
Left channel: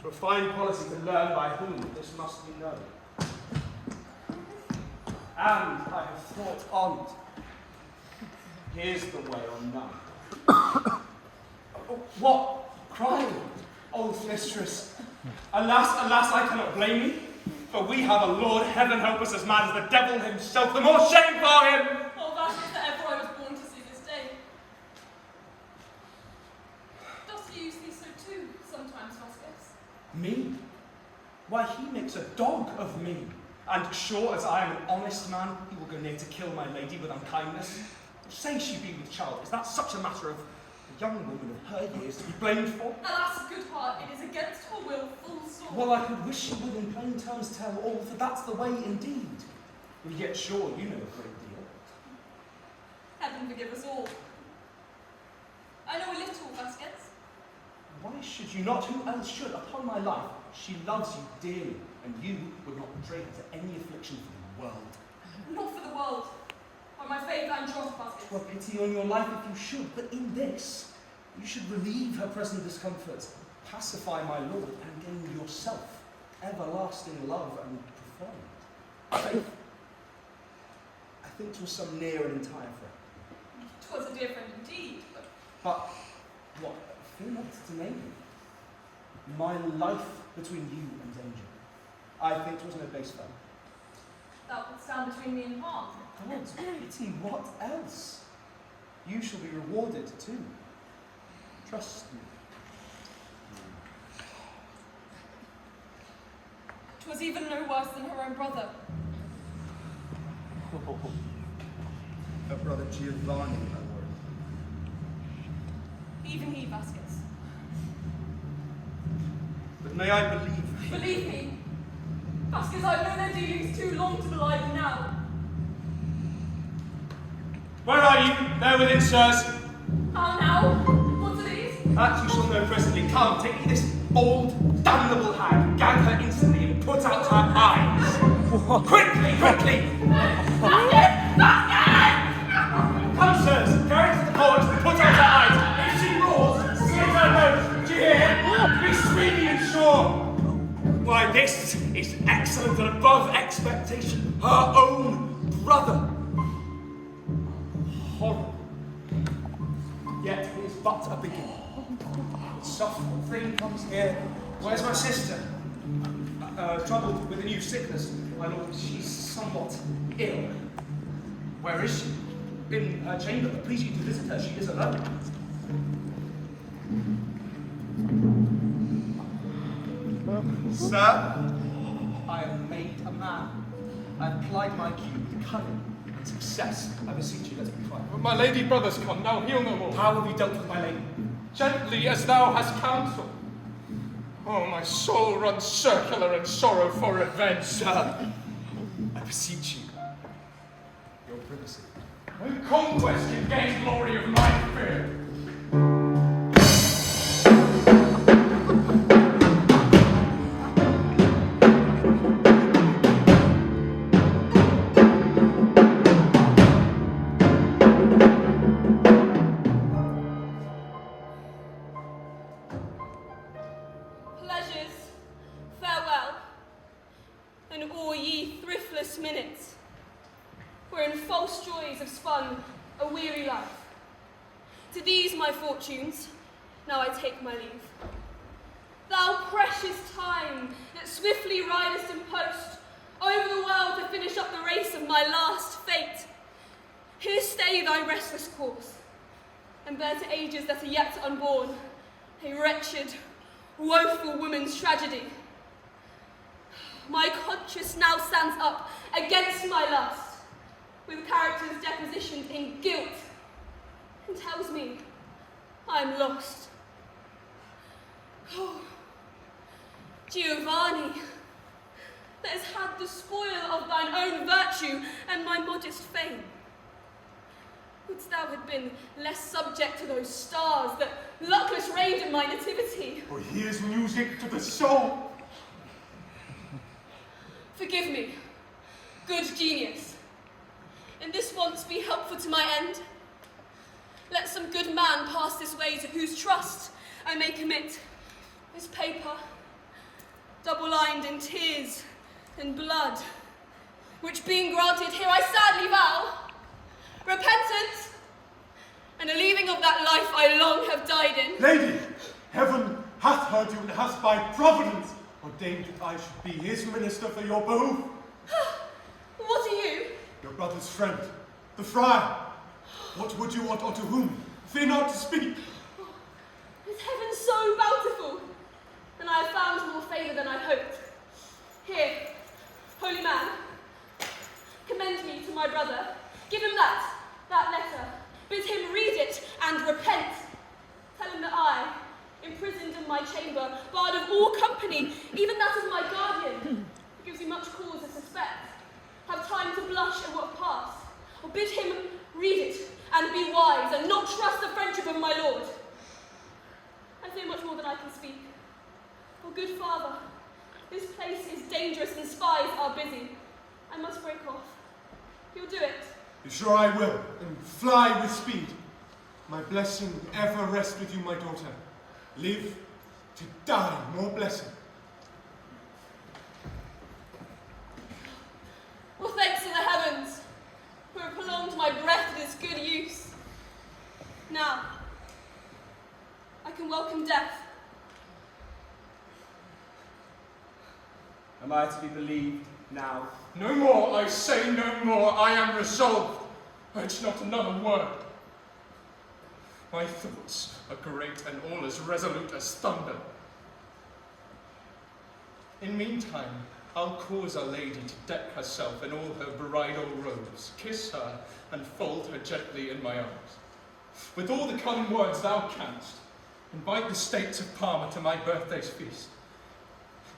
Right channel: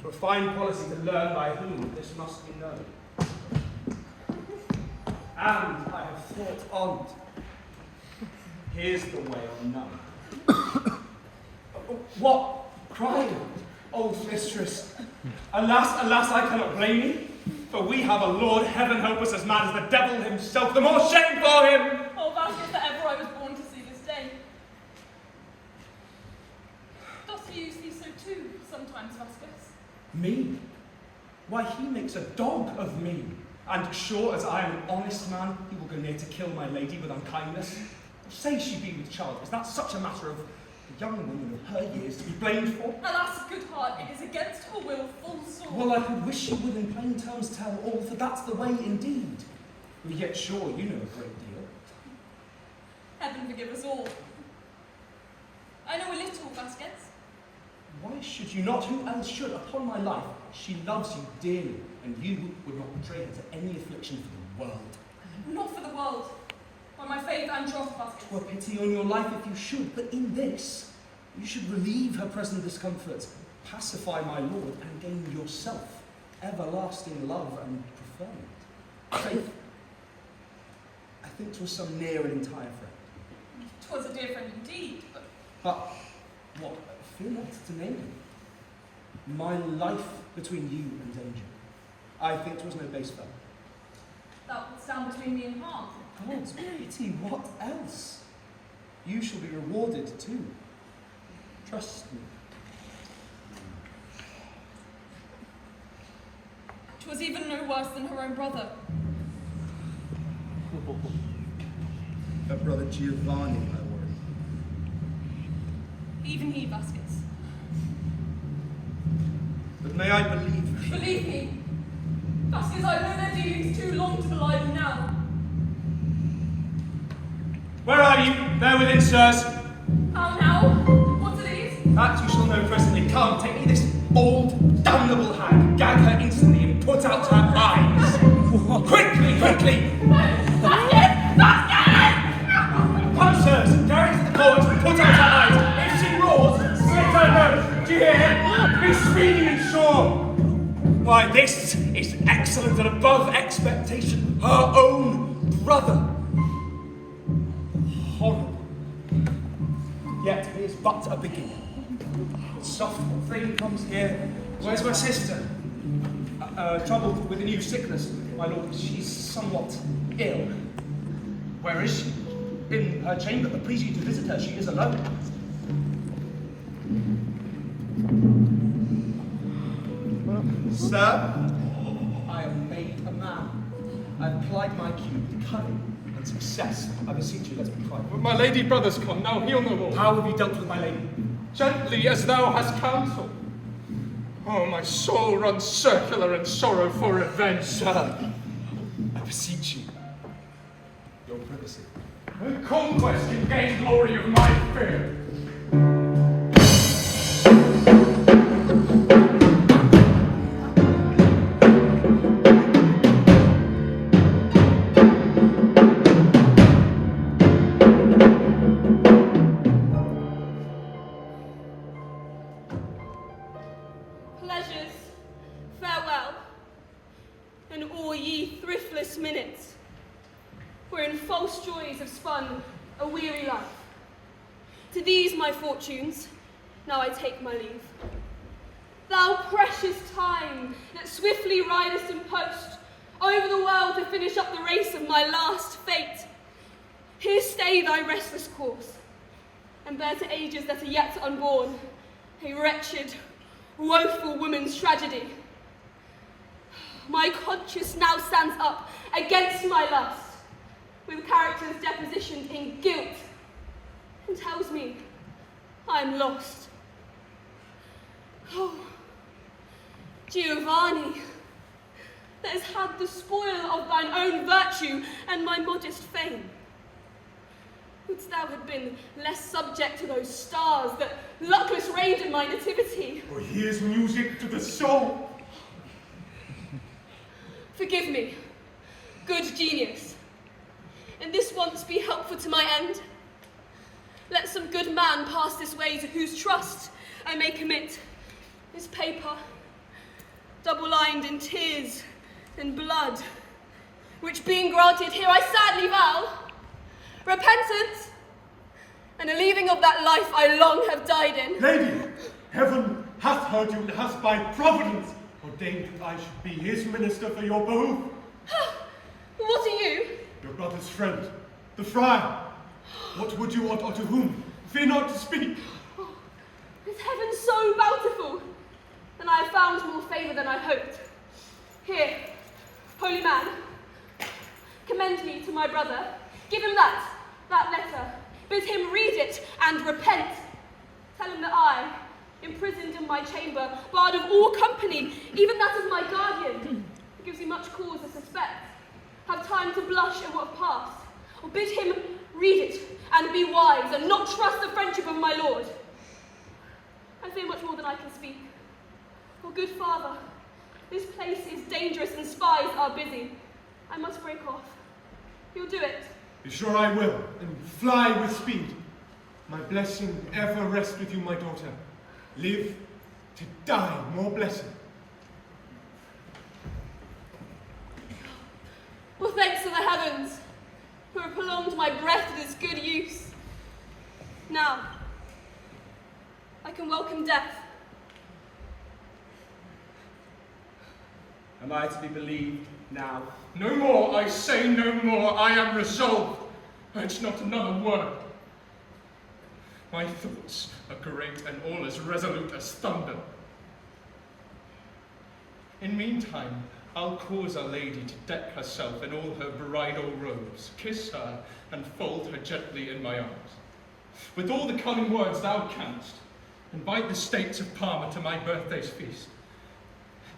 For a fine policy to learn by whom this must be known. And I have thought on't. Here's the way on none. What? Crying? Old mistress. Alas, alas, I cannot blame you. For we have a Lord, heaven help us, as mad as the devil himself, the more shame for him! Oh, Vasques, that ever I was born to see this day. Dost he use thee so too, sometimes, Vasques? Me? Why, he makes a dog of me. And sure as I am an honest man, he will go near to kill my lady with unkindness. Say she be with child, is that such a matter of a young woman of her years to be blamed for? Alas, good heart, it is against her will, full sore. Well, I could wish you would in plain terms tell all, for that's the way indeed. But yet sure you know a great deal. Heaven forgive us all. I know a little, Vasques. Why should you not? Who else should? Upon my life, she loves you dearly, and you would not betray her to any affliction for the world. Not for the world. By my faith and troth, Vasques. 'Twere pity on your life if you should, but in this, you should relieve her present discomfort, pacify my lord, and gain yourself everlasting love and preferment. Faith, I think 'twas some near and entire friend. 'Twas a dear friend indeed, but But what? Fear not to name him. My life between you and danger. I think 'twas no base fellow. thou wilt stand between me and harm. God's pity, what else? You shall be rewarded too. Trust me. 'Twas even no worse than her own brother. Her brother Giovanni, I worry. Even he, Vasques. But may I believe? Believe me, Vasques, I've known their dealings too long to belie them now. Where are you? There within, sirs. How now? What are these? That you shall know presently. Come, take me this old, damnable hag, gag her instantly, and put out her eyes. Quickly, quickly! Vasques! Vasques! Come, sirs, carry her to the court, and put out her eyes. If she roars, slit her nose. Do you hear? Be screaming and sure. Why, this is excellent and above expectation. Her own brother. Horrible. Yet it is but a beginning. Soft thing comes here. Where's my sister? Troubled with a new sickness, my lord. She's somewhat ill. Where is she? In her chamber. Please you to visit her. She is alone. Sir? I have made a man. I have applied my cue with cunning and success. I beseech you, let's be quiet. But my lady brother's come, now he'll no more. How have you dealt with my lady? Gently as thou hast counsel. Oh, my soul runs circular in sorrow for revenge. Sir, I beseech you, your privacy. And conquest can gain glory of my fear. Pleasures, farewell, and all ye thriftless minutes, wherein false joys have spun a weary life. To these my fortunes, now I take my leave. Thou precious time that swiftly ridest in post over the world to finish up the race of my last fate, here stay thy restless course, and bear to ages that are yet unborn a wretched, woeful woman's tragedy. My conscience now stands up against my lust, with characters depositioned in guilt, and tells me I am lost. Oh, Giovanni, that has had the spoil of thine own virtue and my modest fame. Wouldst thou had been less subject to those stars that luckless reigned in my nativity? For here's music to the soul. Forgive me, good genius. And this once be helpful to my end. Let some good man pass this way to whose trust I may commit this paper, double-lined in tears and blood, which being granted here I sadly vow, repentance, and a leaving of that life I long have died in. Lady, heaven hath heard you and hath by providence ordained that I should be his minister for your behoof. What are you? Your brother's friend, the Friar. What would you want, or to whom? Fear not to speak. Oh, is heaven so bountiful? And I have found more favour than I hoped. Here, holy man, commend me to my brother. Give him that letter. Bid him read it and repent. Tell him that I, imprisoned in my chamber, barred of all company, even that of my guardian, who gives me much cause to suspect, have time to blush at what have passed. Or bid him read it and be wise, and not trust the friendship of my lord. I fear much more than I can speak. For good father, this place is dangerous and spies are busy. I must break off. You'll do it. Be sure I will, and fly with speed. My blessing ever rest with you, my daughter. Live to die more blessed. Well, thanks to the heavens, who have prolonged my breath with its good use. Now, I can welcome death. Am I to be believed now? No more, I say no more. I am resolved. Urge not another word. My thoughts are great and all as resolute as thunder. In meantime, I'll cause our lady to deck herself in all her bridal robes, kiss her, and fold her gently in my arms. With all the cunning words thou canst, invite the states of Parma to my birthday's feast.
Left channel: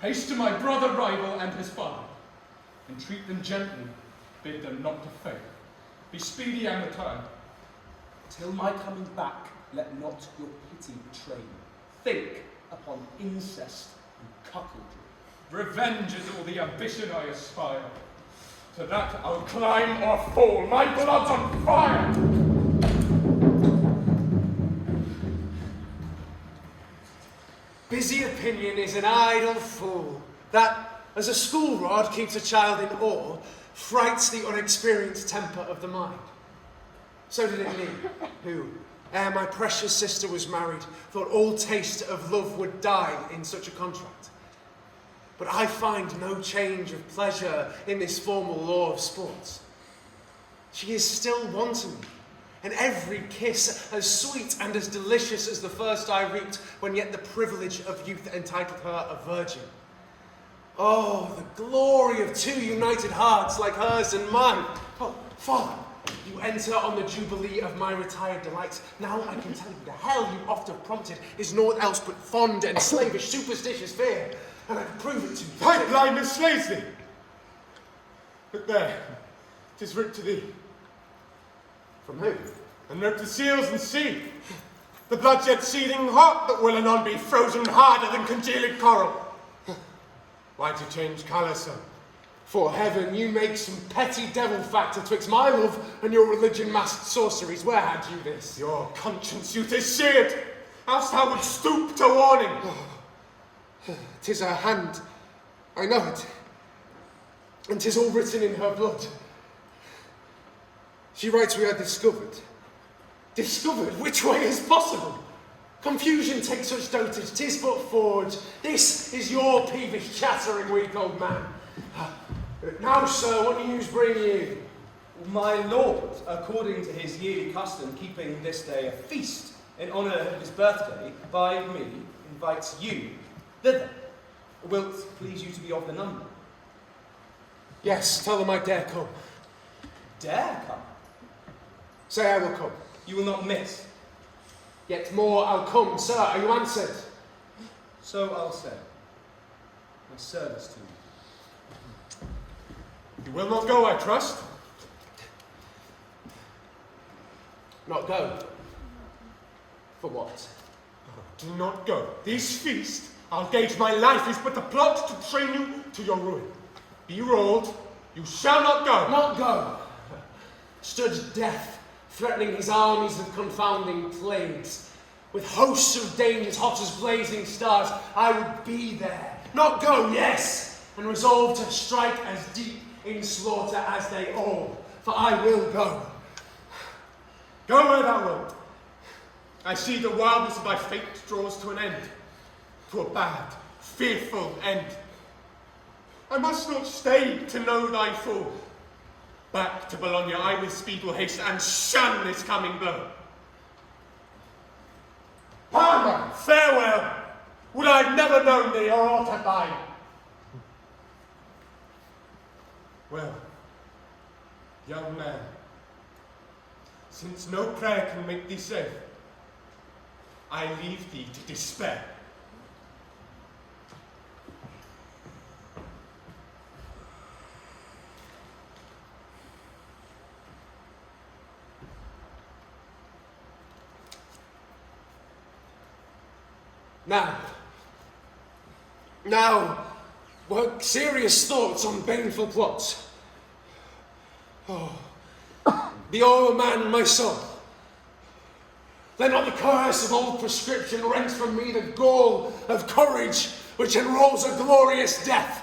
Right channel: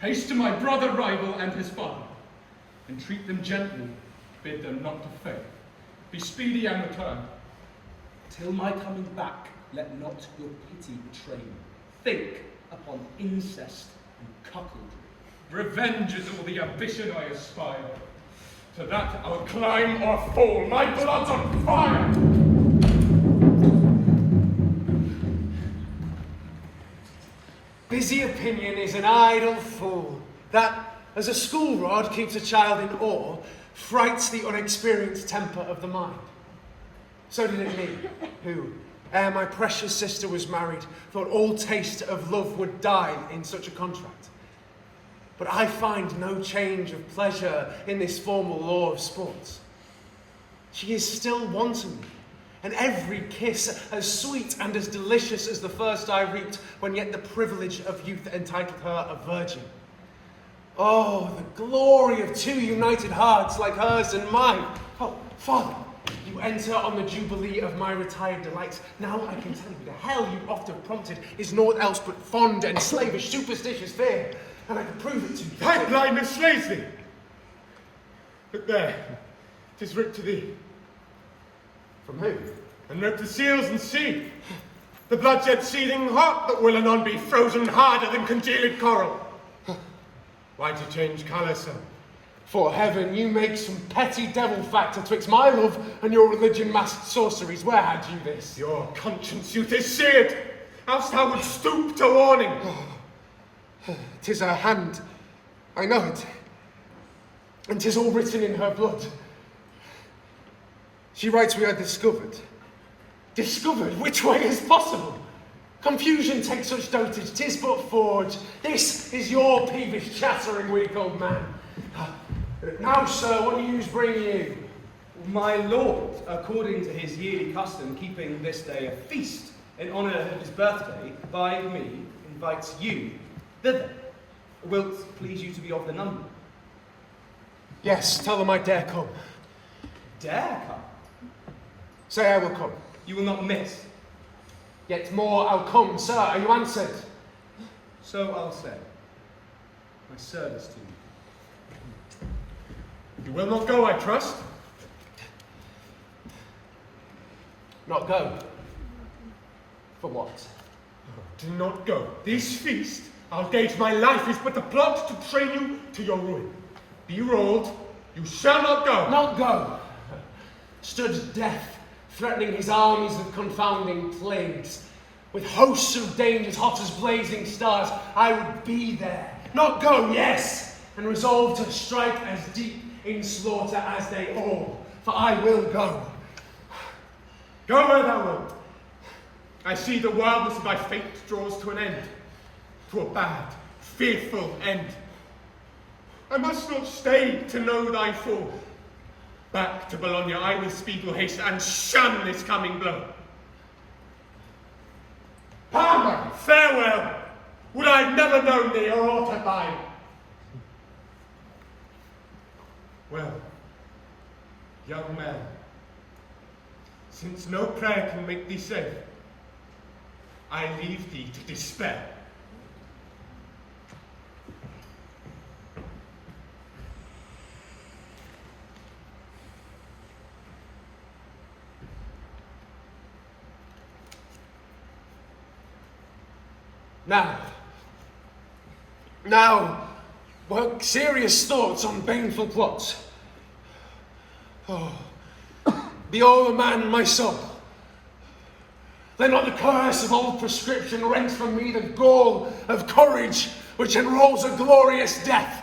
Haste to my brother rival and his father. Entreat them gently, bid them not to fail. Be speedy and return. Till my coming back, let not your pity betray me. Think upon incest and cuckoldry. Revenge is all the ambition I aspire. To that I'll climb or fall. My blood's on fire! Busy opinion is an idle fool, that, as a school rod keeps a child in awe, frights the unexperienced temper of the mind. So did it me, who, ere my precious sister was married, thought all taste of love would die in such a contract. But I find no change of pleasure in this formal law of sports. She is still wanting me, and every kiss as sweet and as delicious as the first I reaped when yet the privilege of youth entitled her a virgin. Oh, the glory of two united hearts like hers and mine. Oh, Father, you enter on the jubilee of my retired delights. Now I can tell you the hell you oft have prompted is naught else but fond and slavish superstitious fear, and I can prove it to you. Thy blindness slays thee. But there, 'tis writ to thee. From who? And note the seals and sea. The bloodshed seething hot that will anon be frozen harder than congealed coral. Why to change colour, son? For heaven, you make some petty devil factor twixt my love and your religion-masked sorceries. Where had you this? Your conscience, you 'tis seared, else thou would stoop to warning. 'Tis her hand, I know it, and 'tis all written in her blood. She writes we are discovered. Discovered? Which way is possible? Confusion takes such dotage, 'tis but forge. This is your peevish chattering weak old man. Now, sir, what news bring you? My lord, according to his yearly custom, keeping this day a feast in honour of his birthday, by me, invites you thither. Wilt please you to be of the number? Yes, tell them I dare come. Dare come? Say I will come. You will not miss. Yet more I'll come, sir. Are you answered? So I'll say. My service to you. You will not go, I trust? Not go? For what? Do not go. This feast, I'll gauge my life, is but a plot to train you to your ruin. Be rolled, you shall not go. Not go. Stood death, threatening his armies with confounding plagues. With hosts of dangers hot as blazing stars, I would be there. Not go, yes, and resolve to strike as deep in slaughter as they all, for I will go. Go where thou wilt. I see the wildness of thy fate draws to an end, to a bad, fearful end. I must not stay to know thy fall. Back to Bologna I with speed will haste and shun this coming blow. Palmer, farewell! Would I have never known thee or aught of thine? Well, young man, since no prayer can make thee safe, I leave thee to despair. Now, work serious thoughts on baneful plots. Oh, be all a man, my soul. Let not the curse of old prescription rent from me the gall of courage which enrolls a glorious death.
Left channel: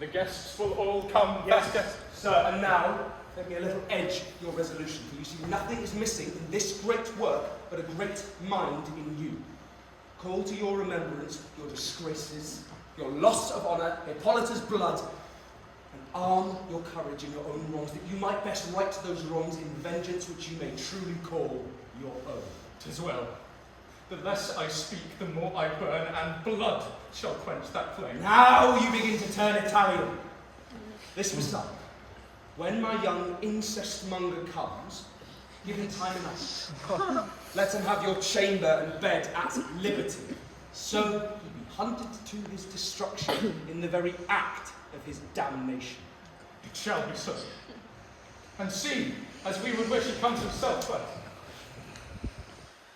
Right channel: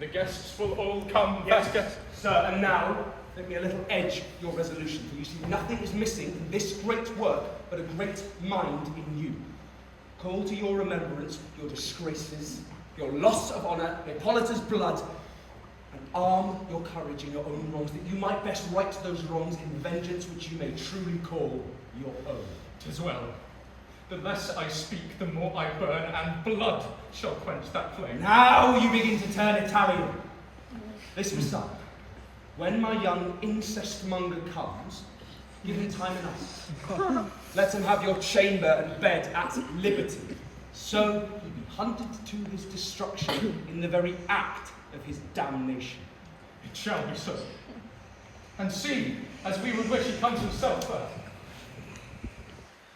The guests will all come. Yes, sir, and now let me a little edge your resolution, for you see nothing is missing in this great work but a great mind in you. Call to your remembrance your disgraces, your loss of honour, Hippolita's blood, and arm your courage in your own wrongs, that you might best right those wrongs in vengeance which you may truly call your own. 'Tis well. The less I speak, the more I burn, and blood shall quench that flame. Now you begin to turn Italian. This was done. When my young incest-monger comes, give him time enough. Let him have your chamber and bed at liberty. So he be hunted to his destruction in the very act of his damnation. It shall be so. And see, as we would wish, he comes himself first.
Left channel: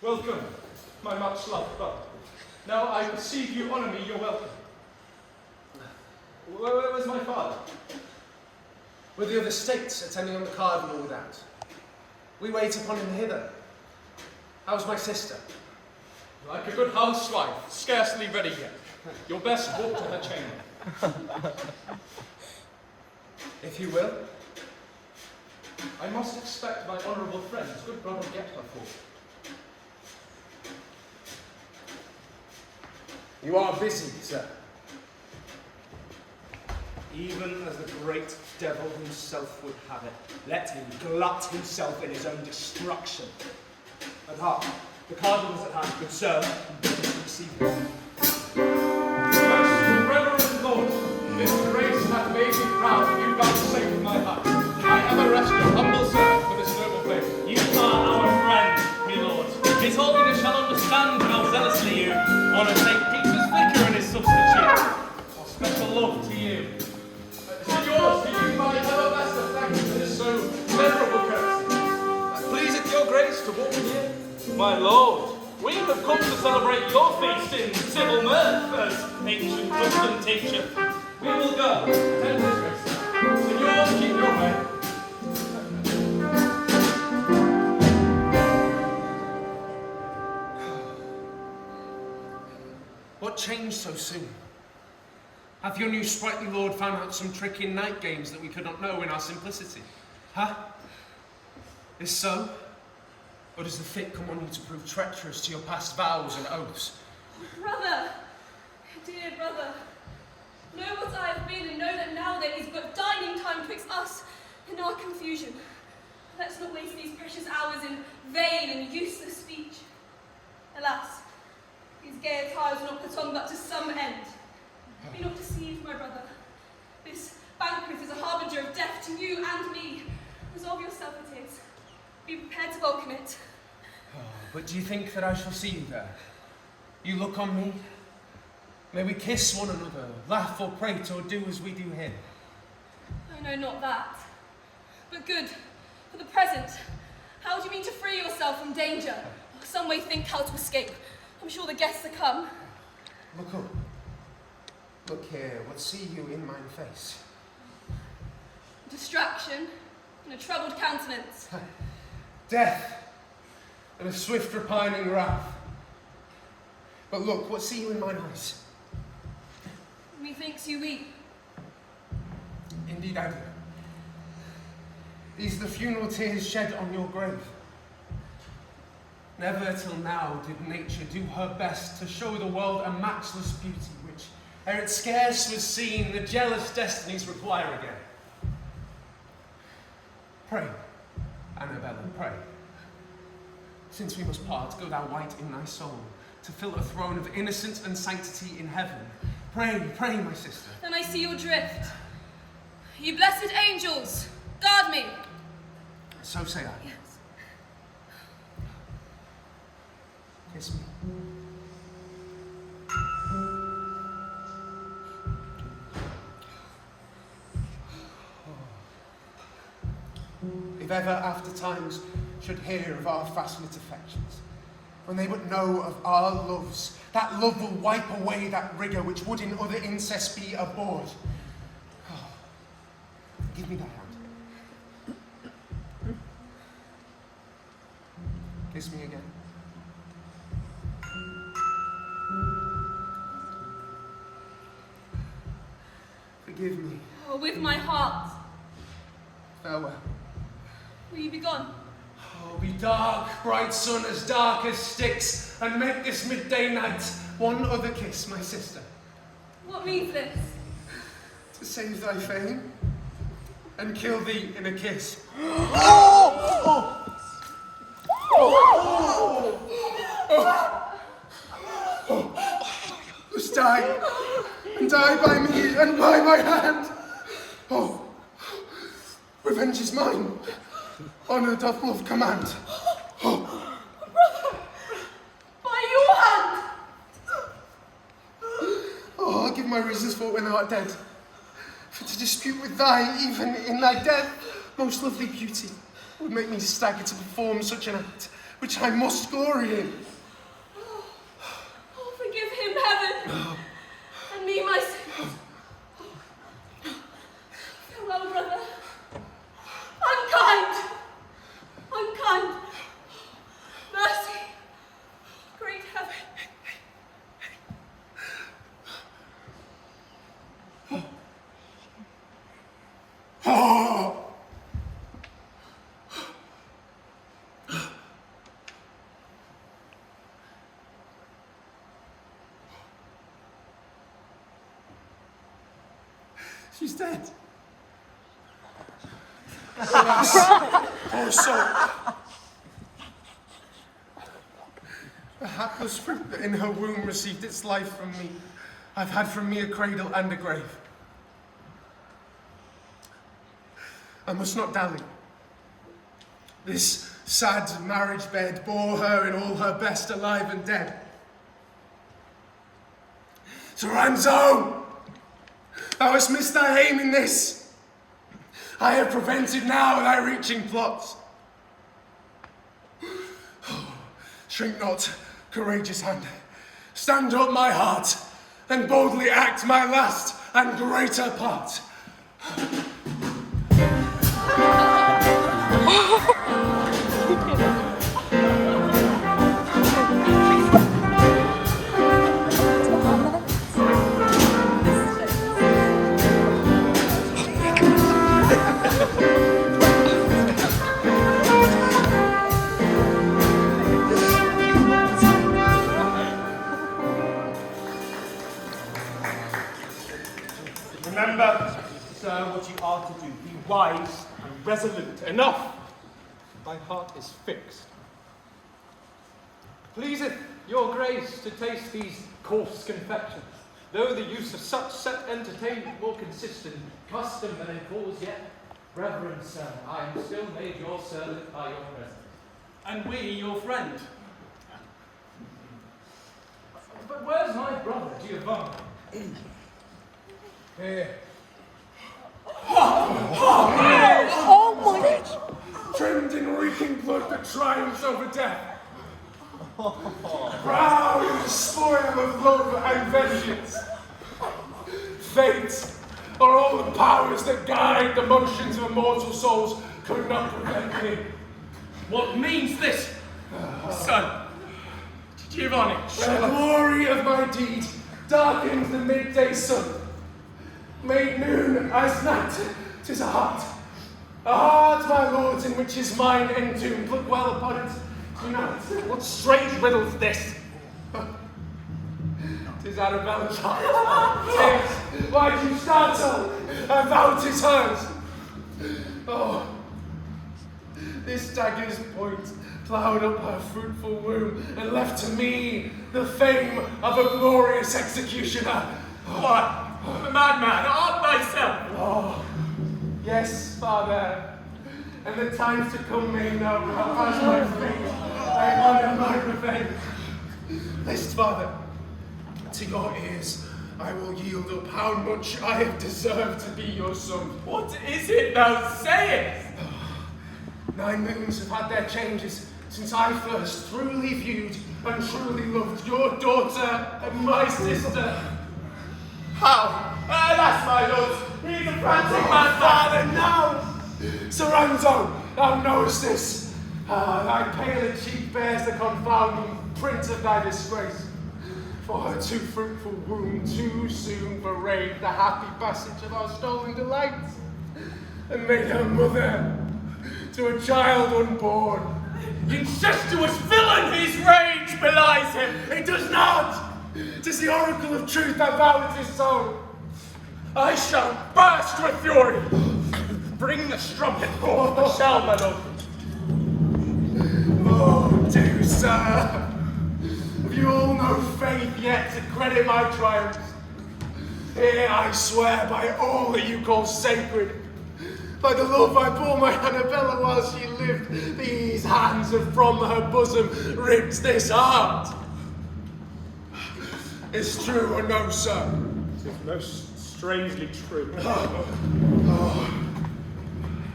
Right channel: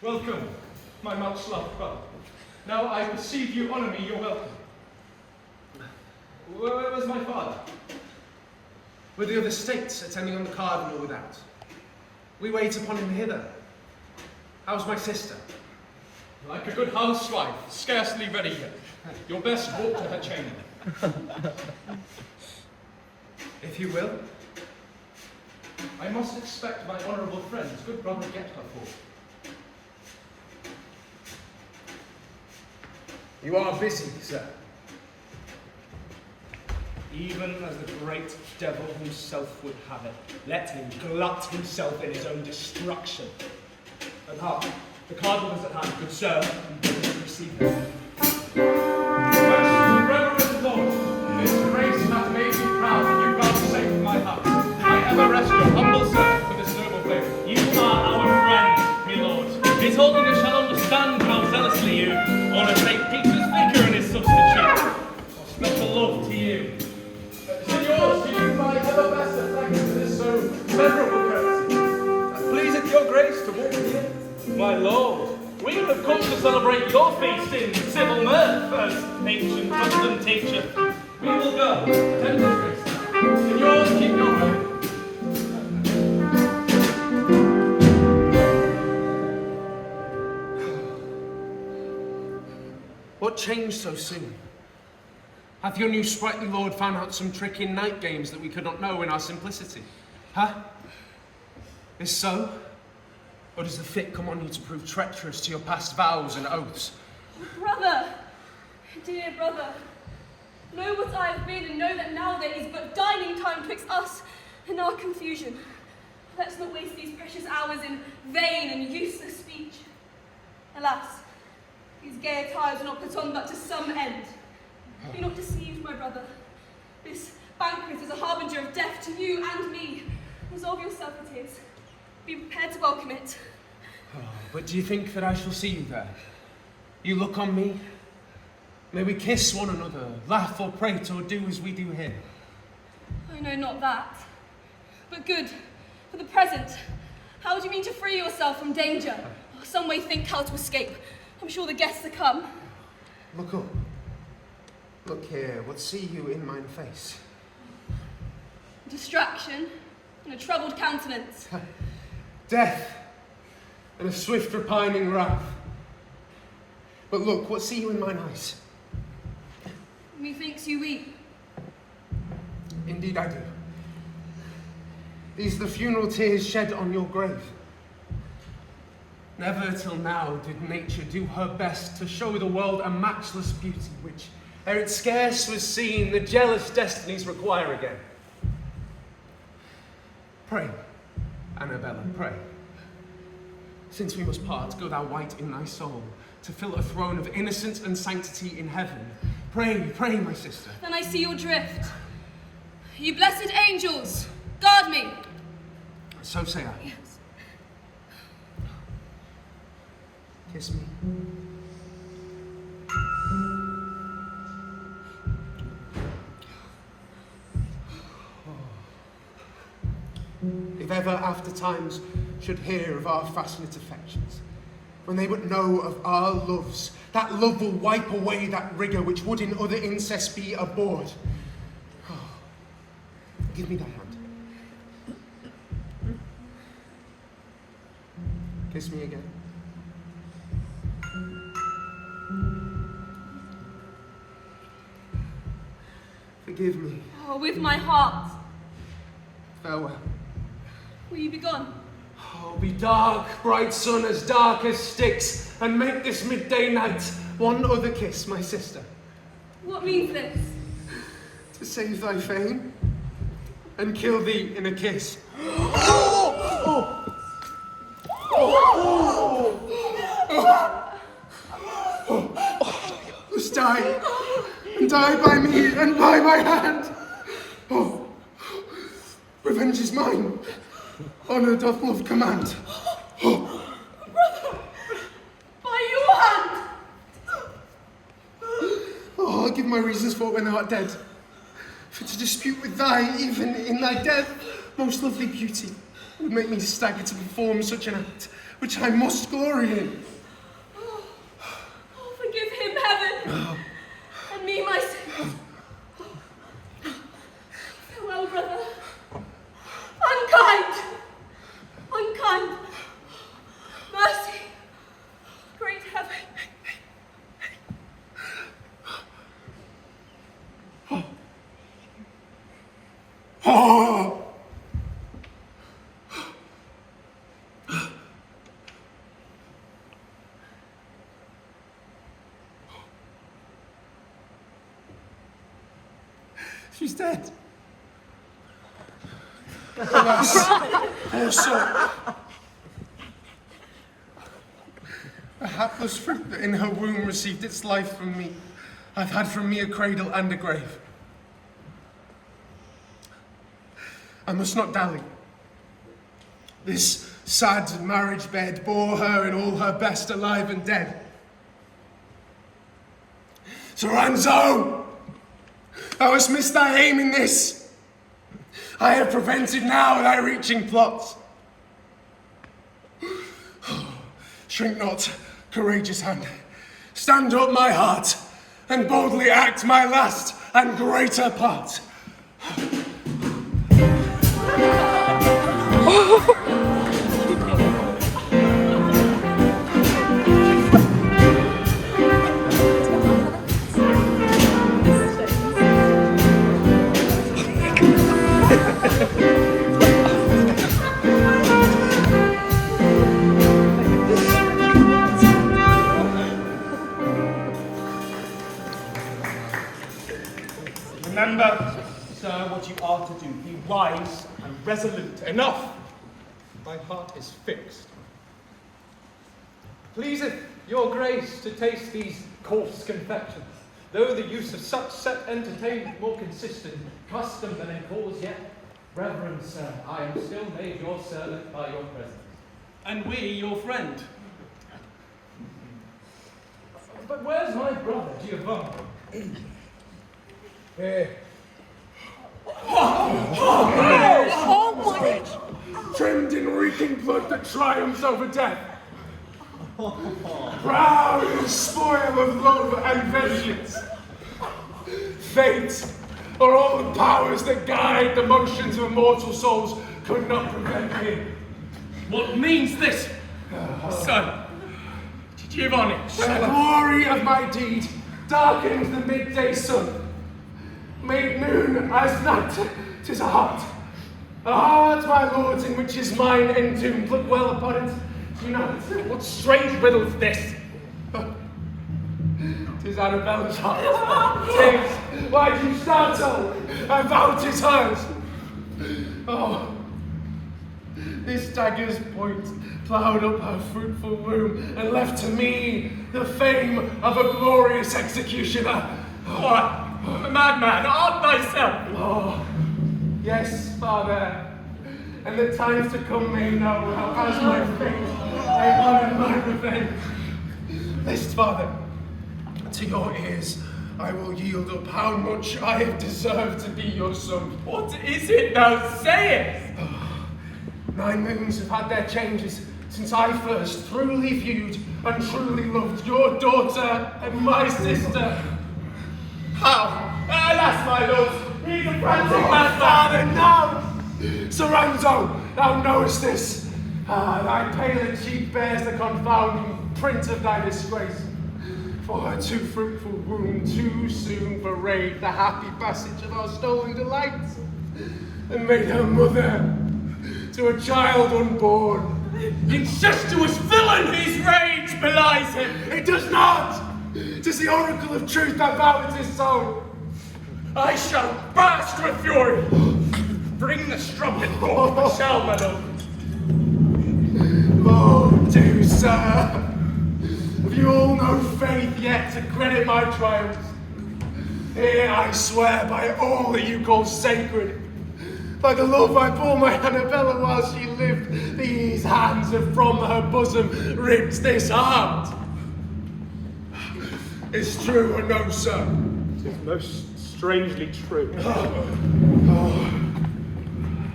Welcome, my much-loved brother. Now I perceive you honour me, you're welcome. Where was my father? With the other states attending on the Cardinal without. We wait upon him hither. How's my sister? Like a good housewife, scarcely ready yet. Your best walk to her chamber. If you will. I must expect my honourable friends, good brother, get her for. You are busy, sir. Even as the great devil himself would have it. Let him glut himself in his own destruction. But hark, the Cardinal is at hand, good sir, and bid us receive him. Reverend Lord, this grace hath made me proud, and you vouchsafe my heart. I ever rest your humble servant for this noble place. You are our friend, my lord. His Holiness shall understand how zealously you honour St. Peter's Vicar and his substitute. Special love to you. Signors, to you my ever best of thanks for this so memorable courtesy. Pleaseth your grace to walk with you. My lord, we have come to celebrate your feast in civil mirth, as ancient custom teacheth. We will go. Attend his grace. Signors, keep your way. What changed so soon? Hath your new sprightly lord found out some trick in night games that we could not know in our simplicity? Huh? Is so? Or does the fit come on you to prove treacherous to your past vows and oaths? Brother, dear brother, know what I have been and know that now there is but dining time twixt us and our confusion. Let's not waste these precious hours in vain and useless speech. Alas, these gay attires are not put on but to some end. Be not deceived, my brother. This banquet is a harbinger of death to you and me. Resolve yourself it is. Be prepared to welcome it. Oh, but do you think that I shall see you there? You look on me? May we kiss one another, laugh or prate, or do as we do here? I know not that. But good, for the present, how do you mean to free yourself from danger? Or some way think how to escape. I'm sure the guests are come. Look up. Look here, what see you in mine face? Distraction and a troubled countenance. Death and a swift repining wrath. But look, what see you in mine eyes? Methinks you weep. Indeed I do. These are the funeral tears shed on your grave. Never till now did nature do her best to show the world a matchless beauty which, ere it scarce was seen, the jealous destinies require again. Pray, Annabella, pray. Since we must part, go thou white in thy soul, to fill a throne of innocence and sanctity in heaven. Pray, pray, my sister. Then I see your drift. You blessed angels, guard me. So say I. Yes. Kiss me. If ever after times should hear of our fascinate affections, when they but know of our loves, that love will wipe away that rigour which would in other incest be abhorred. Oh, give me thy hand. Kiss me again. Forgive me. Oh, with my heart. Farewell. Will you be gone? Oh, be dark, bright sun, as dark as Styx, and make this midday night one other kiss, my sister. What means this? To save thy fame, and kill thee in a kiss. Must die, and die by me, and by my hand. Oh, revenge is mine. Honour doth love command. Brother, by your hand! Oh, I'll give my reasons for it when thou art dead. For to dispute with thy, even in thy death, most lovely beauty, would make me stagger to perform such an act, which I must glory in. Oh, forgive him, heaven, and me my sins. Farewell, brother. Unkind! Unkind! Mercy! Great heaven! Oh! She's dead. Alas, poor soul. The hapless fruit that in her womb received its life from me, hath had from me a cradle and a grave. I must not dally. This sad marriage bed bore her in all her best, alive and dead. Soranzo! Thou hast missed thy aim in this. I have prevented now thy reaching plots. Shrink not, courageous hand. Stand up, my heart, and boldly act my last and greater part. Remember, sir, what you are to do. Be wise and resolute. Enough! My heart is fixed. Pleaseth your grace to taste these coarse confections, though the use of such set entertainment more consistent custom than in cause yet. Reverend sir, I am still made your servant by your presence. And we your friend. But where's my brother, Giovanni? Here. Trimmed in reeking blood that triumphs over death. Proud in spoil of love and vengeance. Fate, or all the powers that guide the motions of immortal souls, could not prevent me. What means this, son? Giovanni. The glory of my deed darkens the midday sun. Made noon as night, 'tis a heart, my lords, in which is mine entombed. Look well upon it, you know it. What strange riddle's this? 'Tis Annabella's heart. 'Tis. Why do you startle? I vow 'tis hers. Oh, this dagger's point ploughed up her fruitful womb and left to me the fame of a glorious executioner. What? A madman, art thyself. Oh, yes, Father, and the times to come may know how as my fate I honor my revenge. List, Father, to your ears I will yield up how much I have deserved to be your son. What is it thou sayest? 9 moons have had their changes since I first truly viewed and truly loved your daughter and my sister. How? Alas, my lords, he's a frantic madman. Father, no! Soranzo, thou knowest this. Thy paler cheek bears the confounding print of thy disgrace. For her too fruitful womb too soon forayed the happy passage of our stolen delights, and made her mother to a child unborn. Incestuous villain, his rage belies him. It does not! 'Tis the oracle of truth that vow it is so. I shall burst with fury. Bring the strumpet forth, shall my lord. Oh, do, sir. Have you all no faith yet to credit my triumphs? Here I swear by all that you call sacred, by the love I bore my Annabella while she lived, these hands have from her bosom ripped this heart. It's true or no, sir? It is most strangely true.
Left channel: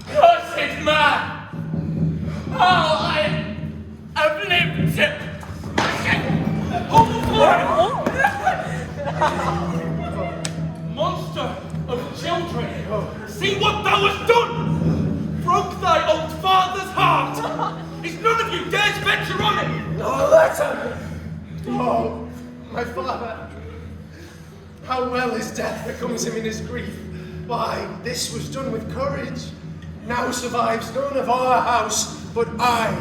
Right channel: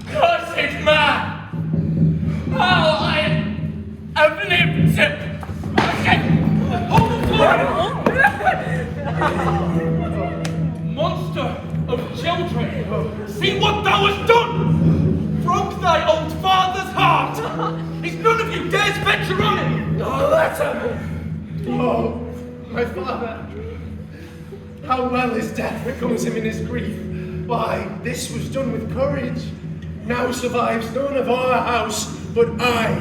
Cursed man! How I have lived to... Monster of children, see what thou hast done! Broke thy old father's heart! Is none of you dares venture on it? Oh, letter! Oh, my father! How well his death becomes him in his grief. Why, this was done with courage. Now survives none of our house but I,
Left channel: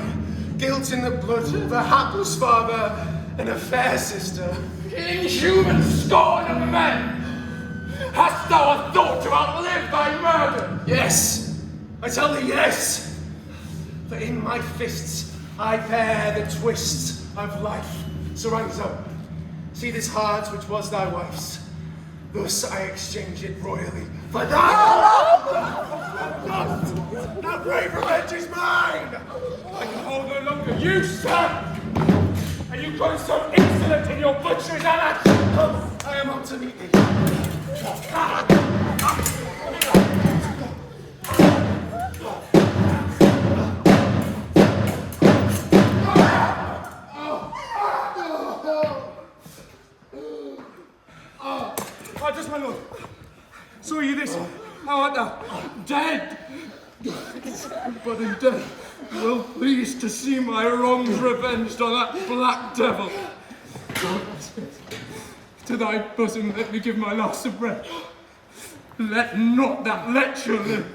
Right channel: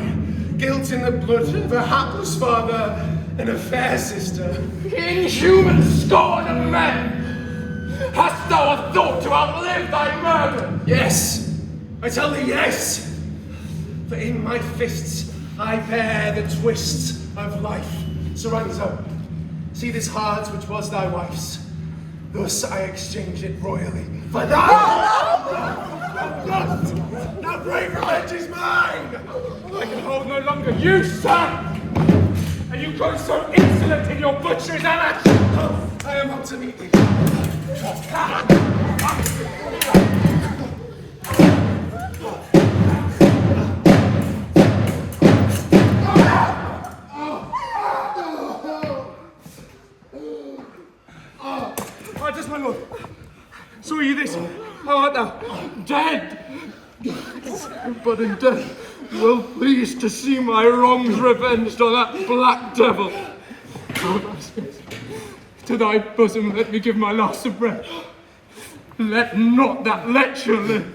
guilt in the blood of a hapless father and a fair sister. Inhuman scorn of men! Hast thou a thought to outlive thy murder? Yes, I tell thee yes. For in my fists I bear the twists of life. Soranzo, see this heart which was thy wife's. Thus I exchange it royally for thou. Thus, now brave revenge is mine. I can hold no longer. You, sir! And you grow so insolent in your butcher's annex! I am up to meet thee. Just my lord. Saw you this? How art thou? Dead! But in death, well pleased to see my wrongs revenged on that black devil. To thy bosom let me give my last of breath. Let not that lecher live.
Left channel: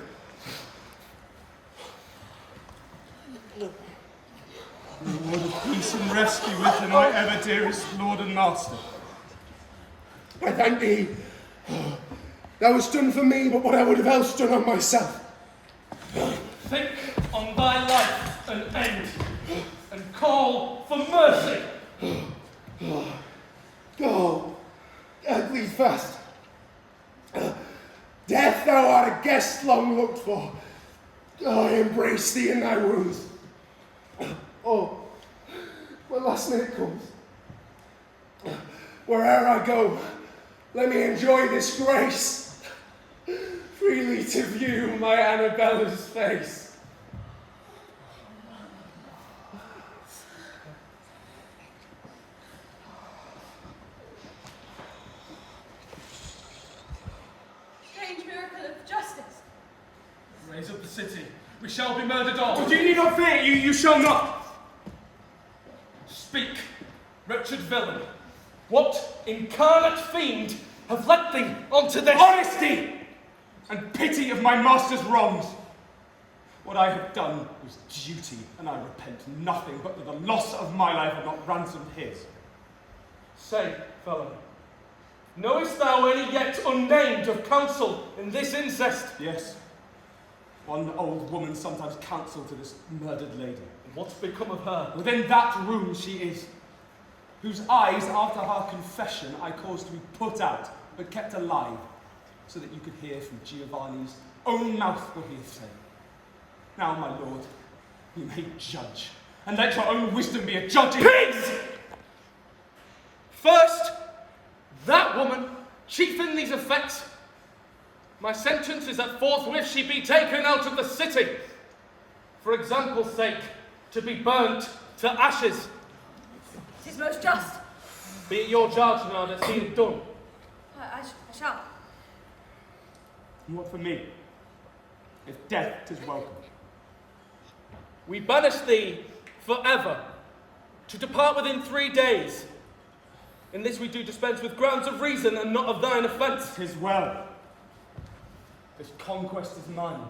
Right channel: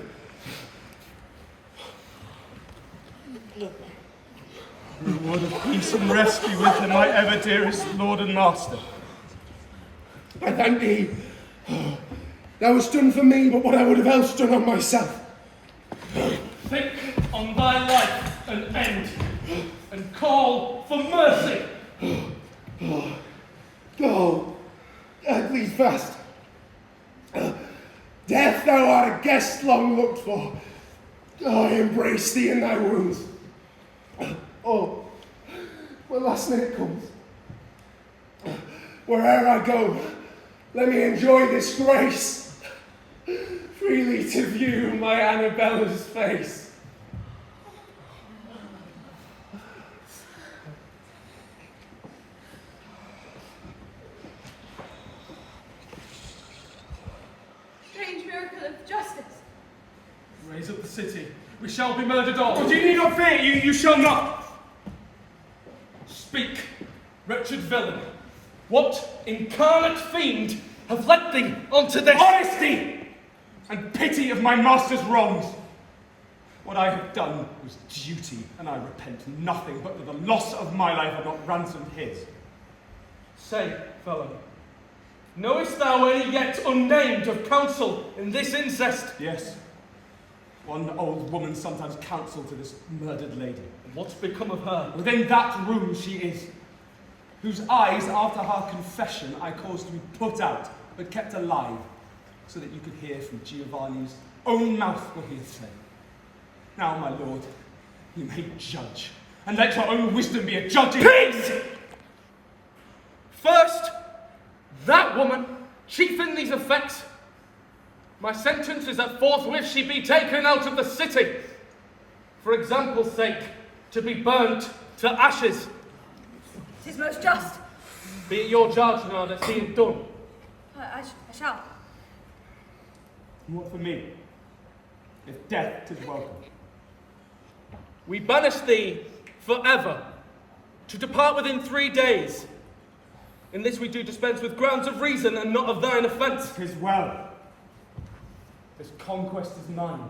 Reward of peace and rest be with thee, my ever dearest lord and master. I thank thee. Thou hast done for me but what I would have else done on myself. Think on thy life and end, and call for mercy. Go, bleed fast. Death, thou art a guest long looked for. I embrace thee in thy wounds. Oh, my last minute comes. Where'er I go, let me enjoy this grace. Freely to view my Annabella's face. Strange miracle of justice. Raise up the city. We shall be murdered all. But you need not fear, you shall not. Speak, wretched villain. What incarnate fiend have led thee onto this? Honesty and pity of my master's wrongs. What I have done was duty, and I repent nothing but that the loss of my life had not ransomed his. Say, fellow, knowest thou any yet unnamed of counsel in this incest? Yes. One old woman sometimes counsel to this murdered lady. What's become of her? Within that room she is, whose eyes, after her confession, I caused to be put out, but kept alive, so that you could hear from Giovanni's own mouth what he had said. Now, my lord, you may judge, and let your own wisdom be a judge in— Peace! First, that woman, chief in these effects. My sentence is that forthwith she be taken out of the city, for example's sake, to be burnt to ashes. 'Tis most just. Be it your charge, Donada, see it done. I shall. And what for me? If death 'tis welcome. We banish thee forever, to depart within 3 days. In this we do dispense with grounds of reason and not of thine offence. 'Tis well. This conquest is mine,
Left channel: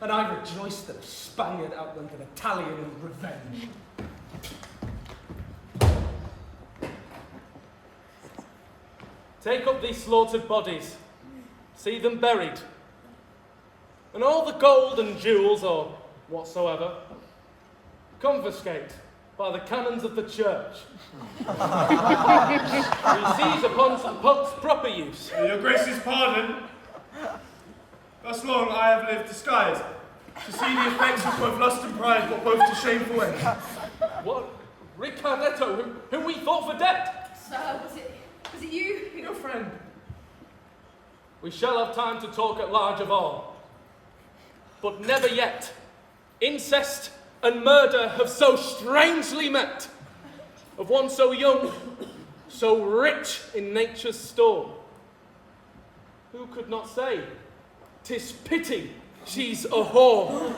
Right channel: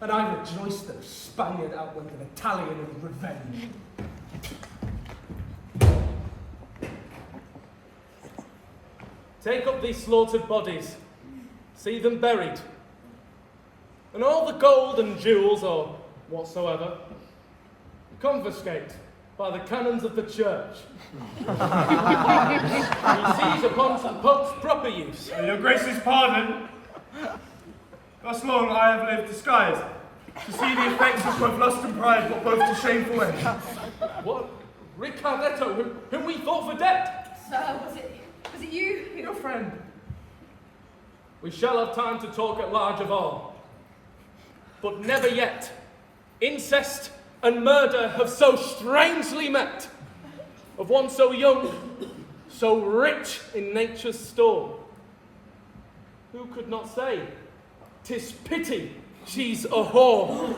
and I rejoice that a Spaniard outwent an Italian in revenge. Take up these slaughtered bodies, see them buried, and all the gold and jewels, or whatsoever, confiscate by the canons of the church. We seize upon the Pope's proper use. Your Grace's pardon. Thus long I have lived disguised, to see the effects which both lust and pride brought both to shameful end. What? Richardetto, whom we thought for dead? Sir, was it you? Your friend. We shall have time to talk at large of all. But never yet incest and murder have so strangely met, of one so young, so rich in nature's store. Who could not say, 'tis pity she's a whore?